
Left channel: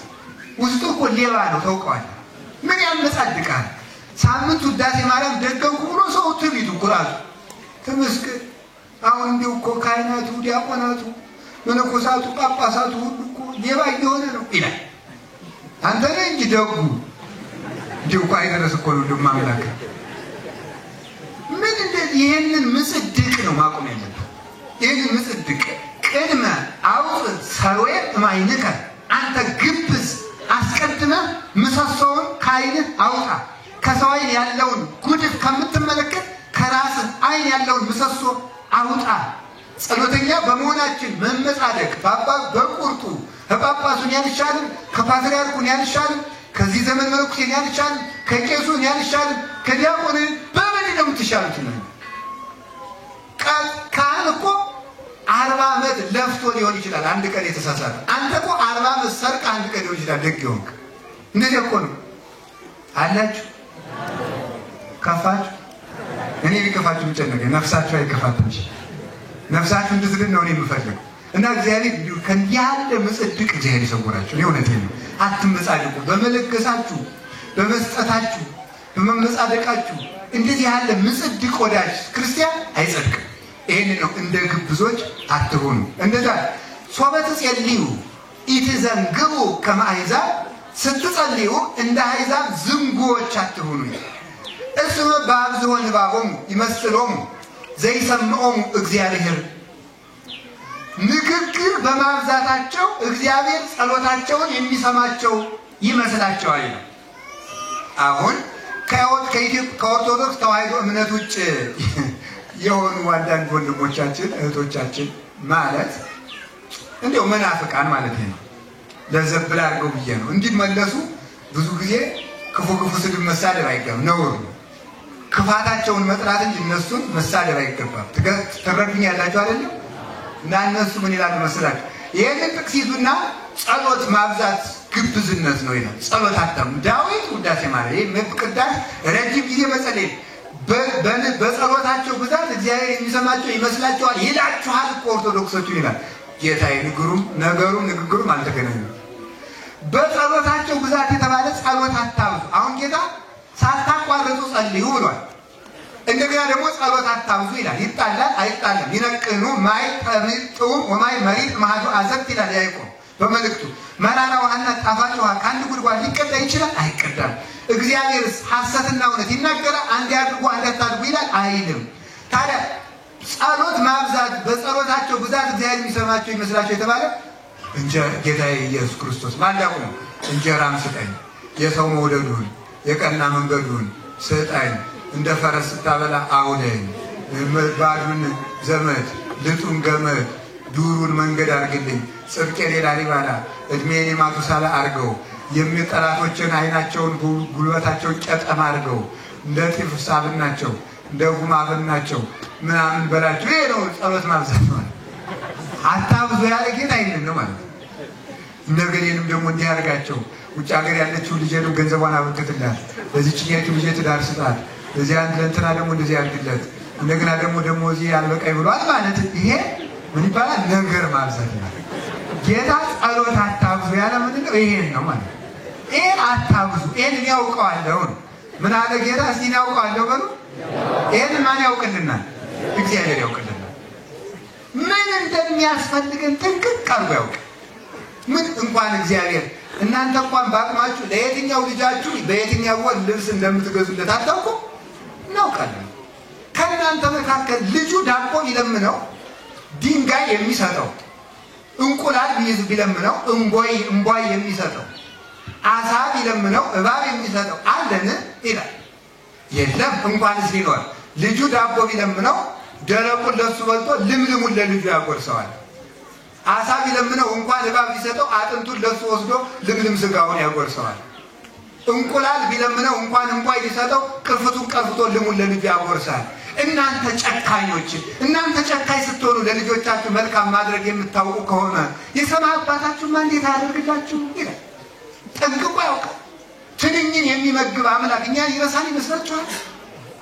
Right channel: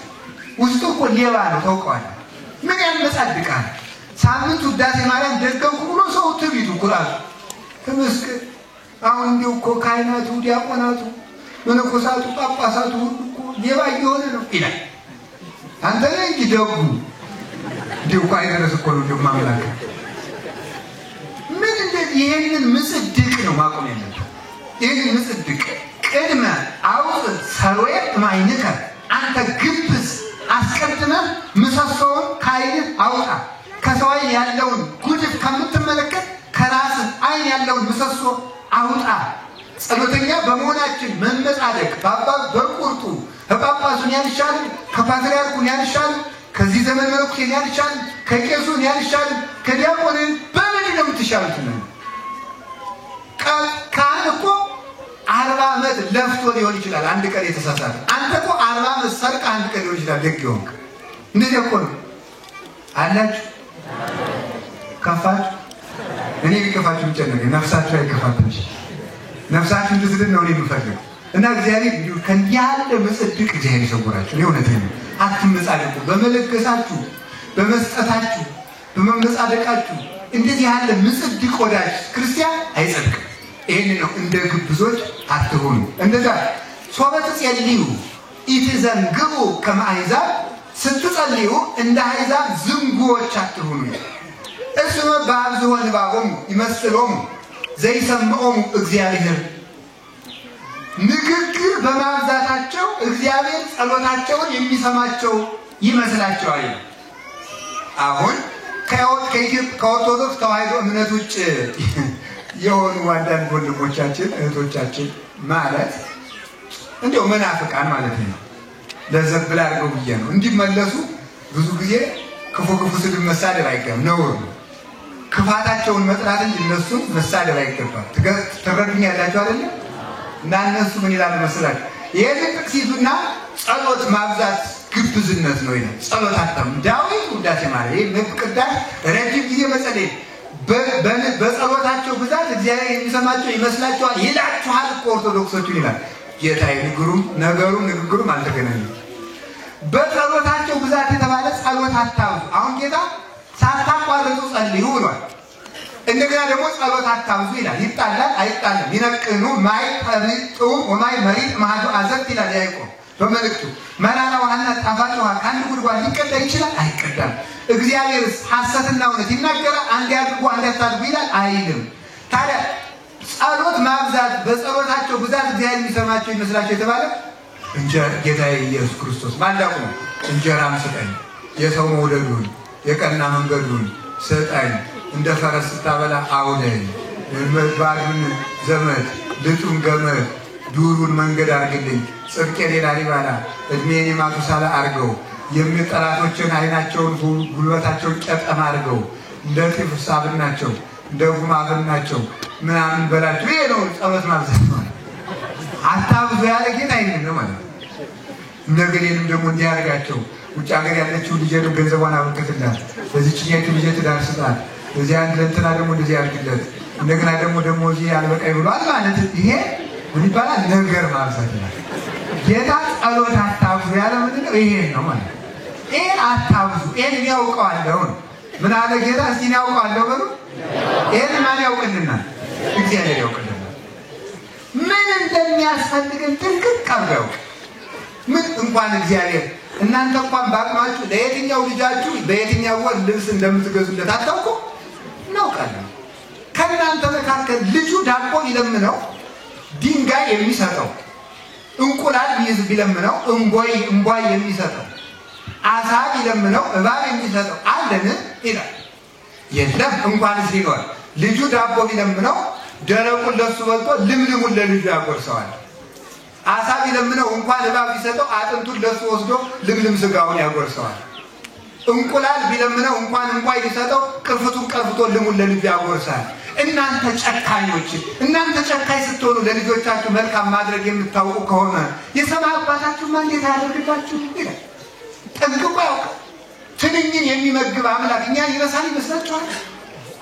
ውስጡ እኮ ሌባ ነው ታውቀዋለህ። ምን ያመጻድቃል? ሳምንት ውዳሴ ማርያም ደገምኩ ብሎ ሰው ትቢቱ ኩራቱ ተመስገን። አሁን እንዲሁ እኮ ካህናቱ ዲያቆናቱ መነኮሳቱ ጳጳሳቱ ሁሉ እኮ ሌባ እየሆነ ነው ይላል። አንተ ነህ እንጂ ደጉ እንዲሁ እኮ አይደረስ እኮ ነው ደግሞ አምላክ ምን እንደዚህ ይሄንን ምጽድቅ ነው ማቆም ያለበት። ይሄንን ምጽድቅ ቅድመ አውጥ ሰሮየ ማይነከ አንተ ግብዝ አስቀድመህ ምሰሶውን ከዓይንህ አውጣ። ከሰው ዓይን ያለውን ጉድፍ ከምትመለከት ከራስህ ዓይን ያለውን ምሰሶ አውጣ። ጸሎተኛ በመሆናችን መመጻደቅ በቁርጡ ከጳጳሱን ያልሻል፣ ከፓትርያርኩን ያልሻል፣ ከዚህ ዘመን መነኩሴን ያልሻል፣ ከቄሱን ያልሻል፣ ከዲያቆንን በምን ነው የምትሻሉት? ካህን እኮ 40 ዓመት ለፍቶ ሊሆን ይችላል አንድ ቀን የተሳሳተ። አንተ እኮ 40 ዓመት ሰርቅ አንድ ቀን ሊሆን ይችላል ደግ ይሆንክ። እንደዚህ እኮ ነው አላችሁ። ከፋችሁ እኔ ሊከፋችሁ ይጨነቀኝ ነፍሳችሁ አይከፋትም። ነፍሳችሁ እንድትድን ነው እኔ የምፈልገው። እና እግዚአብሔር እንዲሁ ከያለ ምጽድቅ እግዚአብሔር ይሰውራችሁ። እኔ እውነቴን ነው። አትመጻደቁ። በመለገሳችሁ በመስጠታችሁ በመመጻደቃችሁ እንደዚህ ያለ ምጽድቅ ወዳጅ ክርስቲያን አይጸድቅም። ይሄን ነው እንደ ግብዞች አትሁኑ። እንደዛ ሶበት ጸልዩ ኢትዘንግቡ ከማይዛብ ስትጸልዩ እንደ አሕዛብ ዝንጉዎች አትሁኑ። እስመ በአብዝሖ ንባቦሙ ይመስሎሙ ዘይሰምዖሙ እግዚአብሔር ንግግር በማብዛታቸው እግዚአብሔር ጸሎታቸውን የሚሰማቸው ይመስላቸዋል ይላል። አሁን ከኦርቶዶክስ ተዋሕዶ እምነት ውጭ የሆኑ አንዳንድ ወንድሞቻችን እህቶቻችን ማለት እንደው መናፍቃን ማለት ነው ለዘብላ አድርገው ብዬ ነው እንዲመለሱ ብዙ ጊዜ ክፉ ስድብ መሳደብ አይገባም፣ ነውር ነው። ክፋታቸውን መጥራት እንጂ እነሱን መሳደብ አይገባም። ትረዱኛላችሁ አይደል? እና እነሱ ምን ይላሉ መሰላችሁ? ይሄን ጥቅሲቱና ጸሎት ማብዛት ግብዝነት ነው ይላል። ጸሎት አታም ዳዊት ውዳሴ ማለት ይሄ መቅዳት ረጅም ጊዜ መጸለይ በጸሎታቸው ብዛት እግዚአብሔር የሚሰማቸው ይመስላችኋል ይላችኋል እኮ ኦርቶዶክሶቹ ይላል። ጌታዬ ንግግሩም አልተገናኘም። በጸሎታቸው ብዛት የተባለ ጸሎት አታብዙ። አሁን ጌታ ሳታቋርጡ ጸልዩ ብሏል። እንደገና ደግሞ ጸሎት አታብዙ ይላል። ይጣላል አይጣልም ይነቅኑ ማይ ተብጡ ወማይ መሪጥ ማህዱ አዘቅት ይላል ያዕቆብ በመልእክቱ። መራራ ውሃና ጣፋጭ ውሃ ከአንድ ጉድጓድ ሊቀዳ ይችላል? አይቀዳም። እግዚአብሔርስ ሐሰትና እውነት ይናገራል? አንድ ያድርጉ አንድ ያታድርጉ ይላል? አይልም። ታዲያ ጸሎት ማብዛት በጸሎታቸው ብዛት እግዚአብሔር የሚሰማቸው ይመስላቸው የተባለ ጌታዬ ኢየሱስ ክርስቶስ ማላቁ ነው። እንጀራም ስጠኝ፣ የሰው መውደዱን የቀና መንገዱን ስጠኝ፣ እንደ ፈረስ ስታበላ አውለኝ፣ ባዱን ዘመድ ልጡን ገመድ ዱሩን መንገድ አርግልኝ፣ ጽድቄን ላሊባላ እድሜን ማቱሳላ አርገው፣ የሚጠላቶችን አይናቸውን ጉልበታቸውን ጨጠማ አርገው፣ እንደ ጤፍ ሳብናቸው እንደ ጉማብናቸው ምናምን በላቸው። ይሄ ነው ጸሎት ማብዛት ነው። አታብዙ ያለ ጌታ አይደለም ነው ማለት ነው። እንደገሌንም ደግሞ እንዲያርጋቸው ውጭ ሀገር ያለችው ልጅ ነው ገንዘቧን አወጥተላት በዚህች ኛት ልጅ ትዳር ስጣት፣ በዚህ አንድ ለእንትና ደግሞ እንደዚህ አድርግለት፣ እንደገና ደግሞ እዚህ ያልበቃኝ ብሏል ማለት ይሄ ምን ይባላል? ነገር ማብዛት ነው። ጌታ ጸሎት አታብዙ ያለ ምንድን ነው? ይሄን ነው ማለት ነው። ይሄን አታብዙ፣ ይሄን ያውቀዋለሁ። ምን አለ ጌታ? እስቲ ያውቀዋለሁ በሉ። ይሄን ማን ያውቅልናል? እግዚአብሔር ያውቅልናል። ምን እንደሚያስፈልገን ጥንቅቅ አድርጎ ምን እንኳን እግዚአብሔር እናንተ እንኳን ባቅማችሁ ለየትኛው ልጃችሁ በየትኛው ወር ልብስ እንደምትገዙለት አታውቁ ነው ቃል። ከእናንተ መካከል ልጁ ዳቦ ቢለምነው ድንጋይ የሚሰጠው፣ እንቁላል ቢለምነው እንቧይ የሚሰጠው፣ አሳ ቢለምነው እባብ የሚሰጠው አለን ይላል? የለም። እንኳንስ ሊኖር ልጁ ዳቦ ቢለምነው ደረቁን ለሱ በልቶ ልምልሙን ለልጁ ያጎርሰዋል። አሳ ቢለምነው እንኳን እባብ ቢሰጠው አጥንቱን ለሱ ወስዶ ልምልም ስጋውን ያጎርሰዋል። እንቁላል ቢለምነው እንኳን እንቧይ ቢሰጠው ቅርፍቱን ቀርፍቶ ልሙን ለልጁ ያጎርሳል። እናንተ ጨካኞች፣ እናንተ ጨካኝ ስትሆኑ ለልጆቻችሁ መልካም ማድረግ የምታውቁ ከሆነ የሰማይ አባታችሁ ማን እንዴት ያደርግላችሁ? ጠንቅቆ ያውቃል። ትንኝን የሚመግብ አምላክ እኛን ይረሳል ይመስላችኋል?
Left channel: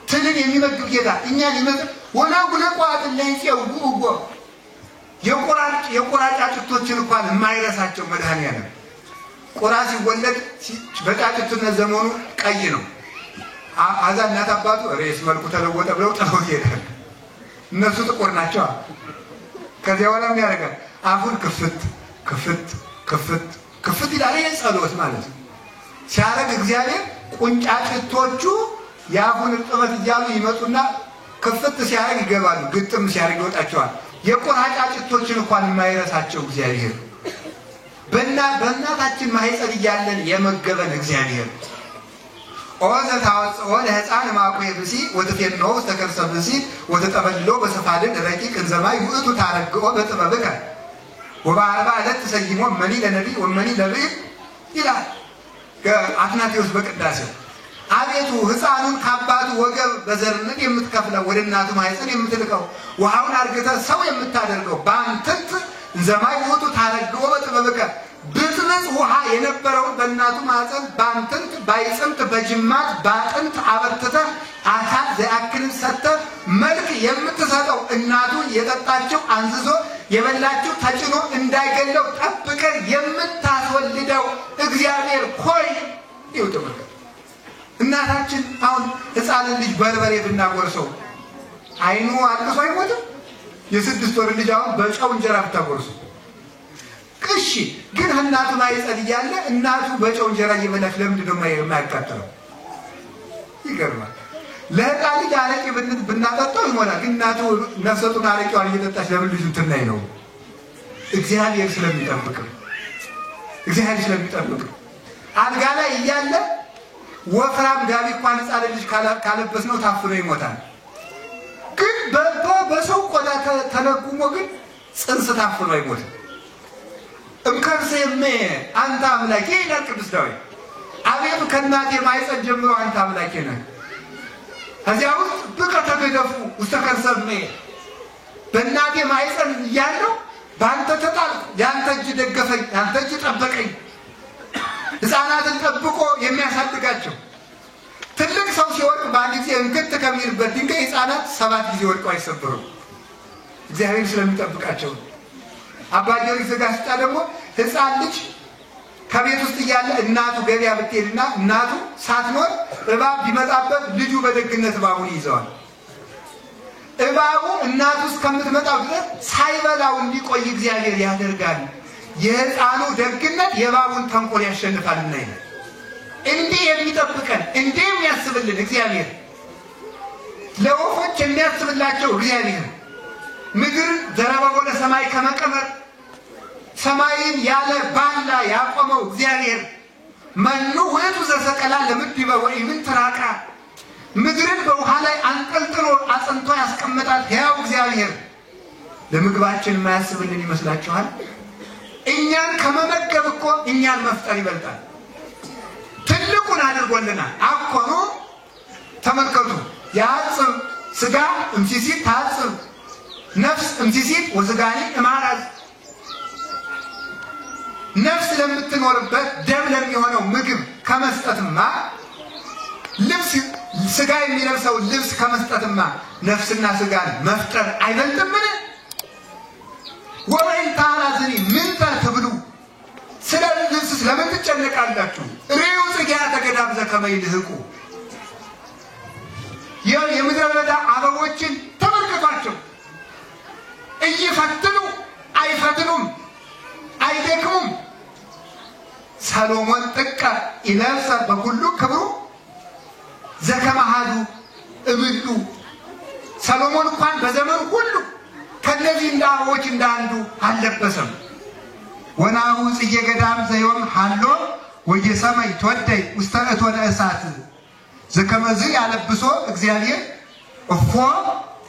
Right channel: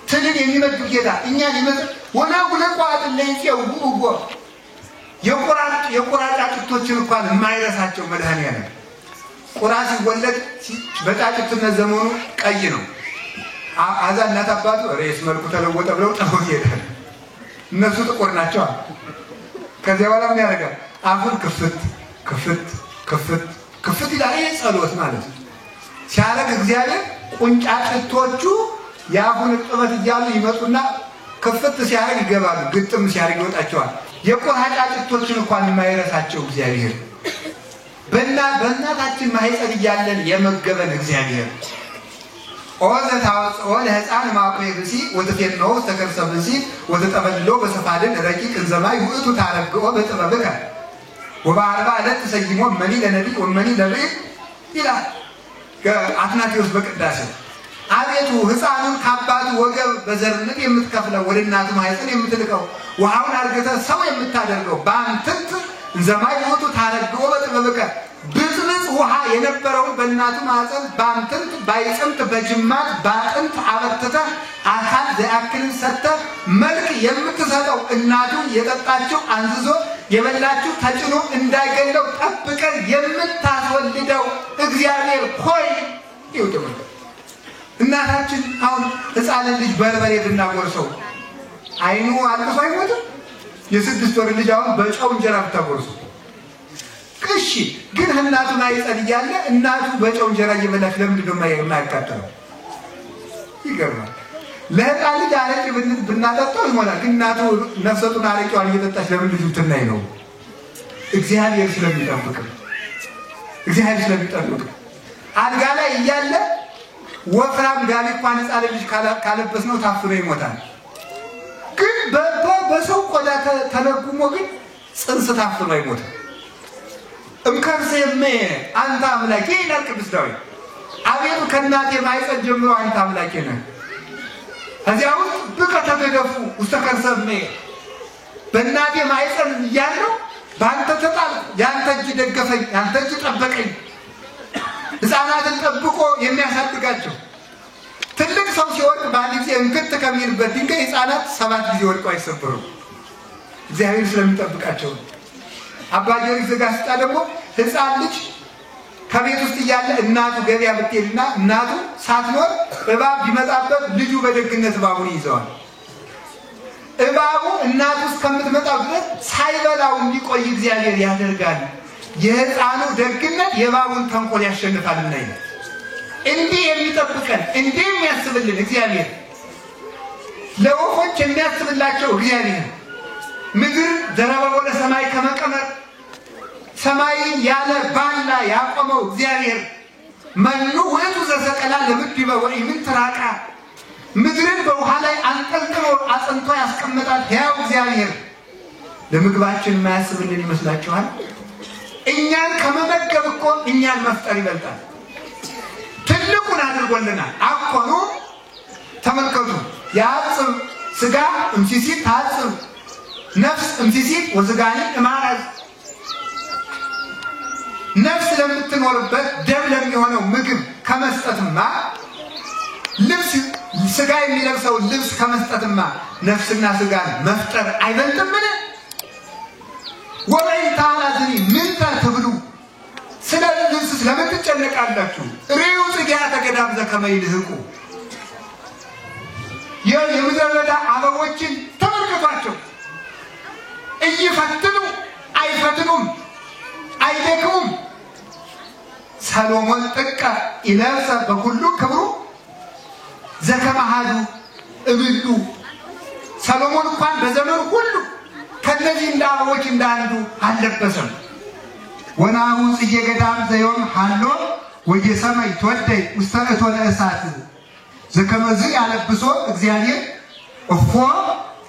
ትንን የሚመግብ ጌታ እኛን ይመግብ ወና ጉለቋ አጥለይው ጉጉ የቆራጫጭቶችን እንኳን የማይረሳቸው መድኃኒዓለም ቆራ ሲወለድ በጫጭትነት ዘመኑ ቀይ ነው። አዛ እናት አባቱ ሬስ መልኩ ተለወጠ ብለው ጥለው ይሄዳል። እነሱ ጥቁር ናቸው። ከዚያ በኋላ ምን ያደርጋል? አፉን ክፍት ይላል። ይሄ ጸሎት ማለት ነው። ሲያረግ እግዚአብሔር ቁንጫጭቶቹ የአፉን እርጥበት እያሉ ይመጡና ክፍት ሲያረግ ይገባሉ፣ ግጥም ሲያረግ ይወጣቸዋል። የቆራጫጭቶችን እንኳን የማይረሳቸው እግዚአብሔር በእናታችን ማህፀን እያለን የመገበን እግዚአብሔር ኦዘ ታወጽኦ ለሕፃን ማቆየ ብሲ ወተፈነው ተከርሰ ብሲ ወተጠበልሎ በሰፋልን ረቂቅ እንዘማይ ውእቱ ታረግኦ በጥበብከ ወበአርባ ዕለት ተሰይሞ መኒ ለነቢ ወመኒ ለብኢ ይላል አትናቴዎስ በቅዳሴ። አቤቱ ሕፃኑን ከአባቱ ወገብ በዘርነት የምትከፍለው ወደ እናቱ ማህፀን የምትልቀው ውሃውን አርግተህ ሰው የምታደርገው በአንተት እንዘማይ ውእቱ ታረግኦ በጥበብከ ብጥብጥ ውሃ የነበረውን በእናቱ ማህፀን በአንተት ባይጽምት በጅማት ባጥንት አበርትተህ አካል ዘአክልን ሰጥተህ መልክ የምትሰጠው እናቱን የጠጣችው አንዝዞ የበላችው ተጭኖ እንዳይገለው ጠብቀህ የምታስወልደው እግዚአብሔር ሆይ ይውጥም። እናታችን አሁን ሕፃንን ልጅ በርበሬ ብናጎርሰው አይኑ አልቅሶ አይሞትም? የ6 ወር ልጅ አሁን በጨው እንጀራ ብታጎርሱ እሺ፣ ግን እናቱ ማይጸል እያለ እናቱ በጨው እንጀራ እየበላች ለምንድን ነው የማያቃጥለው? ይገርማል። ለህፃን ልጅ አረቄ ብናጠጣው ይሞላል፣ ግን እናቱ ነፍሰ ጡር አረቄዋን እየጠጣች ለምን ልጁ ትናይ ነው? እግዚአብሔር ስለሚጠብቅ አልጋ ላይ እያለ ወፍራም ጋቢ እንኳን ህፃን ልጅ ካለበስ ነው ታፍኖ ይሞታል። ግን በሰው ቆዳ ተለጉሞ ግን ጽንስ ታፍኖ አይሞትም። እምከርሴሜ አንተ አምላኬ ይላል ቅዱስ ዳዊት። አቤቱ ከእናቴ ማኅፀን ጀምሮ አንተ አምላኬ ነህ። ከዚያ ውስጥ ብከ ተገደፉ ውስተ ከርሰሜ በእናቴ ማኅፀን እያለሁ በአንተ ተጣልኩ፣ የአንተ እጅ ደገፈኝ፣ የአንተ እጅ ጠበቀኝ። ሕፃናትን ጠብቆ የሚያሳድጋቸው ትልቅ ሰው ሲወድቅ በአንድ ጊዜ እንክት ከሚልበት ድንጋይ ሕፃናት 7 ጊዜ ወድቀው አይሰብሩም። እግዚአብሔር ስለሚጠብቃቸው። አባ ጊዮርጊስ ዘጋስጫ ደግሞ ሕፃን ልጅ ከቤት ውስጥ እያለ እናቱ ገበያ ብትሄድና እናቱ ሳትኖር እባብ ቢመጣበት ልጁ በደግነት እባቡን ይዘዋል። እባቡ እናቱ እስከምትመጣው ድረስ ሳይበላው እንዲቆይ እግዚአብሔር ያደርጋል። የሕፃኑ ደግነት የእባቡን ተንኮል ያሸንፋልና ይላል። እንዲህ የሚጠብቀን እንዲህ የሚያስብልን እግዚአብሔር፣ ለወፎች የሚያስብላቸው እግዚአብሔር፣ ምድርን ዘረበቦ ለሰማይ ከመቀመር ሰማይን ያለ ባላ ያቆመው እግዚአብሔር፣ መኑ ውእቱ ዘሰቀላ ለምድበ ወኢምንትራቃ ምድርን በውሃ ላይ አንጠልጥሎ አጽንቶ ያስቀመጣል ሕያው እግዚአብሔር ለምግባችን የማያስብልን ይመስላችኋል? እኛን ከመመገብ እኮ እኛን መፍጠር ይበልጣል። ትልቁን አድርጎልናል። አኮኑ ተመልከቱ፣ ያጽም ስጋ እምሲሲት ታጽም ነፍስ እምሲሲት ወስጋኒ እማራዝ። ነፍስ ለምትኖርበት ደም ለሚሆነው ምግብ ከመስጠትማ ልብስ ስጋ የሚለብሰው ልብስ ከመስጠትማ ነፍስና ስጋን መፍጠር አይበልጥምን? ወበይንታናዝኒ ምንተ ትብሉ፣ ስለ ልብስ ስለምን ትጨነቃላችሁ? ርዩ ጽጌያተ ገዳም ዘከመ ይልህቁ። የምድረ በዳ አበቦችን ተመልከቷቸው። እይፈትኑ አይፈትኑም፣ አይደክሙም። ሰሎሞን ጥቀ ይለብሰ በኩሉ ክብሩ ዘከመሃዱ እብሉ። ሰሎሞን እንኳን በዘመኑ ሁሉ ከነዚህ እንደ አበቦች እንዳንዱ አልለበሰም። ወናሁ ጽጌ ገዳም ዘዮም ሃሎ ወየሰማይ ተወደይ ውስተ እቶነ እሳት ዘከመዝ ያለብሶ እግዚአብሔር እፎ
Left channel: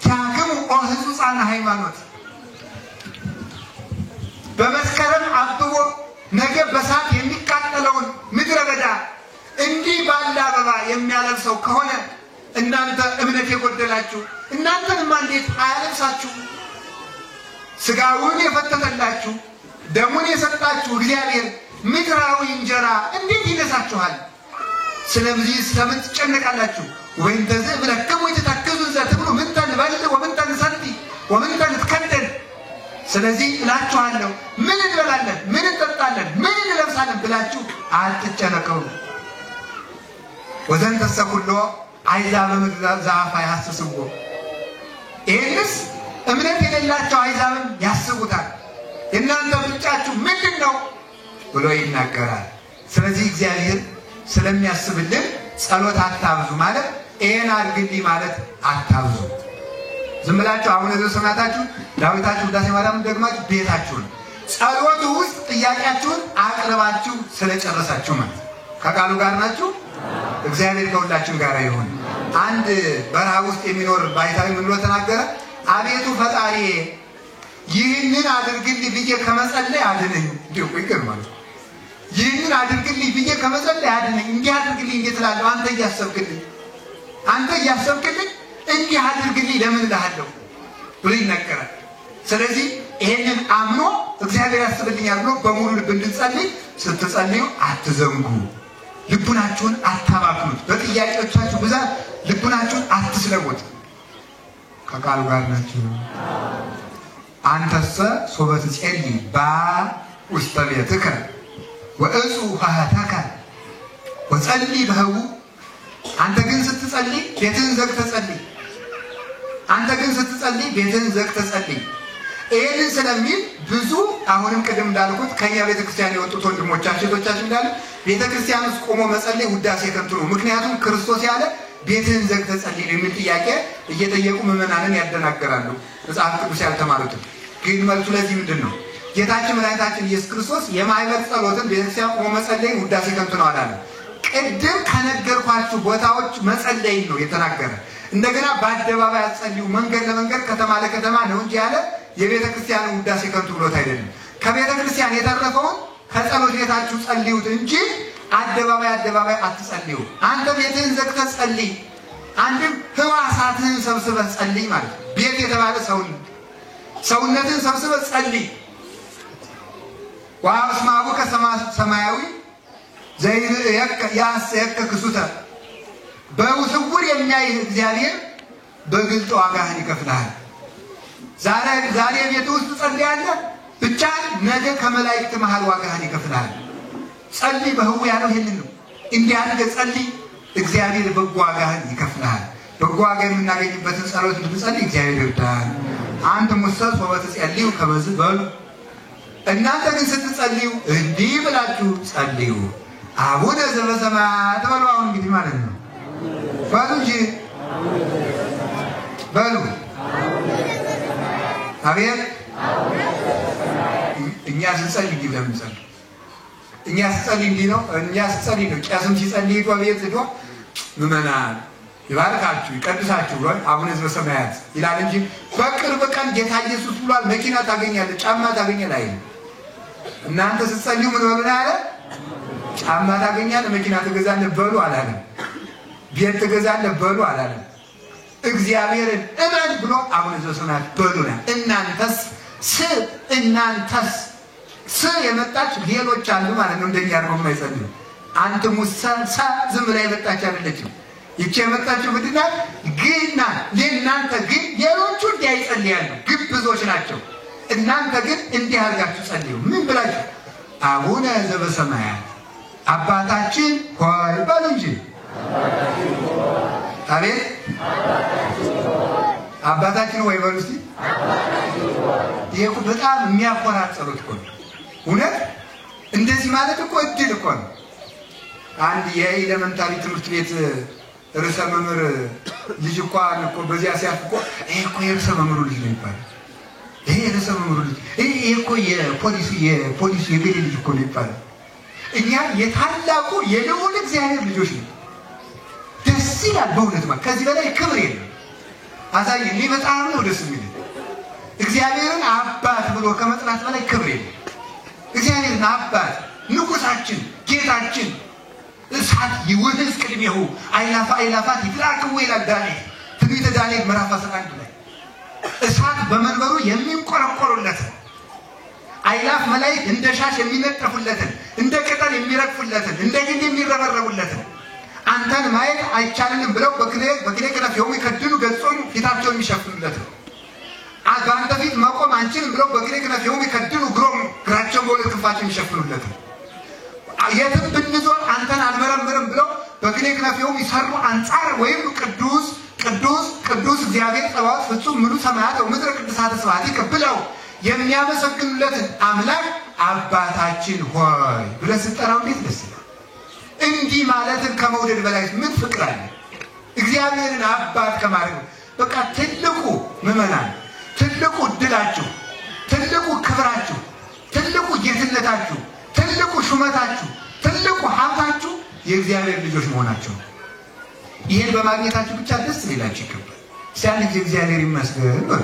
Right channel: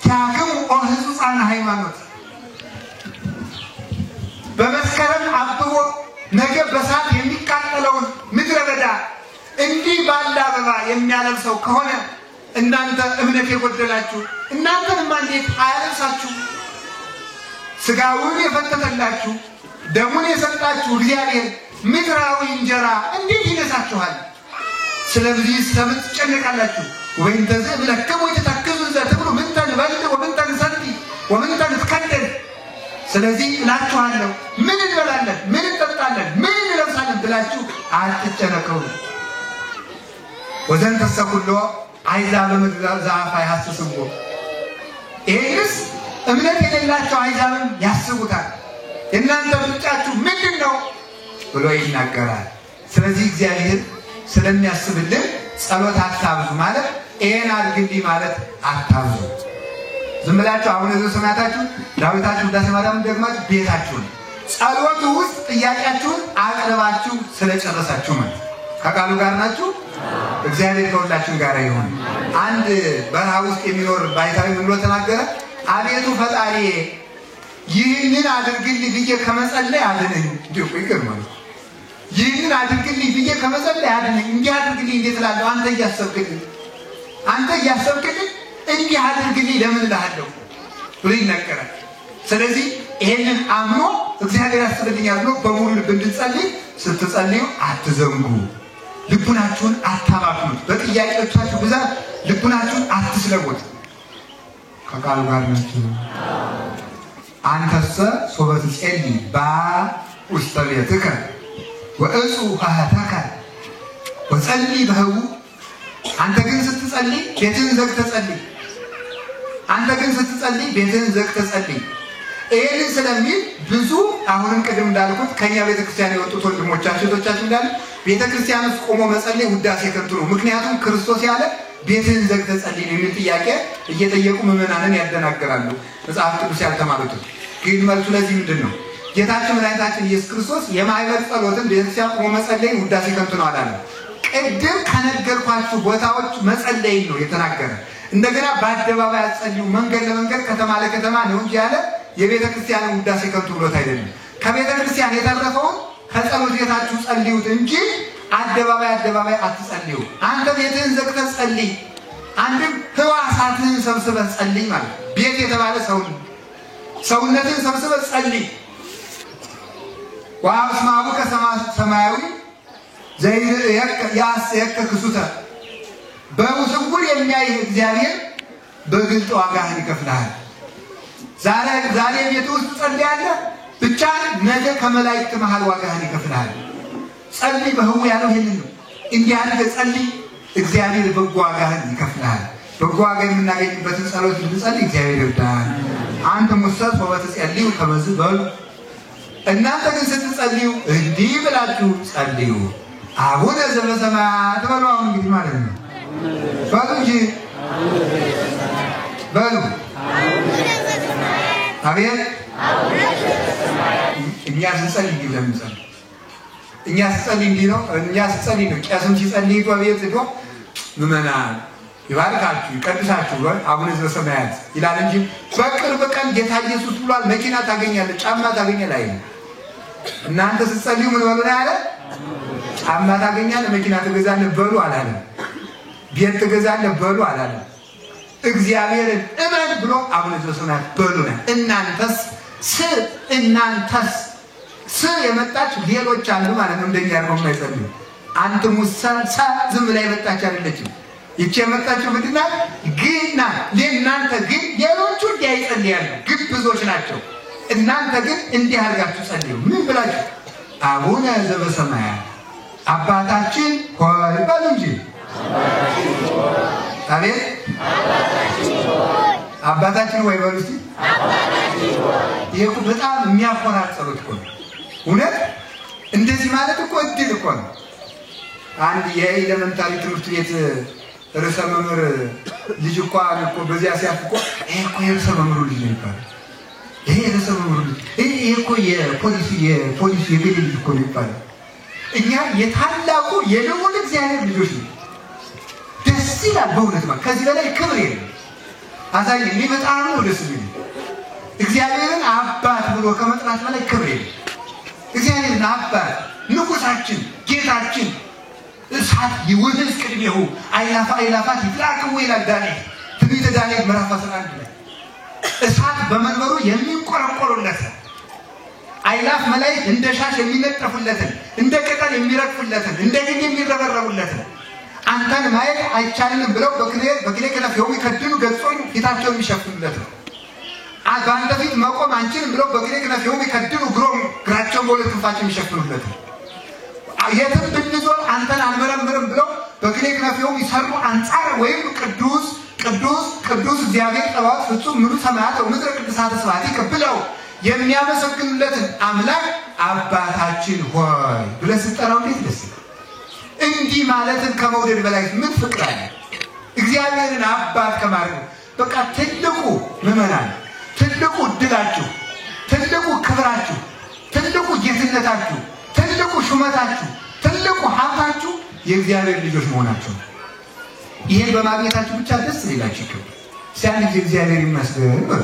ታከሙ ኦ ሕጹጻነ ሃይማኖት። በመስከረም አብቦ ነገ በሳት የሚቃጠለውን ምድረ በዳ እንዲህ ባለ አበባ የሚያለብሰው ከሆነ እናንተ እምነት የጎደላችሁ እናንተንማ እንዴት አያለብሳችሁ? ስጋውን የፈተተላችሁ ደሙን የሰጣችሁ እግዚአብሔር ምድራዊ እንጀራ እንዴት ይነሳችኋል? ስለዚህ ስለምን ትጨነቃላችሁ? ወይም ተዘ ብለከሙ ተተከዙ ዘትብሉ ምን ተንበል ወምን ተንሰቲ ወምን ተንከደል። ስለዚህ እላችኋለሁ ምን እንበላለን፣ ምን እንጠጣለን፣ ምን እንለብሳለን ብላችሁ አትጨነቁ። ወዘንተ ሰኩሎ አይዛብ ምድር ዛፋ ያስስቡ። ይህንስ እምነት የሌላቸው አይዛብን ያስቡታል። እናንተ ብቻችሁ ምንድነው ብሎ ይናገራል። ስለዚህ እግዚአብሔር ስለሚያስብልን ጸሎት አታብዙ ማለት ይሄን አድርግልኝ ማለት አታብዙ። ዝም ብላችሁ አሁን ዘሰማታችሁ ዳዊታችሁ ውዳሴ ማርያም ደግማችሁ ቤታችሁን ጸሎቱ ውስጥ ጥያቄያችሁን አቅርባችሁ ስለጨረሳችሁ ማለት ከቃሉ ጋር ናችሁ። እግዚአብሔር ከሁላችን ጋር ይሁን። አንድ በረሃ ውስጥ የሚኖር ባይታዊ ምን ብሎ ተናገረ? አቤቱ ፈጣሪ ይህንን አድርግልኝ ብዬ ከመጸለይ አድነኝ። እንዲሁ ይገርማል። ይህንን አድርግልኝ ብዬ ከመጸለይ አድነኝ። እንዲህ አድርግልኝ እንዴት እላለሁ? አንተ እያሰብክልኝ እንዲህ አድርግልኝ ለምን እልሃለሁ ብሎ ይነገራል። ስለዚህ ይሄንን አምኖ እግዚአብሔር ያስብልኛል ብሎ በሙሉ ልብ እንድትጸልይ ስትጸልዩ አትዘንጉ። ልቡናችሁን አታባክኑት። በጥያቄዎቻችሁ ብዛት ልቡናችሁን አትስለሙት። ከቃሉ ጋር ናችሁ። አንተሰ ሶበ ትጸልይ በውስተ ቤትከ ወእጹ ሀተከ ወጸልይ በህቡ። አንተ ግን ስትጸልይ ቤትህን ዘግተህ ጸልይ። አንተ ግን ስትጸልይ ቤትህን ዘግተህ ጸልይ። ይሄንን ስለሚል ብዙ አሁንም ቅድም እንዳልኩት ከኛ ቤተክርስቲያን የወጡት ወንድሞቻችን እህቶቻችን እንዳሉ ቤተክርስቲያን ውስጥ ቆሞ መጸለይ ውዳሴ ከንቱ ነው። ምክንያቱም ክርስቶስ ያለ ቤትህን ዘግተህ ጸልይ ነው የሚል ጥያቄ እየጠየቁ ምዕመናንን ያደናግራሉ። መጽሐፍ ቅዱስ ያልተማሩትን ግን መልሱ ለዚህ ምንድነው? ጌታችን መድኃኒታችን ኢየሱስ ክርስቶስ የማይመር ጸሎትን ቤተክርስቲያን ቆሞ መጸለይ ውዳሴ ከንቱ ነው አላለም። ቅድም ከነገርኳችሁ ቦታዎች መጸለይ ነው የተናገረ። እንደገና በአደባባይ አጸልዩ፣ መንገድ ለመንገድ ከተማ ለከተማ ነው እንጂ ያለ የቤተክርስቲያን ውዳሴ ከንቱ ብሎት አይደለም። ከቤተክርስቲያን የተረፈውን ከጸሎት ቤታችሁ ጸልዩት እንጂ አደባባይ አትጸልዩ። አንተ ቤትህን ዘግተህ ጸልይ። አንድም ህዋሳትህን ሰብስበህ ጸልይ ማለት ነው። ቤት የተባለ ሰውነትህን ሰብስበህ ጸልይ። ወአስማቡከ ሰማያዊ ዘይርእየከ ያስየከ ክሱተ በውስውር የሚያይ እግዚአብሔር በግልጥ ዋጋህን ይከፍልሃል። ዛሬ ቤት ውስጥ ጸልያለህ ብቻ ነገ ከመላእክት መሃል ዋጋህን ይከፍልሃል። ጸልይ በህው ያለው ይሄንን ነው። እንዲህ አድርገህ ጸልይ፣ እግዚአብሔር በጎ ዋጋህን ይከፍልሃል። በጎ ዋጋ የምናገኝበትን ጸሎት እንድንጸልይ እግዚአብሔር ይወዳል። አንተ ሙሰስ ወበትጸልዩ ከመዝ በሉ እናንተ ግን ስትጸልዩ እንዲህ ብላችሁ ጸልዩ። አቡነ ዘበሰማያት በሉ። አሁን እንግዲህ ማለት ነው በሉ እንጂ በሉ አቤት። እኛ ስንጸልይ እንዲህ ለምን ጸልይ? እኛ ስንጸልይ እንዲህ ነው። እኛ ስንጸልይ ነው። ቄስም ሲጸልይ በቤት ሄዶ ምዕመናን ይባርካችሁ ይቀድሳችሁ አቡነ ዘበሰማያት ይላል እንጂ በቅርብ ቀን ጌታ ኢየሱስ ብሏል መኪና ታገኛለህ፣ ጫማ ታገኛለህ አይደል? እናንተ ስትጸልዩ ምን በሉ ያለ? ጫማ ታገኛለህ፣ መኪና ትገዛለህ በሉ አላለም። ቤት ትገዛለህ በሉ አላለም። እግዚአብሔርን እመን ብሎ አቡነ ዘበሰማያት በሉ ነው። እናንተስ የመጣች ሌሎች አሉ ማለት ነው። እንደኛ አርገው የማይጸልዩ አንተም ወሰንሳ ዝም ብላ የመጣች አይደለችም። ይቺ የመጣችው ምንድና ግና ለእናንተ ግን ሌሎቹ እንዲያይጸልያሉ ግብዞች ናቸው። እናንተ ግን እንዲህ አድርጋችሁ ጸልዩ። ምን ብላችሁ? አቡነ ዘበሰማያት አባታችን ሆይ በሉ እንጂ አቤት አባታችን ሆይ በሉ እስቲ። ይሄ በጣም የሚያኮራ ጸሎት እኮ ነው። እውነት እንደዚህ ማለት እኮ እድል እኮ ነው። አንድ የኤሌመንታሪ ትምህርት ቤት ርዕሰ መምህር ልጅ እኮ በዚያ ሲያልፍ እኮ ይሄ እኮ የርዕሰ መምህሩ ልጅ ነው ይባላል። ይሄ የርዕሰ መምህሩ ልጅ ይሄ እኮ የፖሊስ የግል ልጅ እኮ ነው ይባላል። እኛ የታላቁ የልዑል እግዚአብሔር ልጆች ነው። ደስ ይላል በእውነት ማለት ከዚህ በላይ ክብር የለም። አሳየኝ። እኔ በጣም ነው ደስ የሚለኝ እግዚአብሔርን አባት ብሎ ከመጥራት በላይ ክብር የለም። እግዚአብሔርን አባት ንጉሳችን ጌታችን እሳት ይወደስ ቅድሜሁ አይላፋት ይላክው ይላል ዳንኤል ትንቢተ ዳንኤል ምዕራፍ 11 ላይ እሳት በመንበሩ የሚቆረቆሩለት አይላፍ መላእክት እንደ ሻሽ የሚነጠፉለትን እንደ ቅጠል የሚረግፉለትን እንደ ግንድ የሚረበረቡለትን አንተን ማየት አይቻልንም ብለው በክሌ ከነፈው ይከድኑ ገጾን ፊታቸውን የሚሸፍኑለት በአንተ ፊት መቆም አንችልም ብለው በክሌ ከነፈው ይከድኑ ግራቸውን በሁለት ክንፋቸው የሚሸፍኑለት የትም ብንዞር አንተን አንመረምርም ብለው በክሌ ከነፈው ይሰሩ አንጻር ወይም ቅዱስ እግዚአብሔር ጸባዖት ፍጹም ምሉ ሰማያት ወምድረ ቅድሳተ ስብሐቲከ ብለው የሚያመሰግኑለትን አምላክ አባታችን ሆይ ብለህ ስትጠራው እንዴት ደስ ይላል። እንዲህ ማለትን ከመውደድ በላይ ምን ፍቅር አለ? እግዚአብሔርን አባት ከማድረግ በቃ ትልቁ ምዕመናን፣ ትልቁ ድላችሁ፣ ትልቁ ክብራችሁ፣ ትልቁ ጌትነታችሁ፣ ትልቁ ሹመታችሁ፣ ትልቁ ሀብታችሁ የእግዚአብሔር ልጆች መሆናቸው። ይሄን በማግኘታችሁ ብቻ ደስ ሊላችሁ ይገባል። ሲያንጂ እግዚአብሔር ይመስገን ነው።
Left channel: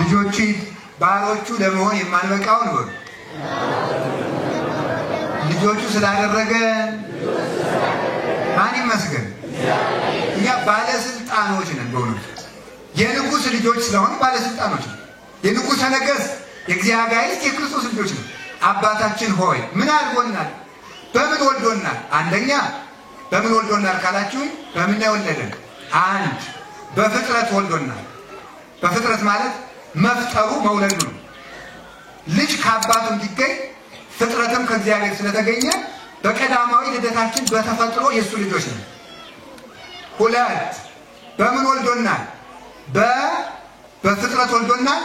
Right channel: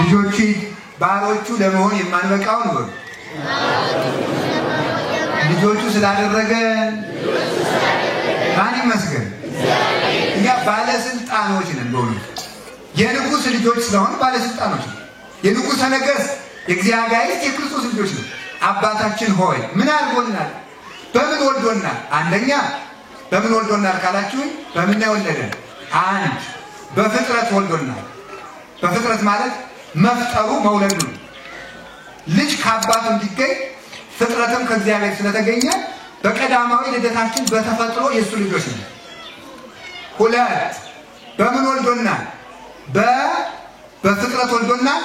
ልጆቹ ባሮቹ ለመሆን የማንበቃው ነው። ልጆቹ ስላደረገ ማን ይመስገን? እኛ ባለስልጣኖች ነን። በእውነት የንጉሥ ልጆች ስለሆን ባለስልጣኖች ነን። የንጉሠ ነገሥት የእግዚአብሔር የክርስቶስ ልጆች ነን። አባታችን ሆይ ምን አድርጎናል? በምን ወልዶናል? አንደኛ በምን ወልዶናል ካላችሁ በምን ወለደን? አንድ በፍጥረት ወልዶናል። በፍጥረት ማለት መፍጠሩ መውለዱ ነው። ልጅ ከአባቱ እንዲገኝ ፍጥረትም ከእግዚአብሔር ስለተገኘ በቀዳማዊ ልደታችን በተፈጥሮ የሱ ልጆች ነን። ሁለት በምን ወልዶናል? በፍጥረት ወልዶናል።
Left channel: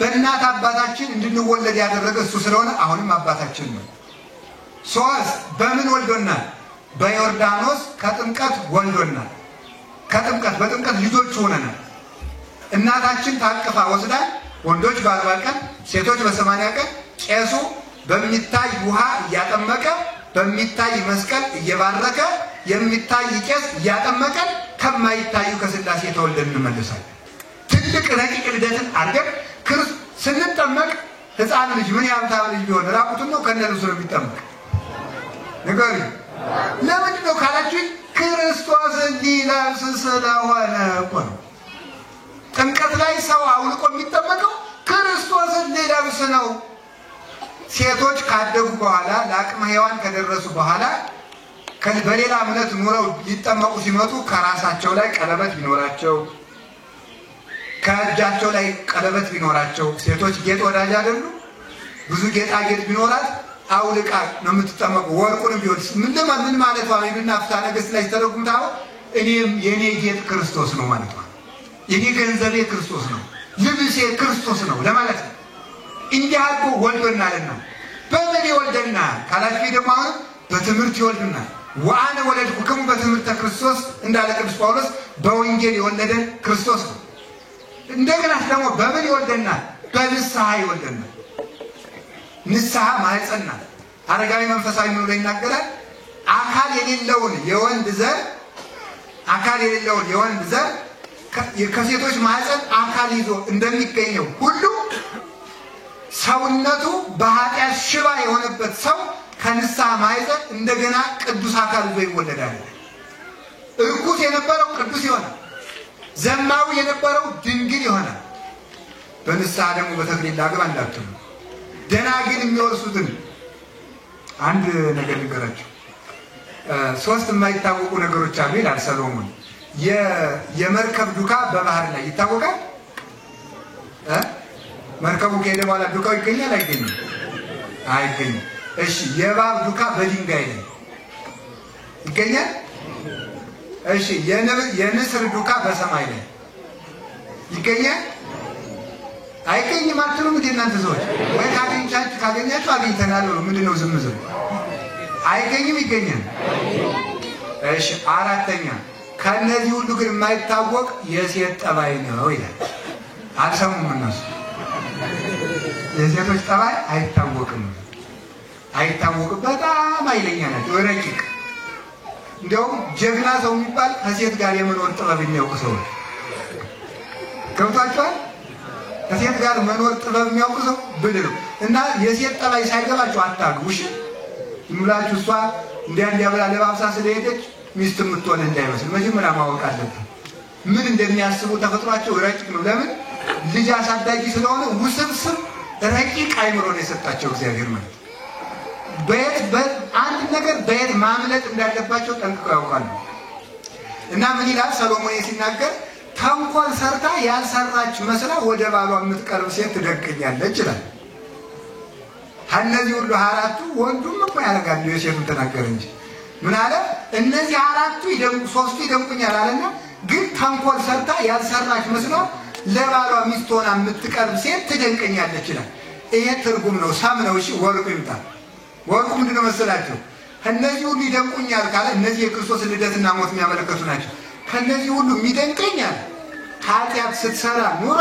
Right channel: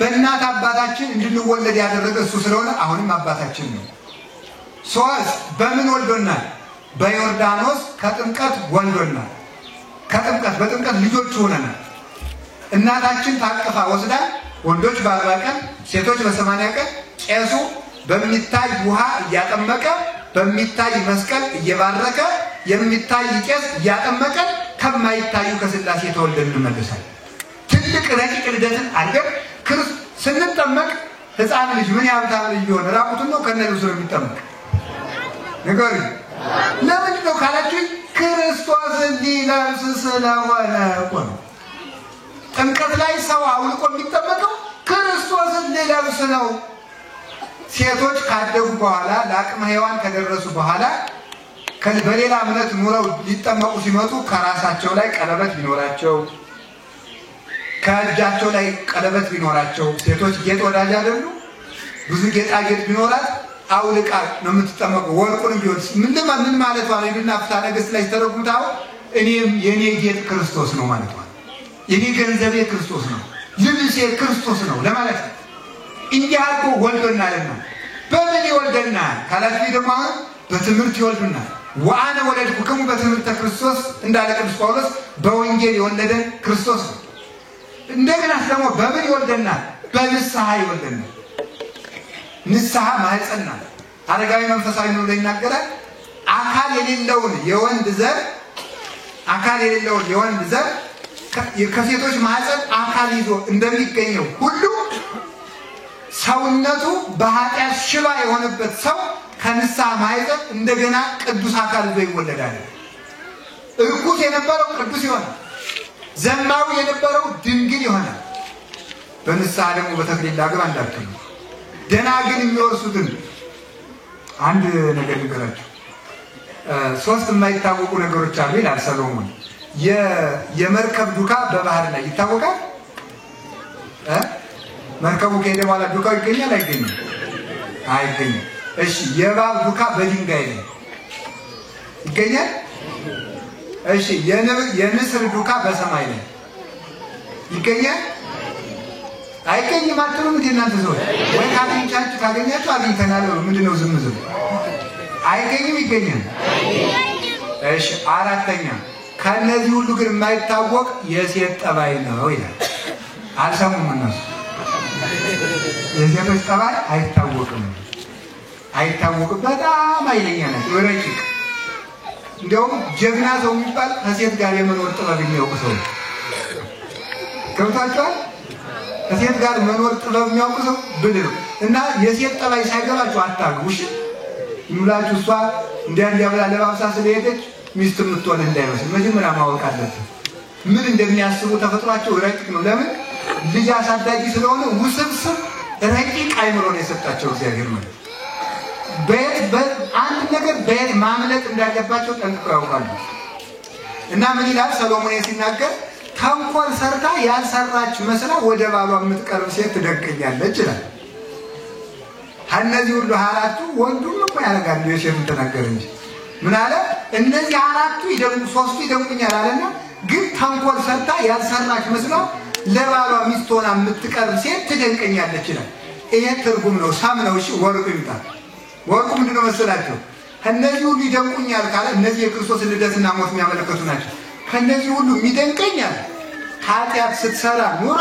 በእናት አባታችን እንድንወለድ ያደረገ እሱ ስለሆነ አሁንም አባታችን ነው። 3 በምን ወልዶናል? በዮርዳኖስ ከጥምቀት ወልዶናል። በጥምቀት ልጆች ሆነናል። እናታችን ታቅፋ ወስዳ ወንዶች በ40 ቀን ሴቶች በ80 ቀን ቄሱ በሚታይ ውሃ እያጠመቀ በሚታይ መስቀል እየባረከ የሚታይ ቄስ እያጠመቀ ከማይታዩ ከስላሴ ተወልደን እንመለሳለን። ትልቅ ረቂቅ ልደትን አድርገን ስንጠመቅ ሕፃን ልጅ ምን ያህል ልጅ ቢሆን ራቁቱን ነው ከነልብሱ ነው የሚጠመቅ? ንገሩኝ። ለምንድን ነው ካላችሁኝ ክርስቶስን ሊለብስ ስለሆነ እኮ ነው። ጥምቀት ላይ ሰው አውልቆ የሚጠመቀው ክርስቶስን ሊለብስ ነው። ሴቶች ካደጉ በኋላ ለአቅመ ሔዋን ከደረሱ በኋላ በሌላ እምነት ኑረው ሊጠመቁ ሲመጡ ከራሳቸው ላይ ቀለበት ቢኖራቸው ከእጃቸው ላይ ቀለበት ቢኖራቸው ሴቶች ጌጥ ወዳጅ አይደሉ? ብዙ ጌጣጌጥ ቢኖራት አውልቃ ነው የምትጠመቁ። ወርቁንም ቢሆን ምን ማለት ነው? ይልና ፍትሐ ነገሥት ላይ ተረጉምታው እኔም የኔ ጌጥ ክርስቶስ ነው ማለት ነው። የኔ ገንዘቤ ክርስቶስ ነው፣ ልብሴ ክርስቶስ ነው ለማለት ነው። እንዲህ አድርጎ ወልዶናል ነው። በምን ይወልደናል ካላችሁ ደግሞ በትምህርት ይወልደናል። ወአነ ወለድኩክሙ በትምህርተ ክርስቶስ እንዳለ ቅዱስ ጳውሎስ በወንጌል የወለደን ክርስቶስ ነው። እንደገና ደግሞ በምን ይወልደናል? በንስሐ ይወልደናል። ንስሐ ማህፀን ናት። አረጋዊ መንፈሳዊ ነው ይናገራል። አካል የሌለውን የወንድ ዘር ከሴቶች ማህፀን አካል ይዞ እንደሚገኘው ሁሉ ሰውነቱ በኃጢአት ሽባ የሆነበት ሰው ከንስሐ ማህፀን እንደገና ቅዱስ አካል ይዞ ይወለዳል። እርኩስ የነበረው ቅዱስ ይሆናል። ዘማዊ የነበረው ድንግል ይሆናል። በንስሐ ደግሞ በተክሊል ላግባ እንዳትሉ። ደናግል የሚወርሱትን አንድ ነገር ልንገራችሁ። 3 የማይታወቁ ነገሮች አሉ ይላል ሰሎሞን። የመርከብ ዱካ በባህር ላይ ይታወቃል። መርከቡ ከሄደ በኋላ ዱካው ይገኛል አይገኝም? አይገኝም። እሺ የእባብ ዱካ በድንጋይ ላይ ይገኛል? እሺ የንስር ዱካ በሰማይ ላይ ይገኛል? አይገኝም አትሉም እንዴ እናንተ ሰዎች? ወይ ካገኛችሁ አግኝተናል ነው። ምንድነው ዝም አይገኝም? ይገኛል። እሺ 4ኛ ከነዚህ ሁሉ ግን የማይታወቅ የሴት ጠባይ ነው ይላል። አልሰሙም እነሱ። የሴቶች ጠባይ አይታወቅም። በጣም ኃይለኛ ናቸው፣ ረቂቅ። እንደውም ጀግና ሰው የሚባል ከሴት ጋር የመኖር ጥበብ የሚያውቅ ሰው ገብቷቸዋል። ከሴት ጋር መኖር ጥበብ የሚያውቅ ሰው ብልህ ነው። እና የሴት ጠባይ ሳይገባችሁ አታግቡ። እሺ ይሙላችሁ። እሷ እንዲያብላ ለባብሳ ስለሄደች ሚስት የምትሆን እንዳይመስል መጀመሪያ ማወቅ አለበት። ምን እንደሚያስቡ ተፈጥሯቸው ረቂቅ ነው። ለምን? ልጅ አሳዳጊ ስለሆነ ውስብስብ ረቂቅ አይምሮ ነው የሰጣቸው እግዚአብሔር ማለት። አንድ ነገር በየት ማምለጥ እንዳለባቸው ጠንቅቀው ያውቃሉ። እና ምን ይላል ሰሎሞን ሲናገር ተንኮል ሰርታ ያልሰራች መስላ ወደ ባሏ የምትቀርብ ሴት ትደንቀኛለች ይላል። እነዚህ ሁሉ 4ቱ ወንዱም እኮ ያደርጋሉ። የሴቱን ተናገረ እንጂ ምን አለ? እነዚህ 4ቱ ይደንቁ 3ቱ ይደንቁኛል አለና ግን ተንኮል ሰርታ ያልሰራች መስላ ለባሏ ሚስት ሆና የምትቀርብ ሴት ትደንቀኛለች ይላል። ይሄ ትርጉም ነው። ሳም ነው። እሺ ወርቁ ይምጣ። ወርቁ ምንድነው መሰላችሁ? እነዚህ ሁሉ ይደንቁኛል ካለ እነዚህ የክርስቶስ ልደትና ሞት የሚያመለክቱ ናቸው። ከነዚህ ሁሉ የሚደንቀኛል ኃጢአት ስትሰራ ኑራ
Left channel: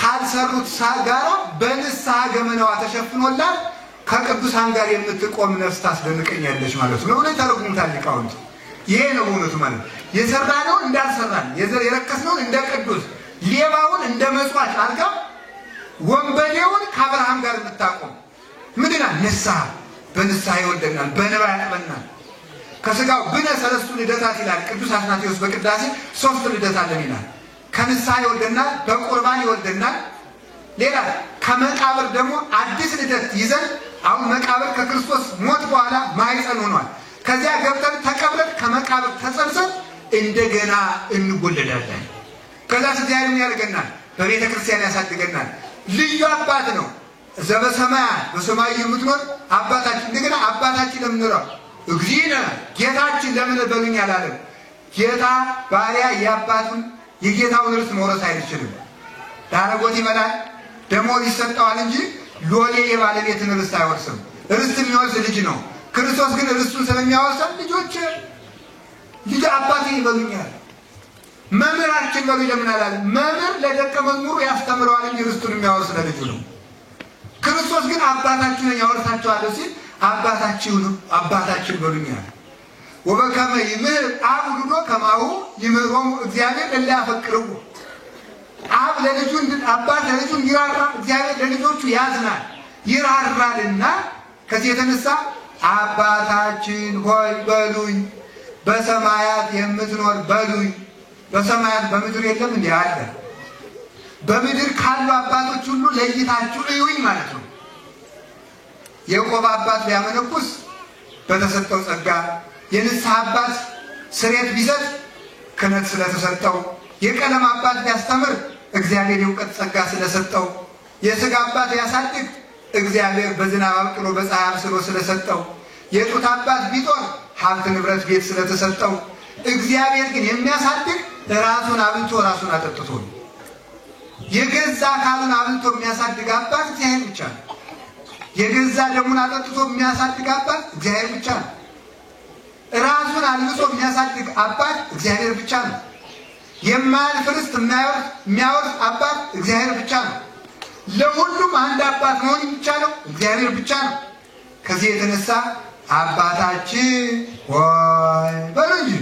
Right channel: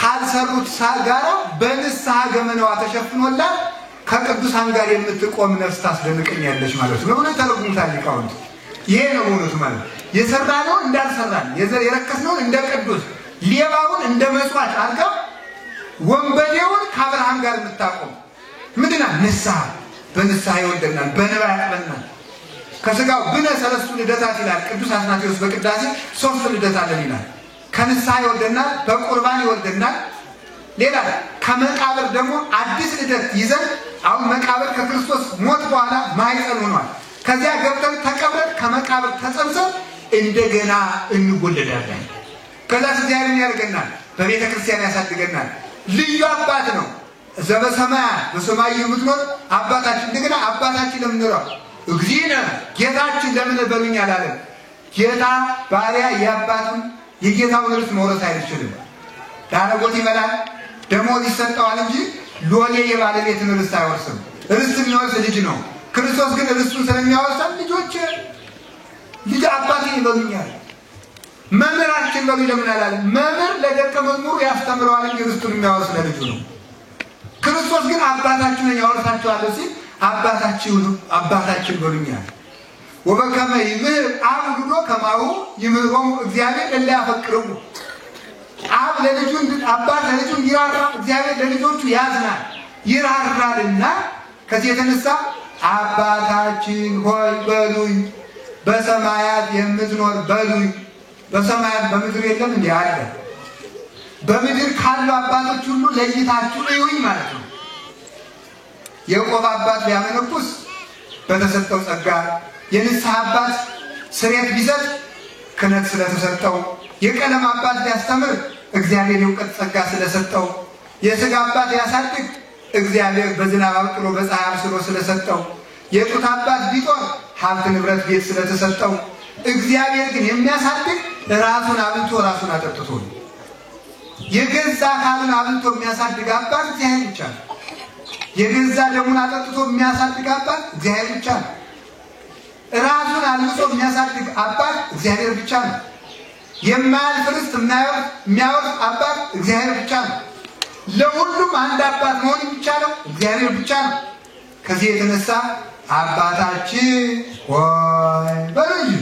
ካልሰሩት ጋራ በንስሐ ገመናዋ ተሸፍኖላት ከቅዱሳን ጋር የምትቆም ነፍስ ታስደንቀኛለች ማለት ነው። ለምን ተረጉምታል ሊቃውንት? ይሄ ነው እውነቱ ማለት ነው። የሰራነውን እንዳልሰራን፣ የረከስነውን እንደ ቅዱስ፣ ሌባውን እንደ መስዋዕት አድርጋ ወንበዴውን ከአብርሃም ጋር የምታቆም ምንድና ንስሐ። በንስሐ ይወልደናል፣ በንባ ያጥበናል። ከስጋው ብነ 3 ልደታት ይላል ቅዱስ አትናቴዎስ በቅዳሴ 3 ልደት አለን ይላል። ከንስሐ ይወልደናል፣ በቁርባን ይወልደናል። ሌላ ከመቃብር ደግሞ አዲስ ልደት ይዘን አሁን መቃብር ከክርስቶስ ሞት በኋላ ማይጸን ሆኗል። ከዚያ ገብተን ተቀብረን ከመቃብር ተጸንሰን እንደገና እንወለዳለን። ከዛ እግዚአብሔር ምን ያደርገናል? በቤተ ክርስቲያን ያሳድገናል። ልዩ አባት ነው። ዘበሰማያት በሰማይ የምትኖር አባታችን። እንደገና አባታችን ለምን ነው እግዚእነ ጌታችን ለምን በሉኝ አላለም? ጌታ ባሪያ የአባቱን የጌታውን ርስት መውረስ አይችልም። ዳረጎት ይበላል፣ ደሞዝ ይሰጠዋል እንጂ ሎሌ የባለቤትን ርስት አይወርስም። ርስት የሚወርስ ልጅ ነው። ክርስቶስ ግን ርስቱን ስለሚያወርሰን ልጆች ልጅ አባቴ ይበሉኛል፣ መምህራችን በሉ ለምን አላለም? መምህር ለደቀ መዝሙሩ ያስተምረዋል እንጂ ርስቱን የሚያወርስ ለልጁ ነው። ክርስቶስ ግን አባታችሁን ያወርሳችኋለሁ ሲል አባታችን በሉኛል። ወበከመ ይምህር አብ ወልዶ ከማሁ ይምህሮሙ እግዚአብሔር እለ ያፈቅርሁ። አብ ለልጁ አባት ለልጁ ይራራ፣ እግዚአብሔር ለልጆቹ ያዝናል ይራራልና ከዚህ የተነሳ አባታችን ሆይ በሉኝ፣ በሰማያት የምትኖር በሉኝ። በሰማያት በምድር የለም እንዴ አለ። በምድር ካሉ አባቶች ሁሉ ለይታችሁ እዩኝ ማለት ነው። የቆብ አባት ቢያመነኩስ በተሰጠው ጸጋ፣ የንስሐ አባት ስሬት ቢሰጥ ክህነት ስለተሰጠው፣ የቀለም አባት ቢያስተምር እግዚአብሔር የእውቀት ጸጋ ስለሰጠው፣ የሥጋ አባት ቢያሳድግ እግዚአብሔር በዝናብ አብቅሎ በፀሐይ አብስሎ ስለሰጠው፣ የጡት አባት ቢጦር ሀብት ንብረት ቤት ስለተሰጠው፣ እግዚአብሔር ግን የሚያሳድግ ራሱን አብልቶ ራሱን አጠጥቶ ነው። የገዛ አካሉን አብልቶ የሚያሳድግ አባት እግዚአብሔር ብቻ ነው። የገዛ ደሙን አጠጥቶ የሚያሳድግ አባት እግዚአብሔር ብቻ ነው። ራሱን አልብሶ የሚያሳድግ አባት እግዚአብሔር ብቻ ነው። የማያልፍ ርስት የሚያወርስ አባት እግዚአብሔር ብቻ ነው። ለሁሉም አንድ አባት መሆን የሚቻለው እግዚአብሔር ብቻ ነው። ከዚህ የተነሳ አባታችን ሆይ በሉ እንጂ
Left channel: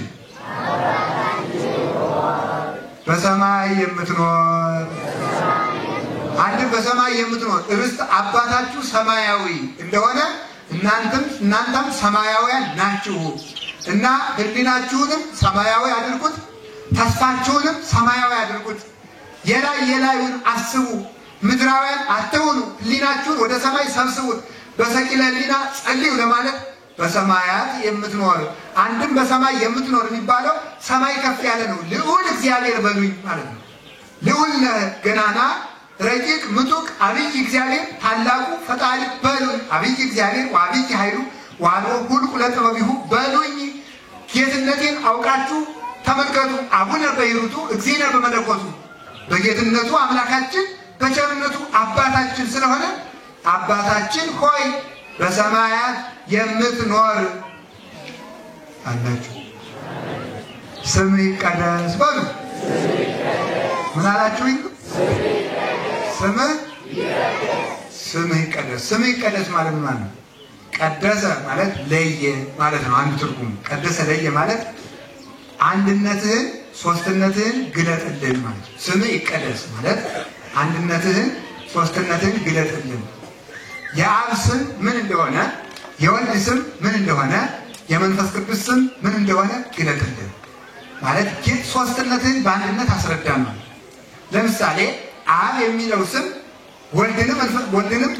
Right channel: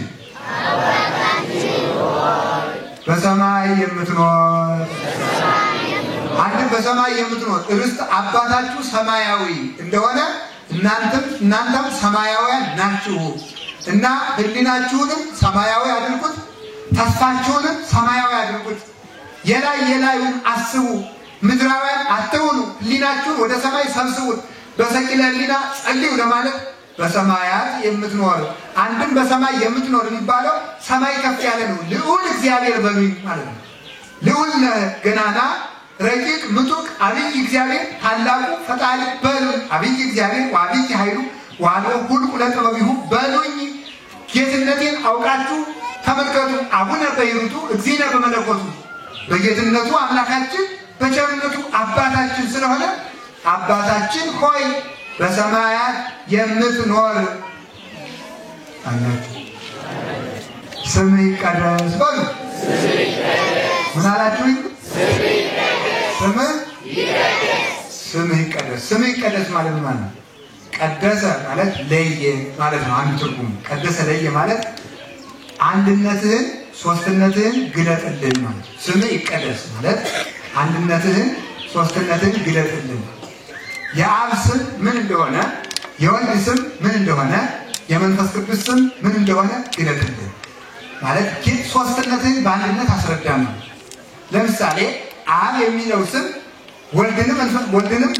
በሰማይ የምትኖር አንድ በሰማይ የምትኖር ርስት አባታችሁ ሰማያዊ እንደሆነ እናንተም ሰማያውያን ናችሁ እና ሕሊናችሁንም ሰማያዊ አድርጉት፣ ተስፋችሁንም ሰማያዊ አድርጉት። የላዩን አስቡ፣ ምድራውያን አትሁኑ። ሕሊናችሁን ወደ ሰማይ ሰብስቡት፣ በሰቂለ ሕሊና ጸልዩ ለማለት በሰማያት የምትኖር አንድም በሰማይ የምትኖር የሚባለው ሰማይ ከፍ ያለ ነው። ልዑል እግዚአብሔር በሉኝ ማለት ነው። ልዑል ገናና ረቂቅ ምጡቅ አብይ እግዚአብሔር ታላቁ ፈጣሪ በሉኝ። አብይ እግዚአብሔር ወአብይ ኃይሉ ወአልቦ ሁልቁ ለጥበቢሁ በሉኝ። ጌትነቴን አውቃችሁ ተመልከቱ። አቡነ በይሩቱ እግዚእነ በመለኮቱ በጌትነቱ አምላካችን በቸርነቱ አባታችን ስለሆነ አባታችን ሆይ በሰማያት የምትኖር አላችሁ ስምህ ይቀደስ በሉ። ምን አላችሁ? ስምህ ይቀደስ። ስምህ ይቀደስ ማለት ማለት ነው። ቀደሰ ማለት ለየ ማለት ነው። አንድ ትርጉም ቀደሰ ለየ ማለት አንድነትህን ሶስትነትህን ግለጥልን ማለት ነው። ስምህ ይቀደስ ማለት አንድነትህን ሶስትነትህን ግለጥልን። የአብ ስም ምን እንደሆነ፣ የወልድ ስም ምን እንደሆነ፣ የመንፈስ ቅዱስ ስም ምን እንደሆነ ግለጥልን ማለት ግን ሶስትነትህን በአንድነት አስረዳም ነው። ለምሳሌ አብ የሚለው ስም ወልድንም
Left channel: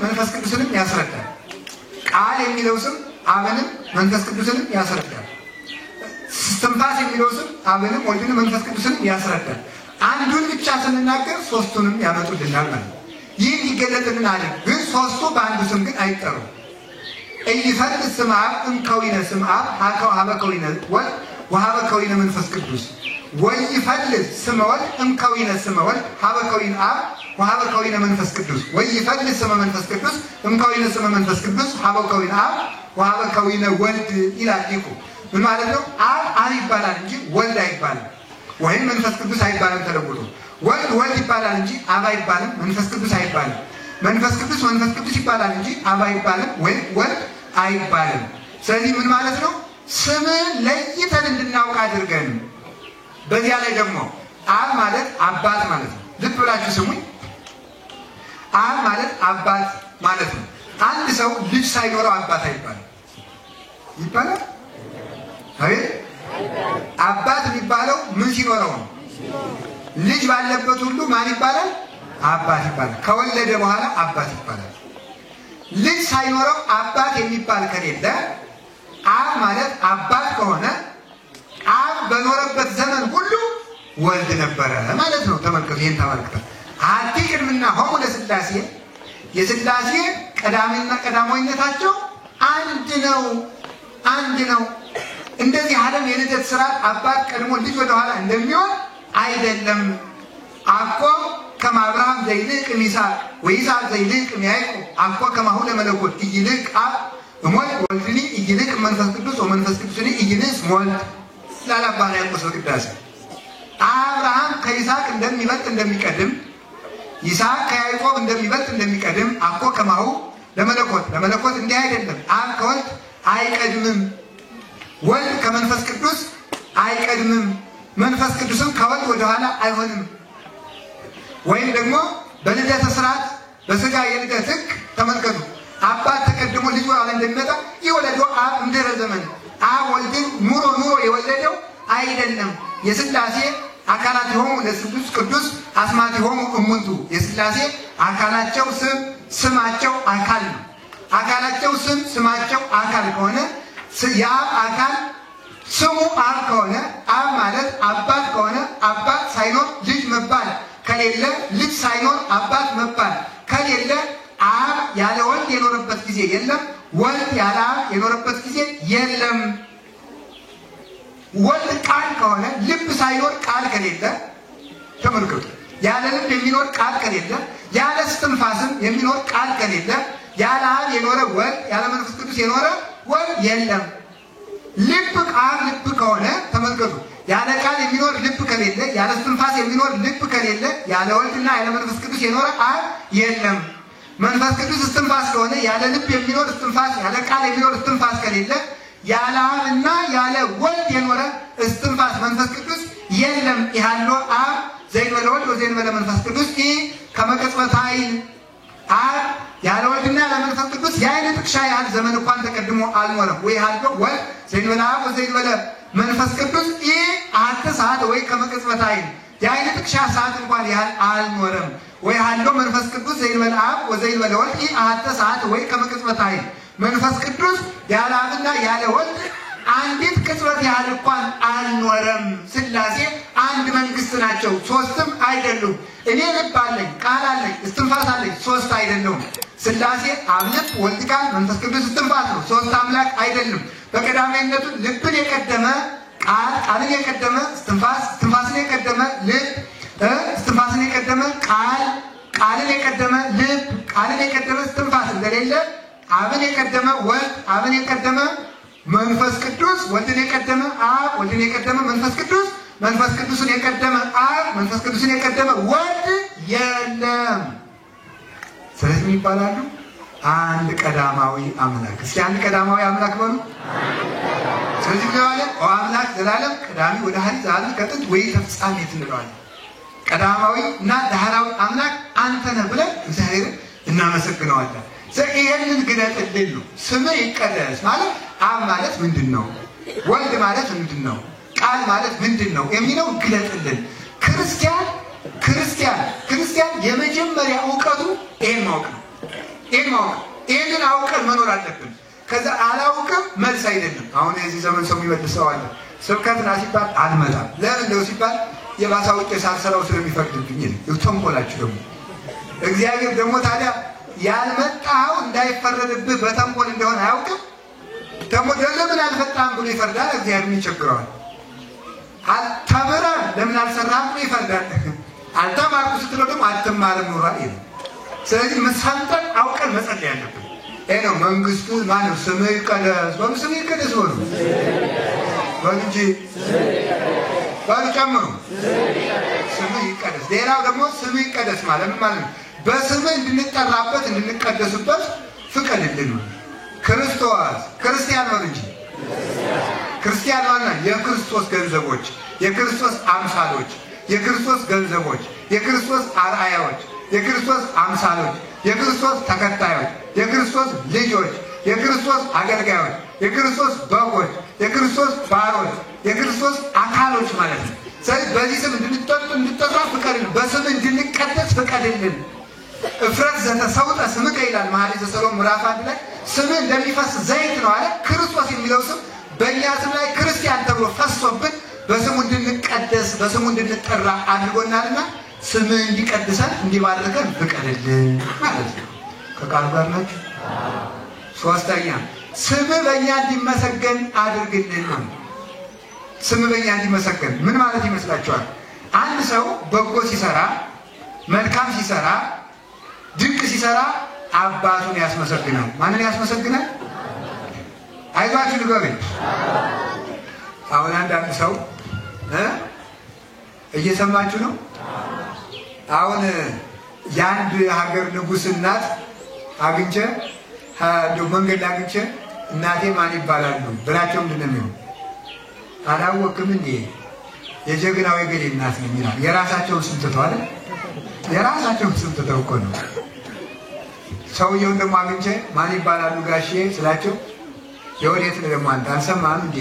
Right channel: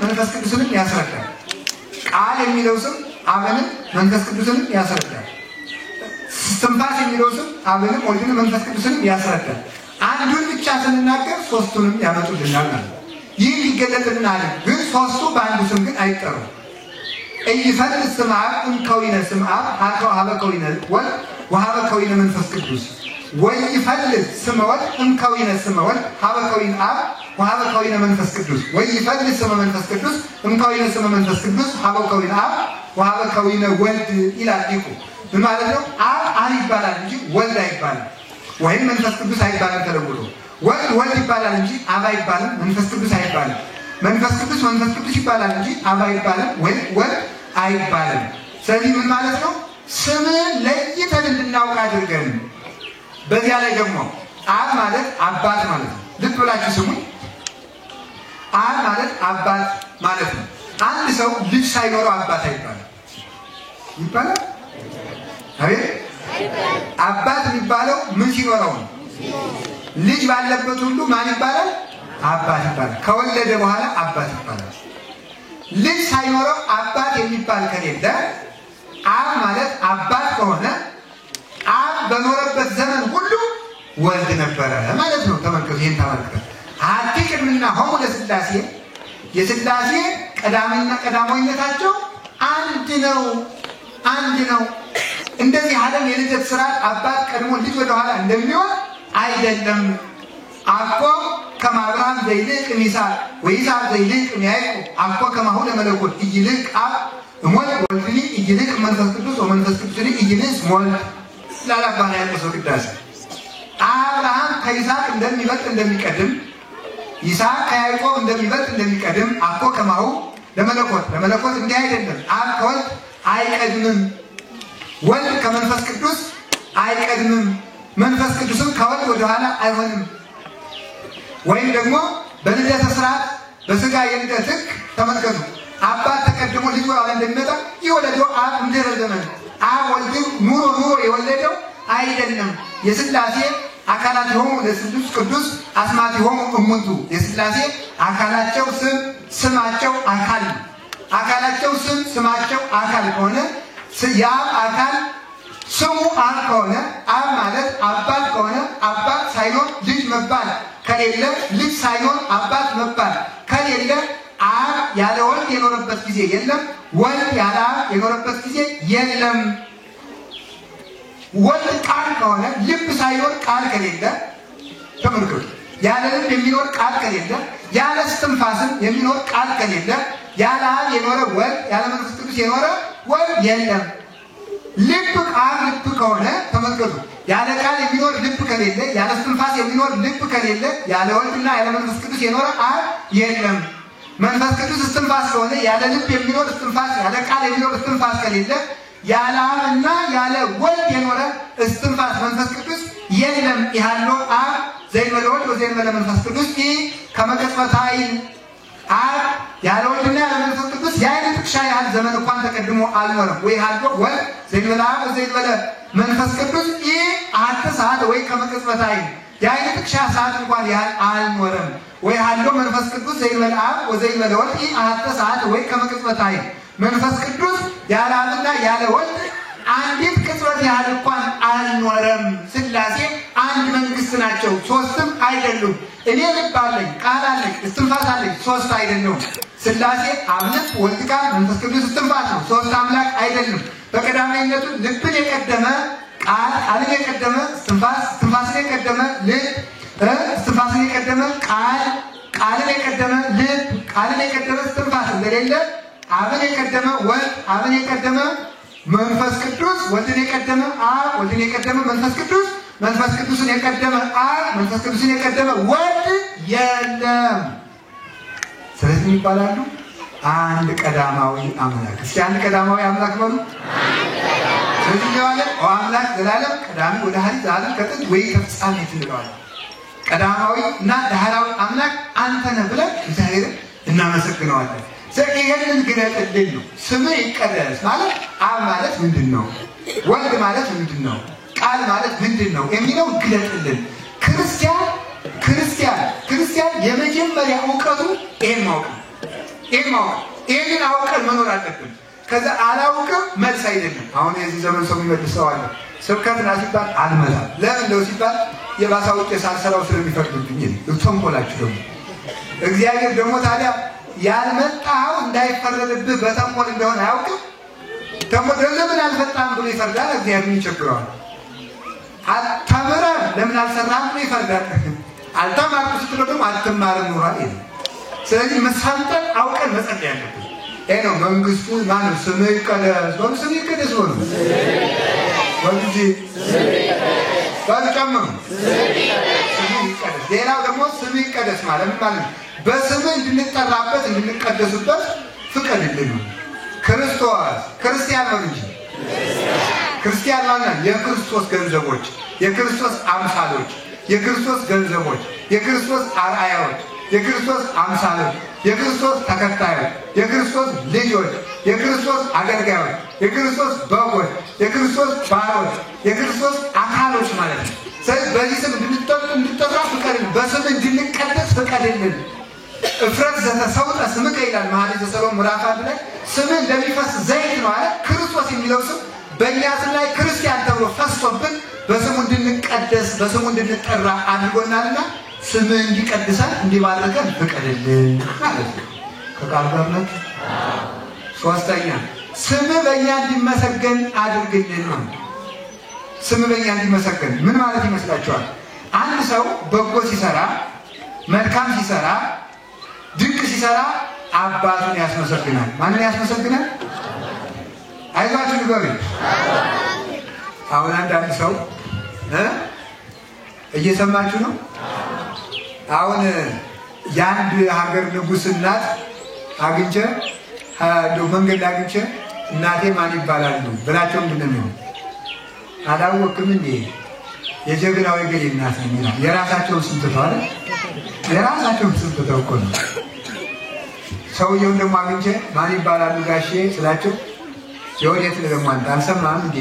መንፈስ ቅዱስንም ያስረዳል። ቃል የሚለው ስም አብንም መንፈስ ቅዱስንም ያስረዳል። ትንፋስ የሚለው ስም አብንም ወልድንም መንፈስ ቅዱስንም ያስረዳል። አንዱን ብቻ ስንናገር ሶስቱንም ያመጡልናል ማለት ነው። ይህ ሊገለጥልን አለ። ግን ሶስቱ በአንዱ ስም ግን አይጠሩም። እይፈልጥ ስም አብ እምከዊነ ስም አብ ሀበ ከዊነ ወልድ ወሀበ ከዊነ መንፈስ ቅዱስ ወይፈልጥ ስመ ወልድ እምከዊነ ስመ ወልድ ሀበ ከዊነ አብ ወሀበ ከዊነ መንፈስ ቅዱስ ወይፈልጥ ስመ መንፈስ ቅዱስ እምከዊነ ስመ መንፈስ ቅዱስ ሀበ ከዊነ አብ ወሀበ ከዊነ ወልድ ይላል ሊቁ። ምን ማለት ነው? አብ ይባላል እንጂ ወልድ አይባልም፣ ወይም መንፈስ ቅዱስ አይባልም ተለውጦ። ወልድ ይባላል እንጂ አብ አይባልም፣ መንፈስ ቅዱስ አይባልም። መንፈስ ቅዱስ ይባላል እንጂ አብ አይባልም ወይም ወልድ አይባልም። ስለዚህ ምን ማለት ነው? ስምን ለይተን እንድናውቅ አድርገን። በዚያ ላይ ደግሞ አብ ማለት አባት ማለት ነው። ልብ ብላችሁ ስሙ። አብ ማለት አባት ማለት ነው። አንድ ሰው ልጅ ሳይኖረው አባት አይባልም። ይባላል? አቤት። አባት የሚባለው ምን ሲኖረው ነው? ልጅ ባለበት ሁሉ ማን ይባላል? አባት ይባላል። ከወለደ በኋላ አባት ይባላል። ልጅ ሳይኖረው አባት የሚባል ከሌለ አብ ማለት አባት ከሆነ አብ በኖረበት ዘመን ሁሉ ወልድ ነበረ ማለት ነው። ተመልከቱ፣ ይሄን ተመልከቱ። አሐቲ ቅድምና ሆሙ ለሥላሴ የሥላሴ ቀዳሚና ቀዳማዊነታቸው አንድ ነው። እንደዚህ ዓለም የልደት ስርዓት አባት ቀድሞ ልጅ ወደ ኋላ እንደሚሆን አይደለም። አኮ ከማብርሃም ዘይልቅ ይስሐቅ ወይስሐቅ ዘይልቅ ያዕቆብ አኮ ከማሁ ለመለኮት ይልቅ አብ እሞት ወልድኒ ይልቅ መንፈስ ቅዱስ ወመንፈስ ቅዱስኒ ይልቅ ወልድ ላላባና ያቆሰው ቅዳሴ አብርሃም ከይስሐቅ እንደሚበልጥ እንደሚቀድም ይስሐቅ ከያዕቆብ እንደሚበልጥ እንደሚቀድም አኮ ከማሁ ለመለኮት እንዲህ አይደለም። አብ ከወልድ አይቀድምም፣ ወልድ ከመንፈስ ቅዱስ አይቀድምም፣ መንፈስ ቅዱስም ከወልድ ወደ ኋላ አይሆንም። ወይም ደግሞ በልደተ ስርዓት በስጋ የልደት ሕግ ተመልከቱ። አባት ተቀድሞ ልጅ ወደ ኋላ እንደሚመጣ የወለደው አብ እንድህረ ዘመን አብ ወልድን ኑሮ የወለደው አይደለም። የሥላሴ አካላት የሆኑ ለስሉስ ቅዱስ አስማት የሆኑ እሙንቱ የሥላሴ አካላቸው ስማቸው አካል ነው። አካላቸው ስማቸው አካል ከሆነ የአብ አካል ስሙ አብ ከሆነ አብ ማለት አባት ከሆነ አባት ሳይኖር ልጅ መባል ከሌለ ልጅ ሳይኖር አባት መባል ከሌለ አብ ያለ ወልድ የኖረበት ጊዜ የለም። ወልድ ያለ አብ የኖረበት ጊዜ የለም። ወልድ ቃል ከሆነ ልብ ሳይኖር ቃል ከሌለ ተመልከቱ። ያለ ልብ የሚኖር ቃል ከሌለ ያለ እስትንፋስም የሚኖር ቃል ከሌለ ያለ አብ የኖረ ወልድ ያለ መንፈስ ቅዱስ የኖረ ወልድ የለም። ልብ ቃል ልብ ከሆነ ተመልከቱ። ያለ ቃል የሚኖር ልብ ከሌለ ያለ እስትንፋስ የሚኖር ልብ ከሌለ ያለ ወልድና ያለ መንፈስ ቅዱስ የኖረ አብ የለም። መንፈስ ቅዱስ እስትንፋስ ከሆነ ያለ ልብ የሚኖር እስትንፋስ ያለ ቃል የሚኖር እስትንፋስ ከሌለ ያለ አብና ያለ ወልድ የኖረ እስትንፋስ መንፈስ ቅዱስ የለም። ያለ አብ ዘይመለ ወልድ ወዘይመለ መንፈስ ቅዱስ ከመቅጽበታይ አብ ያለ ወልድና ያለ መንፈስ ቅዱስ የዓይን ጥቅሻ ያህል ዘመን እንኳን ተቀድሞ አልኖረም። ወይ ያለው ወልድ ዘይመለ አብ ወዘይመለ መንፈስ ቅዱስ አሐተ ሰዓት ወይ ከመቅጽበታይ የዓይን ጥቅሻ ሰዓት እንኳን ያህል አልኖረም። ወይ ያለው መንፈስ ቅዱስ ዘይመለ አብ ወዘይመለ ወልድ አሐተ ሰዓት ወይ ከመቅጽበታይ መንፈስ ቅዱስ ያለ አብና ያለ ወልድ አንዲት ቅጽበት ያህል እንኳን አልኖረም። ሥላሴ አንድ መንግስት ናቸው፣ ሶስትም አይደሉም። እኔ ልብ አለኝ፣ ቃል አለኝ፣ እስትንፋስ አለኝ፣ ሶስት አይደሉም። ሥላሴ አብ ልብ፣ ወልድ ቃል፣ መንፈስ ቅዱስ እስትንፋስ ነው፣ ሶስት አምላክ አይደሉም። በቀዳማዊነቱ ልብን የቀደመ ቃል፣ ቃልን የቀደመ እስትንፋስ፣ እስትንፋስን የቀደመ ልብ፣ እስትንፋስን የቀደመ ቃል፣ ቃልን የቀደመ ልብ፣ ቃልን የቀደመ እስትንፋስ እንደሌለ አብን የቀደመ ወልድ፣ አብን የቀደመ መንፈስ ቅዱስ፣ ወልድን የቀደመ አብ፣ ወልድን የቀደመ መንፈስ ቅዱስ፣ መንፈስ ቅዱስን የቀደመ አብ፣ መንፈስ ቅዱስን የቀደመ ወልድ የለም። ስለዚህ ይባላሉ አንድ ቀዳማዊ አምላክ። እስኪ አንድ ቀዳማዊ አምላክ በሉ። ስለዚህ ለዋለ አምላክ ዘላለም ቀዳሚ ወደ ሐዲስ ዘላለም ከጥንት ወይ ተፍጻሜት እንለዋለን። ቀዳማዊ እና ዳህራዊ አምላክ አንተ ነህ ብለን እግዚአብሔር እናመሰግነዋለን። ይሄንን ግለጥልን ነው። ስምህ ይቀደስ ማለት አብ ማለት ምንድን ነው? ወልድ ማለት ምንድን ነው? ቃል ማለት ምንድን ነው የሚለው ግለጥልን። ክርስቲያን የመጀመሪያ እውቀቱ ይሄን ማወቅ ነው። ይሄንን አውቀን መኖር አለብን። ከዛ አላውቅም መልስ አይደለም። አሁን የዚህ ዘመን ሰው የሚመልሰው አለ። ስብከትና ሲባል አልመጣም። ለምን ነው ሲባል የባሳውቄ ሳልሰራው ስለሚፈርድብኝ ነው። ተንኮላችሁ ደግሞ እግዚአብሔር ደግሞ ታዲያ ያልመጣው እንዳይፈረድብህ በተንኮል እንደሆነ አያውቅም። ለምን አልፈጣም ብሎ ይፈርዳል። እግዚአብሔር ይቸግረዋል። ተምረህ ለምን አልሰራህም ብሎ ይፈርዳል። አልተማርኩ ስትለው ደግሞ አትማርም ኖሯል ይላል። ስለዚህ መሳንጠን አውቀን መጸለይ ያለብን ይሄ ነው። መንግስቱ ማነው? ስምህ ይቀደስ በሉ። ስምህ ይቀደስ በሉ እንጂ በሉ ጨምሩ። ስምህ ይቀደስ። ሌላው ደግሞ ስምህ ይቀደስ ማለት ምን ማለት ነው? በስምህ እንድንጠራበት እንድንቀደሱበት ፍቀድልን። ክርስቲያን ነው እንጂ ክርስቲያን ማለት የክርስቶስ ገንዘቦች፣ የክርስቶስ አምሳሎች፣ የክርስቶስ ገንዘቦች፣ የክርስቶስ አርአያዎች፣ የክርስቶስ አምሳሎች፣ የክርስቶስ ተከታዮች፣ የክርስቶስ ልጆች፣ የክርስቶስ አገልጋዮች፣ የክርስቶስ በጎች፣ የክርስቶስ ባሮች፣ የክርስቶስ አካሎች ማለት ነው። ስለዚህ በዚህ ስም እንድንጠራ ፍቀድልን። በስም እንድንቀደስ ፍቀድልን። እፍረት ዘተሰውጠ ስምከ ይላል መኃልየ ሰሎሞን ምዕራፍ 1 ላይ። ስምህ እንደሚፈስ ዘይት ነው አለ። ክርስቶስ የሚለው ስም በእኛ ስም ላይ ክርስቲያን ተብሎ ፈሶብን በስሙ እንድንቀደስ በስሙ እንድንጠራ አድርጎናልና ስምህ እንዲቀድሰን እንዲባርከን ፍቀድልን ማለት ነው። ከቃል ጋር ናችሁ። ሶስተኛ ስምህ በእኛ እንዲመሰገን አድርግልን ነው። ስም በእኛ እንዲመሰገን ምን ማለት ይመስላችኋል? አንድ ሰው በጎ ሲሰራ፣ መልካም ሲሰራ፣ ድንቅ ሲሰራ አባቱን ያስመሰግናል። ማንን ያስመሰግናል? አይዟችሁ ንገሩኝ። አሁን አንዳንድ ሰው እየሰማችሁ ነው? አሁን የአንድ ሀገር ንጉሥ እናት አግኝቼ መንገድ ላይ አግኝቼ እናቴ ማን ይባላሉ ብላቸው ምንድን ነው አላወቅም እንዴ? የጀግናው የገሌ እናት ነው የሚለው። የራሳቸውን ስም ትተዋል። የራሳቸውን ስም ትተው እኮ ነው። ሰውየውን ደግሞ አግኝቼ ማን ይባላሉ ጋሼ ስላቸው የወዴት ነው ደግሞ አንተ አልሰማህም እንዴ?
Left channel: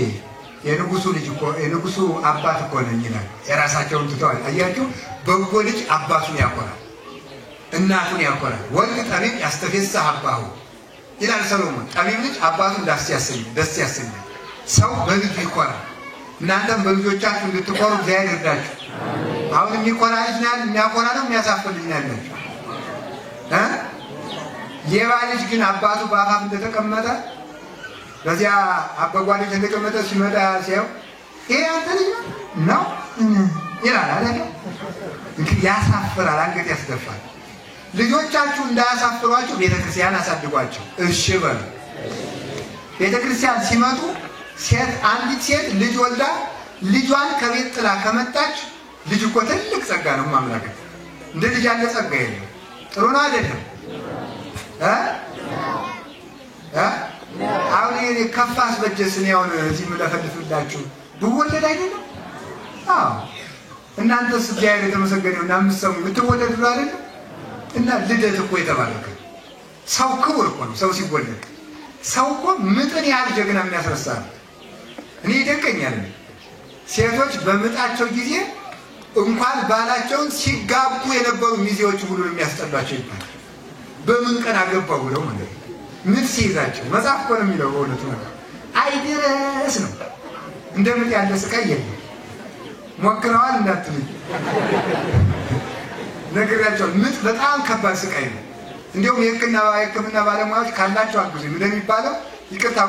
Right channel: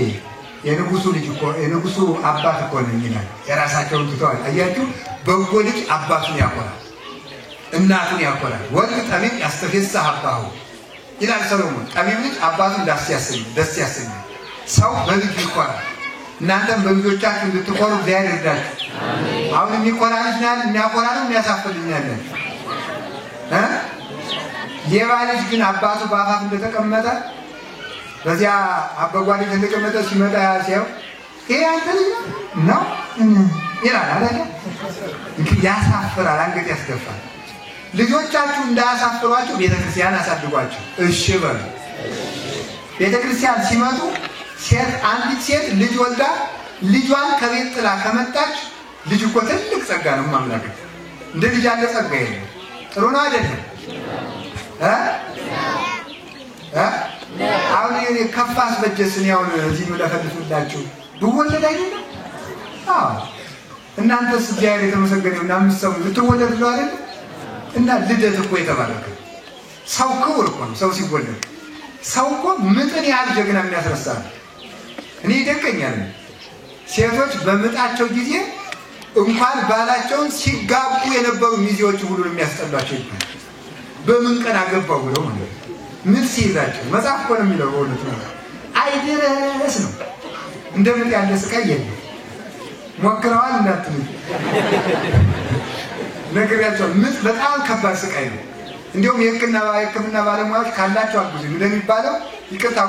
የንጉሱ ልጅ እኮ የንጉሱ አባት እኮ ነው ይላል። የራሳቸውን ትተዋል። አያችሁ፣ በጎ ልጅ አባቱን ያኮራል፣ እናቱን ያኮራል። ወልድ ጠቢብ ያስተፌስህ አባሁ ይላል ሰሎሞን። ጠቢብ ልጅ አባቱን ደስ ያሰኛል። ሰው በልጁ ይኮራል። እናንተም በልጆቻችሁ እንድትኮሩ እግዚአብሔር ይርዳችሁ። አሁን የሚኮራ ልጅ የሚያኮራ ነው የሚያሳፍር ልጅ ያለን ሌባ ልጅ ግን አባቱ በአፋፍ እንደተቀመጠ በዚያ አበጓ ልጅ እንደተቀመጠ ሲመጣ ሲያው ይሄ አንተ ልጅ ነው ይላል አይደል? ያሳፍራል፣ አንገት ያስገፋል። ልጆቻችሁ እንዳያሳፍሯችሁ ቤተክርስቲያን አሳድጓቸው። እሺ በሉ። ቤተክርስቲያን ሲመጡ አንዲት ሴት ልጅ ወልዳ ልጇን ከቤት ጥላ ከመጣች ልጅ እኮ ትልቅ ጸጋ ነው ማምላክ። እንደ ልጅ ያለ ጸጋ የለም። ጥሩ ነው አይደለም? አሁን የከፋ አስበጀስን ያውን እዚህ ነው ለፈልፍላችሁ ብወለድ አይደለም? አዎ እናንተስ እግዚአብሔር የተመሰገነው እና የምትሰሙ ልትወለዱ አይደል? እና ልደት እኮ የተባረከ ሰው ክቡር እኮ ነው። ሰው ሲወለድ ሰው እኮ ምጥን ያህል ጀግና የሚያስረሳ ነው። እኔ ይደንቀኛል። ሴቶች በምጣቸው ጊዜ እንኳን ባላቸውን ሲጋቡ የነበሩ ሚዜዎች ሁሉ የሚያስጠሏቸው ይባላል። በምን ቀን አገባው ብለው ማለት ምን ሲይዛቸው መጽሐፍ እኮ ነው የሚለው። በእውነቱ ነው አይደረስ ነው። እንደምን ያለ ስቃይ የለም። ሞክረዋል እንዳትሉ ነግራቸው። ምጥ በጣም ከባድ ስቃይ ነው። እንዲሁም የሕክምና ባለሙያዎች ካላቸው አግዙ እንደሚባለው ይቅርታ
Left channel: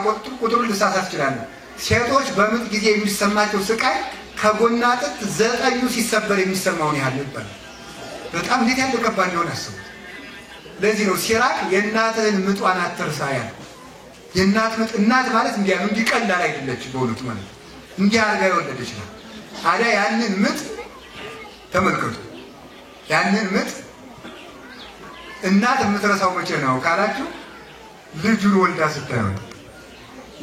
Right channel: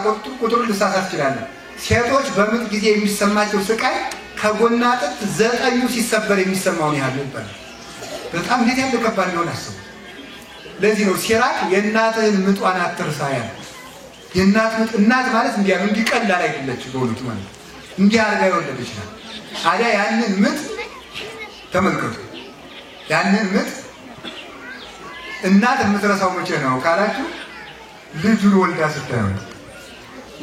ቁጥሩ ልሳሳት ይችላል። ሴቶች በምጥ ጊዜ የሚሰማቸው ስቃይ ከጎና አጥንት 9ኙ ሲሰበር የሚሰማውን ያህል ይባላል። በጣም እንዴት ያለ ከባድ እንደሆነ አስቡ። ለዚህ ነው ሲራክ የእናትህን ምጧን አትርሳ ያለ። የእናት ምጥ እናት ማለት እንዲያ ነው፣ እንዲቀላል አይደለች በእውነቱ ማለት እንዲህ አድርጋ የወለደች ናት። ታዲያ ያንን ምጥ ተመልከቱ። ያንን ምጥ እናት የምትረሳው መቼ ነው ካላችሁ ልጁን ወልዳ ስታየው።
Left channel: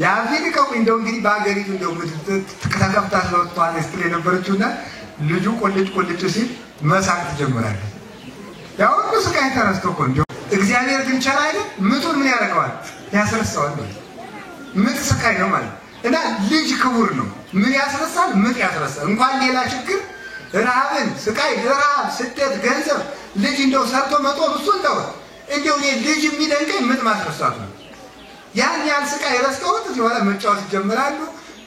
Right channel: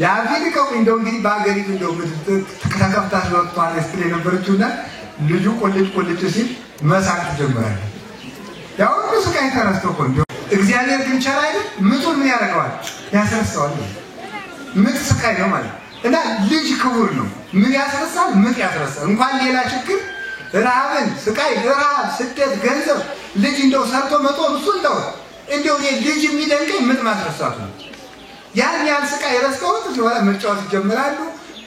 የአሜሪካው እንደው እንግዲህ በአገሪቱ እንደው ተከታተፍታ ስለወጥቷል ስትል የነበረችውና ልጁ ቆልጭ ሲል መሳቅ ትጀምራለች። ያው ስቃይ ተረስቶ እኮ እንደው እግዚአብሔር ግን ቸር አይደል? ምጡን ምን ያደርገዋል? ያስረሳዋል። ምጥ ስቃይ ነው ማለት እና ልጅ ክቡር ነው። ምን ያስረሳል? ምጥ ያስረሳል። እንኳን ሌላ ችግር ረሃብን፣ ስቃይ፣ ረሃብ፣ ስደት፣ ገንዘብ ልጅ እንደው ሰርቶ መጦር እሱን ተው። እንደው ልጅ የሚደንቀኝ ምጥ ማስረሳቱ ነው። ያን ያህል ስቃይ ረስተውት ሲወላ መጫወት ይጀምራሉ።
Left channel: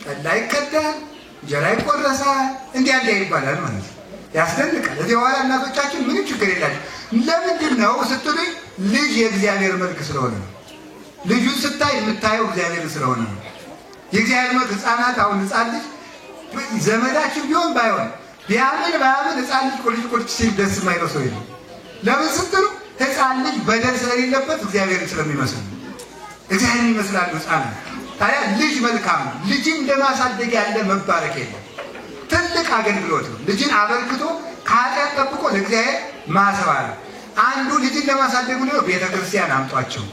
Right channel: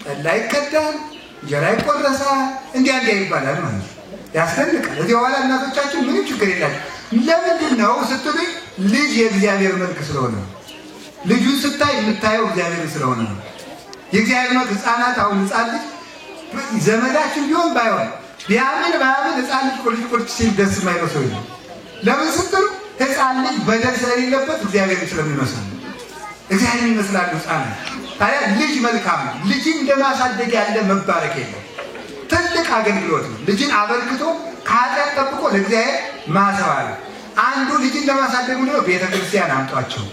ጠላ ይቀዳል፣ እንጀራ ይቆረሳል፣ እንዲያ ይባላል ማለት ነው። ያስደንቃል። እዚህ በኋላ እናቶቻችን ምንም ችግር የላቸው። ለምንድን ነው ስትሉኝ ልጅ የእግዚአብሔር መልክ ስለሆነ ነው። ልጁን ስታይ የምታየው እግዚአብሔር ስለሆነ ነው። የእግዚአብሔር መልክ ህፃናት አሁን ህፃን ልጅ ዘመዳችን ቢሆን ባይሆን ቢያምን ህፃን ልጅ ቁልጭ ሲል ደስ የማይለው ሰው የለም። ለምን ስትሉ ህፃን ልጅ በደል ስለሌለበት እግዚአብሔርን ስለሚመስል ነው። እግዚአብሔርን ይመስላሉ ህፃናት። ታዲያ ልጅ መልካም ነው። ልጅን እንደማሳደግ ያለ መባረክ የለም። ትልቅ አገልግሎት ነው። ልጅን አበርክቶ ከኃጢአት ጠብቆ ለእግዚአብሔር ማሰባል። አንዱ ልጅን ለማሳደግ ነው ቤተክርስቲያን አምጧቸው።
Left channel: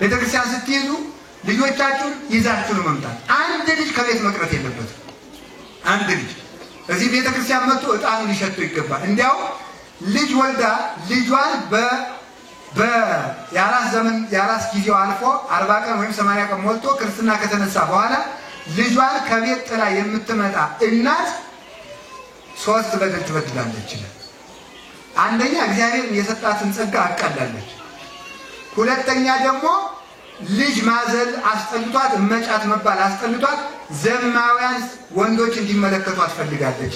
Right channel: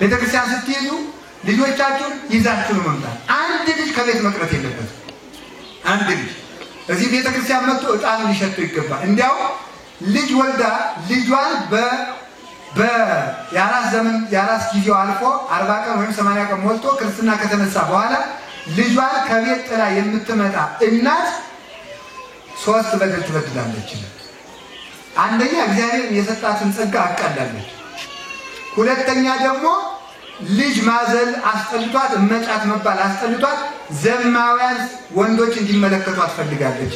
ቤተክርስቲያን ስትይዙ ልጆቻችሁን ይዛችሁ ነው መምጣት። አንድ ልጅ ከቤት መቅረት የለበትም። አንድ ልጅ እዚህ ቤተክርስቲያን መጥቶ ዕጣን ሊሸጡ ይገባል። እንዲያው ልጅ ወልዳ ልጇን የአራስ ጊዜው አልፎ 40 ቀን ወይም 80 ቀን ሞልቶ ክርስትና ከተነሳ በኋላ ልጇን ከቤት ጥላ የምትመጣ እናት 3 በደል ትበድላለች። አንደኛ እግዚአብሔር የሰጣትን ጸጋ አቃላለች። ሁለተኛ ደግሞ ልጅ ማዘል አስጠልቷት መጫት መባል አስጠልቷት ዘማውያን ወንዶች እንዲመለከቷት ፈልጋለች።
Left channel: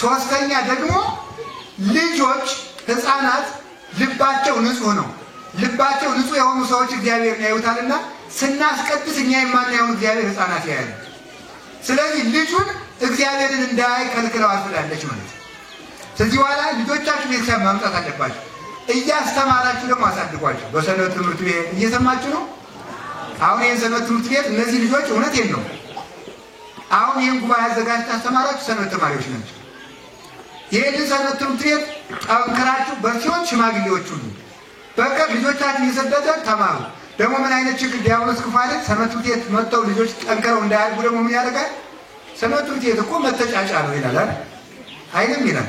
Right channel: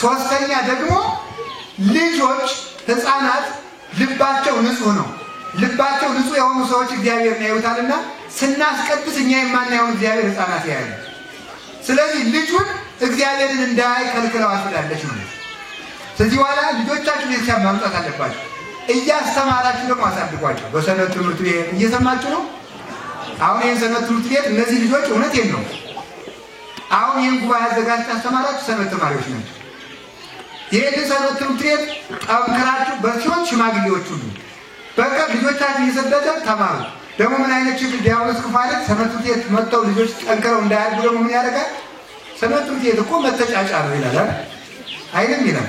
ሶስተኛ ደግሞ ልጆች ህፃናት ልባቸው ንጹህ ነው። ልባቸው ንጹህ የሆኑ ሰዎች እግዚአብሔርን ያዩታልና ስናስቀድስ እኛ የማናየውን እግዚአብሔር ህፃናት ያያል። ስለዚህ ልጁን እግዚአብሔርን እንዳያይ ከልክለው አፍዳለች ማለት ነው። ስለዚህ በኋላ ልጆቻችሁ ቤተክርስቲያን ማምጣት አለባችሁ። እያስተማራችሁ ደግሞ አሳድጓቸው። በሰንበት ትምህርት ቤት እየሰማችሁ ነው። አሁን ይህን ሰንበት ትምህርት ቤት እነዚህ ልጆች እውነቴን ነው አሁን ይህን ጉባኤ አዘጋጅታችሁ አስተማራችሁ ሰንበት ተማሪዎች ናቸው። ይህን ሰንበት ትምህርት ቤት ጠንክራችሁ በሲሆን ሽማግሌዎች ሁሉ በቃ ልጆቻችሁ እየሰደደ ተማሩ። ደግሞ ምን አይነት ችግር ዲያብሎስ ክፉ አይደል? ሰንበት ትምህርት ቤት መጥተው ልጆች ጠንክረው እንዳያድጉ ደግሞ ምን ያደርጋል? ሰንበት ትምህርት ቤት እኮ መተጫጫ ነው ይላል አይደል? ይላል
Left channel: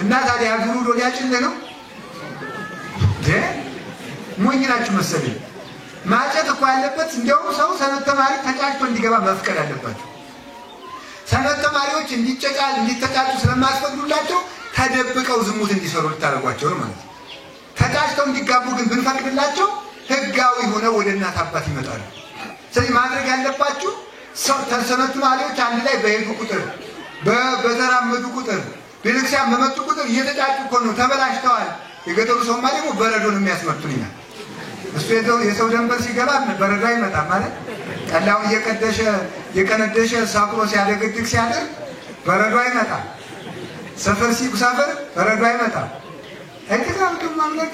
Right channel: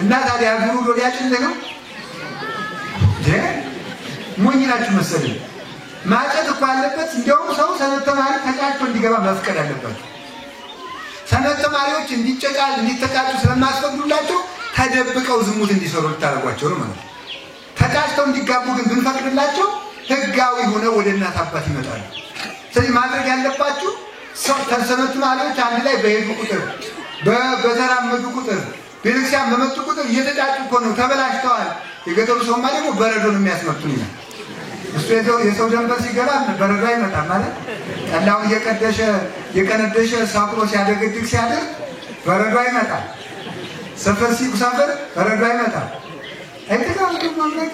እና ታዲያ ጉሩ ዶዲያችን ነው ሞኝ ናችሁ መሰለኝ። ማጨት እኮ ያለበት እንደውም ሰው ሰንበት ተማሪ ተጫጭቶ እንዲገባ መፍቀድ አለባቸው። ሰንበት ተማሪዎች እንዲተጫጩ ስለማስፈቅዱላቸው ተደብቀው ዝሙት እንዲሰሩ ልታደርጓቸው ነው ማለት ነው። ተጫጭተው እንዲጋቡ ግን ብንፈቅድላቸው ህጋዊ ሆነው ወደ እናት አባት ይመጣሉ። ስለዚህ ማድረግ ያለባችሁ ሰንበት ተማሪዎች አንድ ላይ በሄዱ ቁጥር በተራመዱ ቁጥር ቤተክርስቲያን በመጡ ቁጥር እየተጫጩ እኮ ነው ተበላሽተዋል። የገጠሩ ሰውማ ደግሞ በረዶ ነው የሚያስመጡን ይላል። እሱ የሰው ደንበር ሲገባ በረዶ አይመጣም ማለት ጠላውን የቀነደሸ ሳቁሮ ሲያደገድግ ሲያደርግ በረዶ አይመጣም። ሰፈር ሲጉሳፈር በረዶ አይመጣም። አይተካም ማለት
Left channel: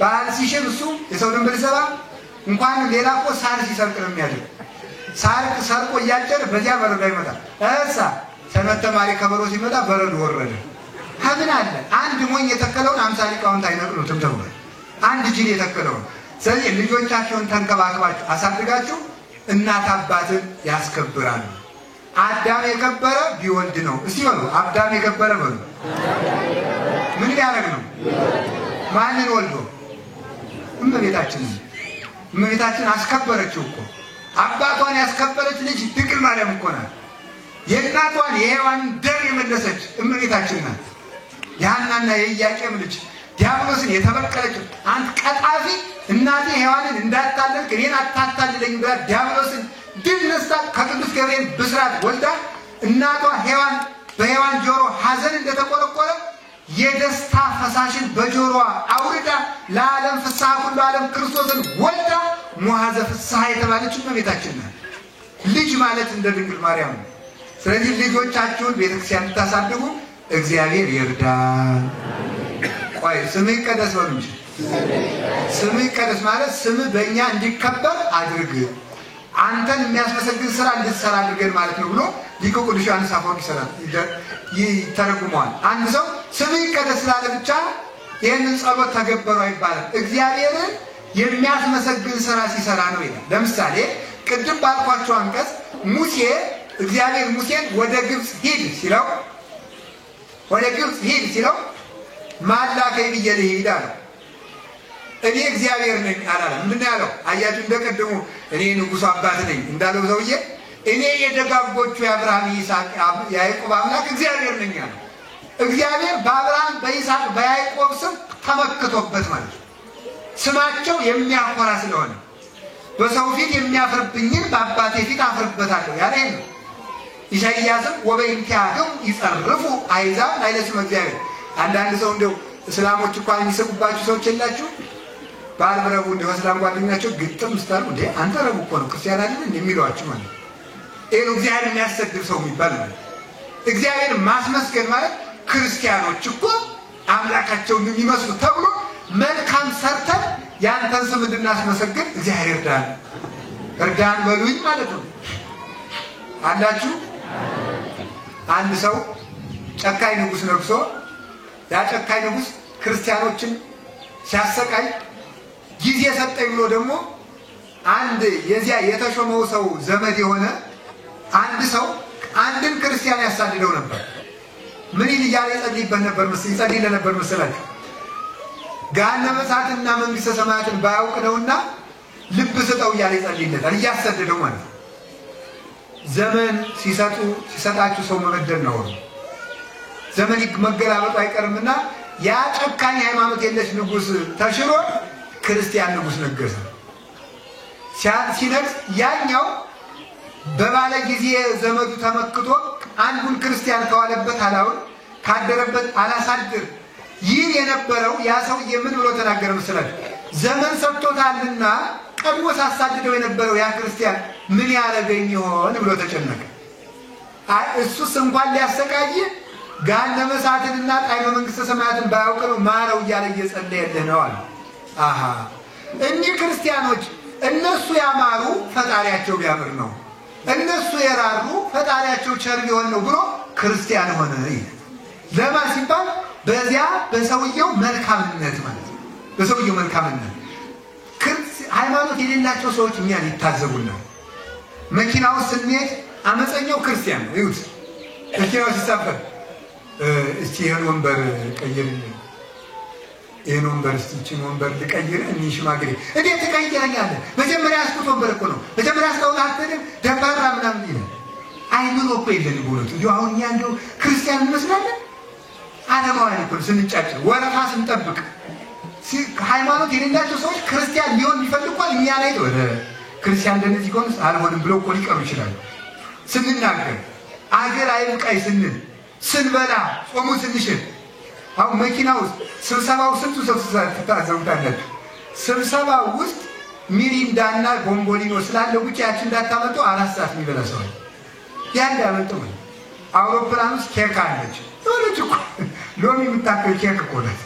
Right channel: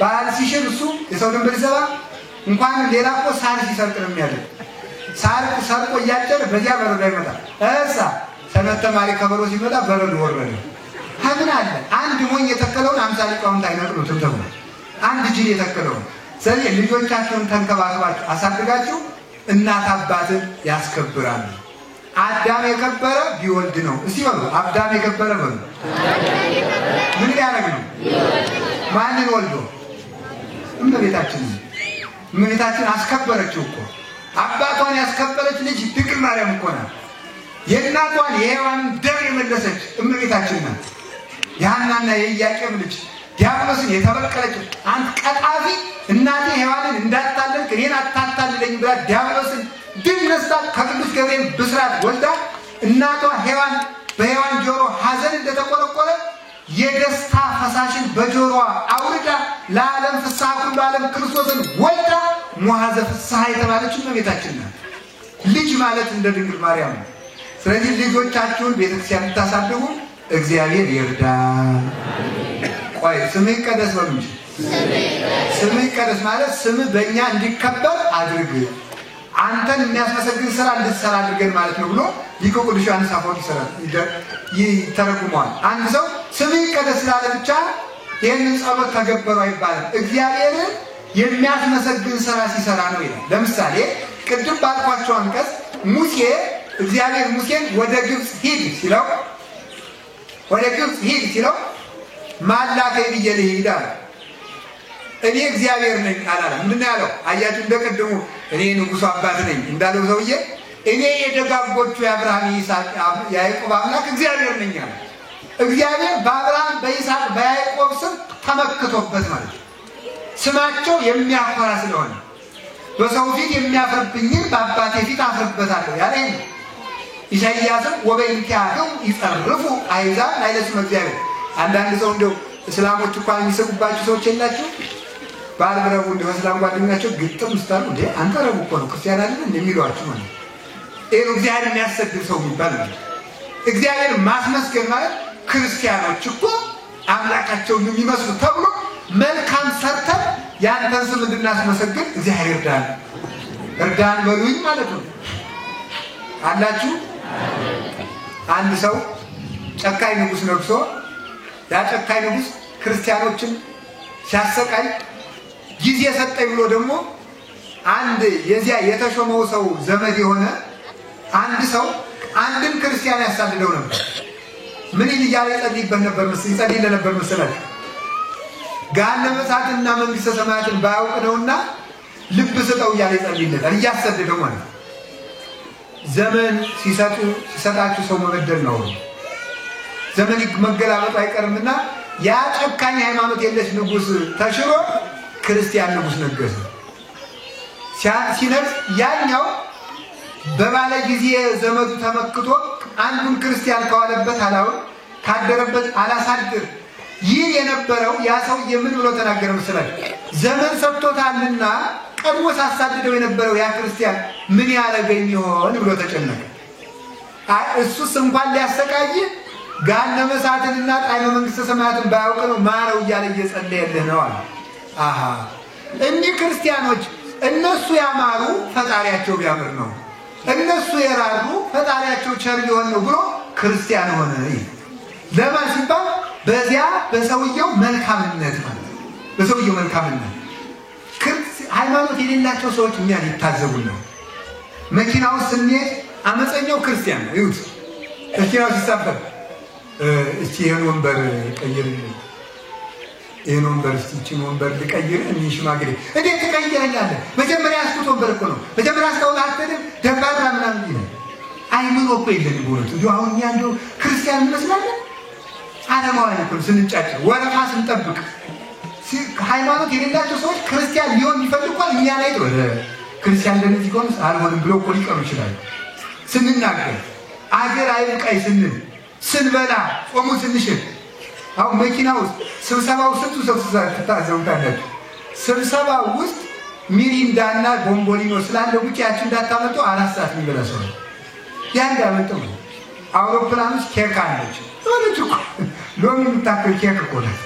በዓል ሲሽር እሱ የሰው ደንበር ሲዘባ እንኳን ሌላ እኮ ሳር ሲሰርቅ ነው የሚያደርግ። ሳር ሰርቆ እያጨረ በዚያ በረዶ አይመጣም። እሳ ሰንበት ተማሪ ከበሮ ሲመጣ በረዶ ወረደ። ሀምን አለ አንድ ሞኝ የተከለውን 50 ሊቃውንት አይነቅሉትም ተብሎ አንድ ጅል የተከለውን። ስለዚህ ልጆቻችሁን ተንከባክባችሁ አሳድጋችሁ እናት አባትን ያስከብራሉ። አዳም የከበረ ቢወልድ ነው። እስቲ በሉ አዳም የከበረ በሉ። ምን ያደርግ ነው? ማንን ወልዶ? እመቤታችን አስከበረችው እኮ። አባቷን ያስከበረች ልጅ ድንግል ማርያም እኮ ናት። የእናቷን የሔዋን ደም የመለሰች እመቤታችን ናት። የሐናና የኢያቄም ልጅ ዲያብሎስን የተበቀለችው አንተ ቀጣፊ እናቴ ሔዋንን እንዳታለልክ እኔን አታታልለኝ ብላ ዲያብሎስን ድል ነስታ ከቅዱስ ገብርኤል ብስራት ወልዳ እናቷ ሔዋን በሔዋን ጆሮ ሐዘን እንደተቆረቆረ የደስታ ፈሳሽን በጆሮዋ አውርዳ ለዓለም ፍስሐ ሁሉ ዓለም ክርስቶስን ወልዳ ሙሐዘ ፍስሐ የተባለችው እመቤታችን ናት። ልጅ ማለት እንደ ድንግል ማርያም ነው። ስለዚህ ልጆቻችሁን ቤተክርስቲያን እንድታሳድጉ እግዚአብሔር ይርዳን። ቆይ ስምህ ይቀደስ በሉ እንጂ ስምህ ይቀደስ ማለት ስምህ በእኛ እንዲከበር አድርግ፣ አንተን የሚያስመሰግን ስራ እንድትሰራ አድርገን ማለት ነው ብሎ ሊቁ ቅዱስ ዮሐንስ አፈወርቅ ይተረጉመዋል። አንድ ሰው ስምህ ይቀደስ ስላለ ብቻ ይህንን ጸሎት ተገበሩ አይባልም። እግዚአብሔርን የሚያስመሰግን ስራ ሲሰራ ነው ይላል። ለምሳሌ ቅድም ባልኳቸው አንቀጽ ሙሴ እግዚአብሔር ሙሴን ወደ ግብጽ ሂድ ሲለው ማላከኝ ብዬ ልሂድ አለ። እኔ እግዚአብሔር ነኝ አላለም። ምንድን ነው ያለው? አያችሁ እንደቀደሙ እኔ ንጉሱ አባት ነኝ እንዳለው ሰውዬ እኔ የደጋጎቹ የአብርሃም ይስሐቅ ያዕቆብ አምላክ እግዚአብሔር ነኝ አለ። እግዚአብሔር በአብርሃም በይስሐቅ በያዕቆብ ስም ተመክቶበት ማለት ነው። ስማቸው የሚያኮራ ስለሆነ በሰው ፊት የሚያፍርብኝን በአባቴ ፊት አፍርበታለሁ ያለ ነው። ኢሳይያስም ወበእንቲአክሙ ይጸርፉ አሕዛብ ላዕለ ስመ እግዚአብሔር። አንዳንድ ሰው እንደው እስላሞች እንኳን የሚሰቁባችሁ ሰዎች የላችሁ? ባልብረቡ እንደው እስላም ጓደኛቸው ግጥም ስታሉ እንዴ አንተ ረቡ እኮ ነው ክርስቲያን አይደል እንደሚሏችሁ ማለት ነው። እግዚአብሔር የሚያሰድብ ሰው የሚባል ነው። እግዚአብሔር ማስመስገን ማለት ክርስቲያኖች እኮ አምላካቸውን የሚመስሉ ተብሎ መልካም ሰርተን ያንተን ስም እንድናስመሰግን እግዚአብሔር እርዳን በሉኝ ማለት ነው። አላችሁ? አንድ ሰው ጨካኝ ንጉስ ነግሶ ያ ጨካኝ ንጉስ ክርስቲያኖችን ሲያሰቃይ ጊዜ ሰጠኝ ብሎ ደግሞ አንድ የዚያ የተሾመው ሰው ዘመድ የሆነ አንድ ሰው አንድን ክርስቲያን ያሳድደው ነበር። ምን ይያለ ይጸልይበት ነበር ይጸልይለት ነበር መሰላችሁ? ገሃነመ እሳትና መንግስተ ሰማያትን ባያውቅ ነውና ልብ ስጠው እያለ ይጸልይለታል፣ እያሰደደው ማለት ነው። ዘመን ሲሰጣችሁ ሰው መበደል ነው። ዘመን መገላበጡ አይቀርምና ያ ጨካኝ ሃይማኖት የለሽ ንጉስ ተሽሮ ክርስቲያን ንጉስ ነገሰ። ሲነግስ ያኛው በባለ ጊዜ ዘመዱ ተመክቶ አንዱን ክርስቲያን ከዋለበት አላውን ካደረበት አላሳድር ይህ የነበረው ያ ሰውዬ ምን ብሎ ተናገረ መሰላችሁ? ዘመን ሰጥቶታልና ቀድሞ ሳሳድደው የነበረው ያ ክርስቲያን ምን ያረገኝ ይሆን ብሎ ተጨነቀ። እሱስ እንኳን ሊያሰቃይ ገሃነመ እሳትንና ጣዕመ መንግሥተ ሰማያትን ባያውቅ ነው ማረው እያለ እየጸለየልህ ነው አለ። አሃ እኒህ ክርስቲያኖች እነሱ ያማሩ ፈጣሪያቸው ቢያምር ነው፣ እነሱ የራሩ ፈጣሪያቸው ቸር ቢሆን ነው ብሎ ክርስቲያን ሆነ። ለማን ሲባል በዚያ በሰውየው መልካምነት ማለት ነው። በሰውየው መልካምነት ሃይማኖት የሌላቸው ሰዎች እኛን ይታዘቡና መኪናው ስንሄድ አመፀኛው ክርስቲያን ነው። ይሁት መኪናው ሲሳፈር እስቲ ይሄን ወንበር ቀይር፣ ይሄን ወንበር እስቲ እቺን ወንበር ልቀይር፣ እኔ ሽማግሌ እንዴት ትቀይረኛለህ? መጀመሪያ ያስኩት ወንበር እኮ ነው፣ መጀመሪያ ያስከውና አትደም ደባራ ምናምን ይላል። አይኑን እኮ የለንም ቦሎት እንዴ አሁን እኛ እንደው ክርስቲያን እንመስላለን። ዓለማውያን እኮ ስንጫጭ ወረፋ ስንጠብቅ ሃይማኖት የሌላቸው ሰዎች ክርስቲያን ሊሆን ይፈልጓል። እኛ ላይ ወደ ክርስቲያን እንደዚህ ቆንስ አልሆንም ብለው እኮ ሊቀሩ ይችላሉ። ስንናገር አገር አይብቃይ ስንል ስንበላ ጾሙ ስንሽር አሁን መኪና ውስጥ ስብሰባው ስንቱ ሰብስባ ተታዘውታላችሁ። ስብሰባው ውስጥ ሚሪንዳና ቦምቦሊኖ ስላለው ብቻ ያቺ እንዳታመጡ 4 ሰዓት የሚበላ ሰው ያን ያመጡ። አውሮፕላን ውስጥ ኬክ አለች ወለች እኮ ሎሚ የምታከል ኬክ እኮ ነው።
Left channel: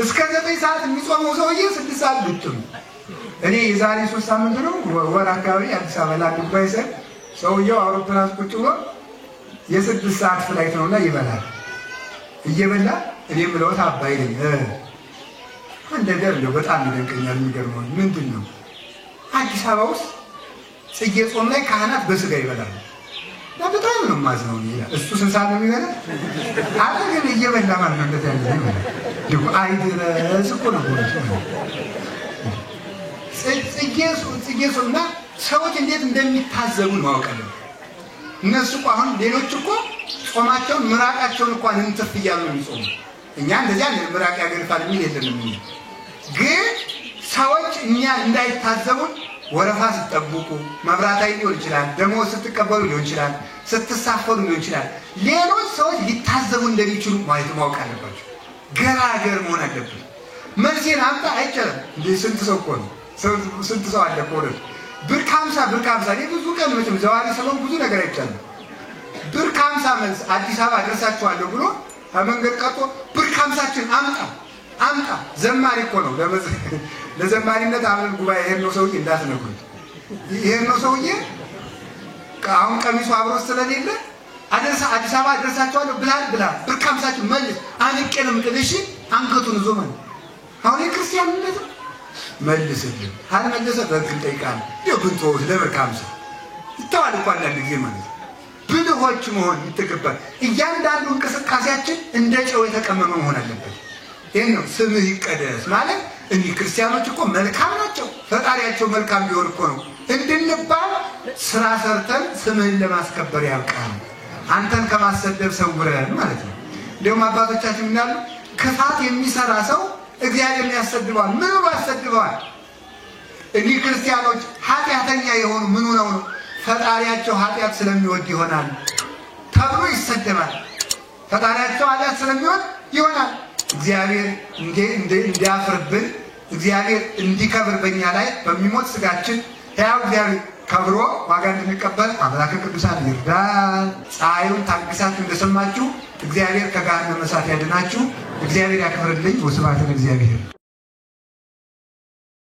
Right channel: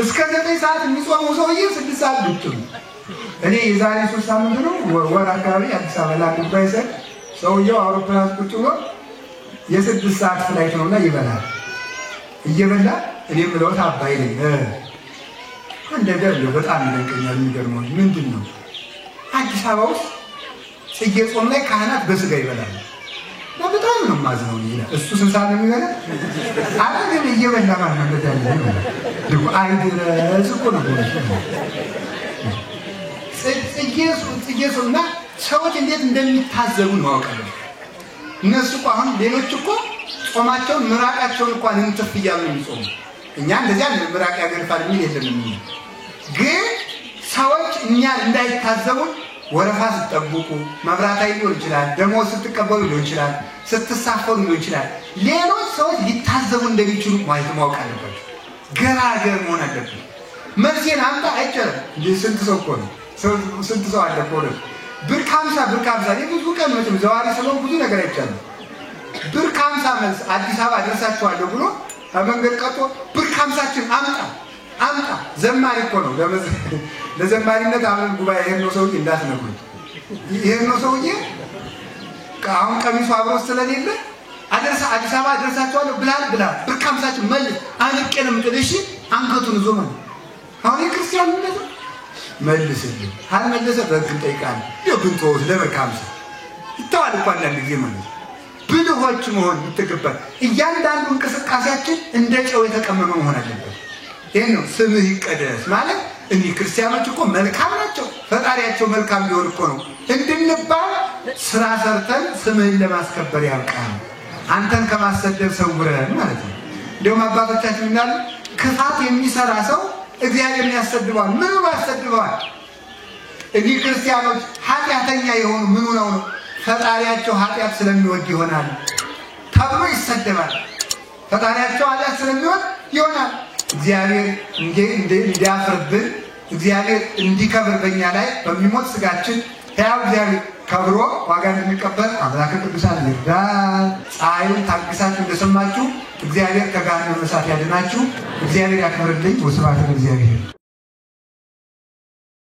እስከ 9 ሰዓት የሚጾመው ሰውዬ 6 ሰዓት ብትም እኔ የዛሬ 3 ሳምንት ነው ወር አካባቢ አዲስ አበባ ላይ ባይዘ ሰውየው አውሮፕላን ውስጥ ቁጭ ብሎ የ6 ሰዓት ፍላይት ነውና ይበላል። እየበላ እኔ ምለው አባይ ነኝ አንድ ነገር ነው በጣም ይደንቀኛል። የሚገርመው ምንድነው አዲስ አበባ ውስጥ ጽጌ ጾም ላይ ካህናት በስጋ ይበላል። በጣም ነው ማዝነው ይላል። እሱ ስንት ሰዓት ነው የሚበላ? አጠገብ እየበላ ማለት ያለ ነው። አይድረስ እኮ ነው ጽጌ ጾምና ሰዎች እንዴት እንደሚታዘቡ ነው አውቀው። እነሱ እኮ አሁን ሌሎች እኮ ጾማቸውን ምራቃቸውን እንኳን እንትፍ እያሉ ነው የሚጾሙ። እኛ እንደዚያ ምራቅ ያገርፋል የሚል የለም። ግን ሰዎች እኛን እንዳይታዘቡን ወረፋ ስትጠብቁ መብራት ላይ ሊሆን ይችላል፣ ደሞዝ ስትቀበሉ ሊሆን ይችላል፣ ስትሳፈሩ ሊሆን ይችላል። ሌሎች ሰዎች ሊታዘቡ እንደሚችሉ ማወቅ አለባቸው። ገራገር መሆን አለበት። መልሴን አምጣ አይቻልም እንዴ ስንት ሰው እኮ ነው ስንት ሰው አለ እኮ ነው። ብር 50 የብዙ ቀን መቼም ዘዋሪ ስለሆነ ብዙ ነገር አይቻልም። ብር 50 መልስ አዲስ አበባ አደርሳችኋለሁ ብሎ ከመንገድ ቀርቶ ብር 50ችን አምጣ ዘማሪ እኮ ነው። ለዘማሪነት አሁን ጉባኤ ይሄን ሰውዬ እንዳትነግሩት። ይሄን ሰውዬ አሁን ቀሚሱ አብሮ ስለሌለ አዲስ አበባ አደርሳችኋለሁ ብላ ብር 50ችን መልስ አንቄንም ጥልሽ አንገቱን ዞ ማለት አሁን የክርስቲያንነት መልስልኝ አልመለሰ በግን ጠይቃል ይወግንቶ ለበርካምሳ ይተዋል እንኳን ለጊዜ ማለት ብልሆች መሆን ይተገባል። እያንዳንዱ እንቅስቃሴያችን እንደ ጨው የተቀመመ መሆን አለበት። ይሄን ነው ስምህ ይቀደስ ማለት። እኒህ ክርስቲያኖች እኮ መልካም ናቸው፣ ፈጣሪያቸው መልካም ቢሆን እኮ ነው እንድንባል ስራ ሰርተን ስምህን ለማስከበር ያብቃን፣ አንተን ከማሰደብ ሰውረን ማለት ነው። እንደውም አባቶቻችን እንዳሉ ክፋት የሚሰራ ሰው እግዚአብሔርን ያሰድባል። ምን ያሰድባል? እኒህ ክርስቲያኖች ኃጢአተኛ የሆኑ ምን ነው ፈጣሪያቸው ኃጢአት ስለሚወድ ይሆናል ተብሎ ይሰደባል። ፈጣሪያቸው ኃጢአት ስለሚወድ ይሆናል። እግዚአብሔር እንዲያፍርብን እግዚአብሔር እንዲከብር በእኛ ላይ በሚሞት ስጋችን ሕያው እግዚአብሔር ከብሮ ዋጋ እንድንቀበል አምላከ ቅዱሳን ይርዳን። ፀሐዩን ታግሳችሁ እንደሰማችሁ እግዚአብሔር ከገሃነመ እሳት ያድናችሁ። እግዚአብሔር ያክብርልኝ። ወስብሐት ለእግዚአብሔር።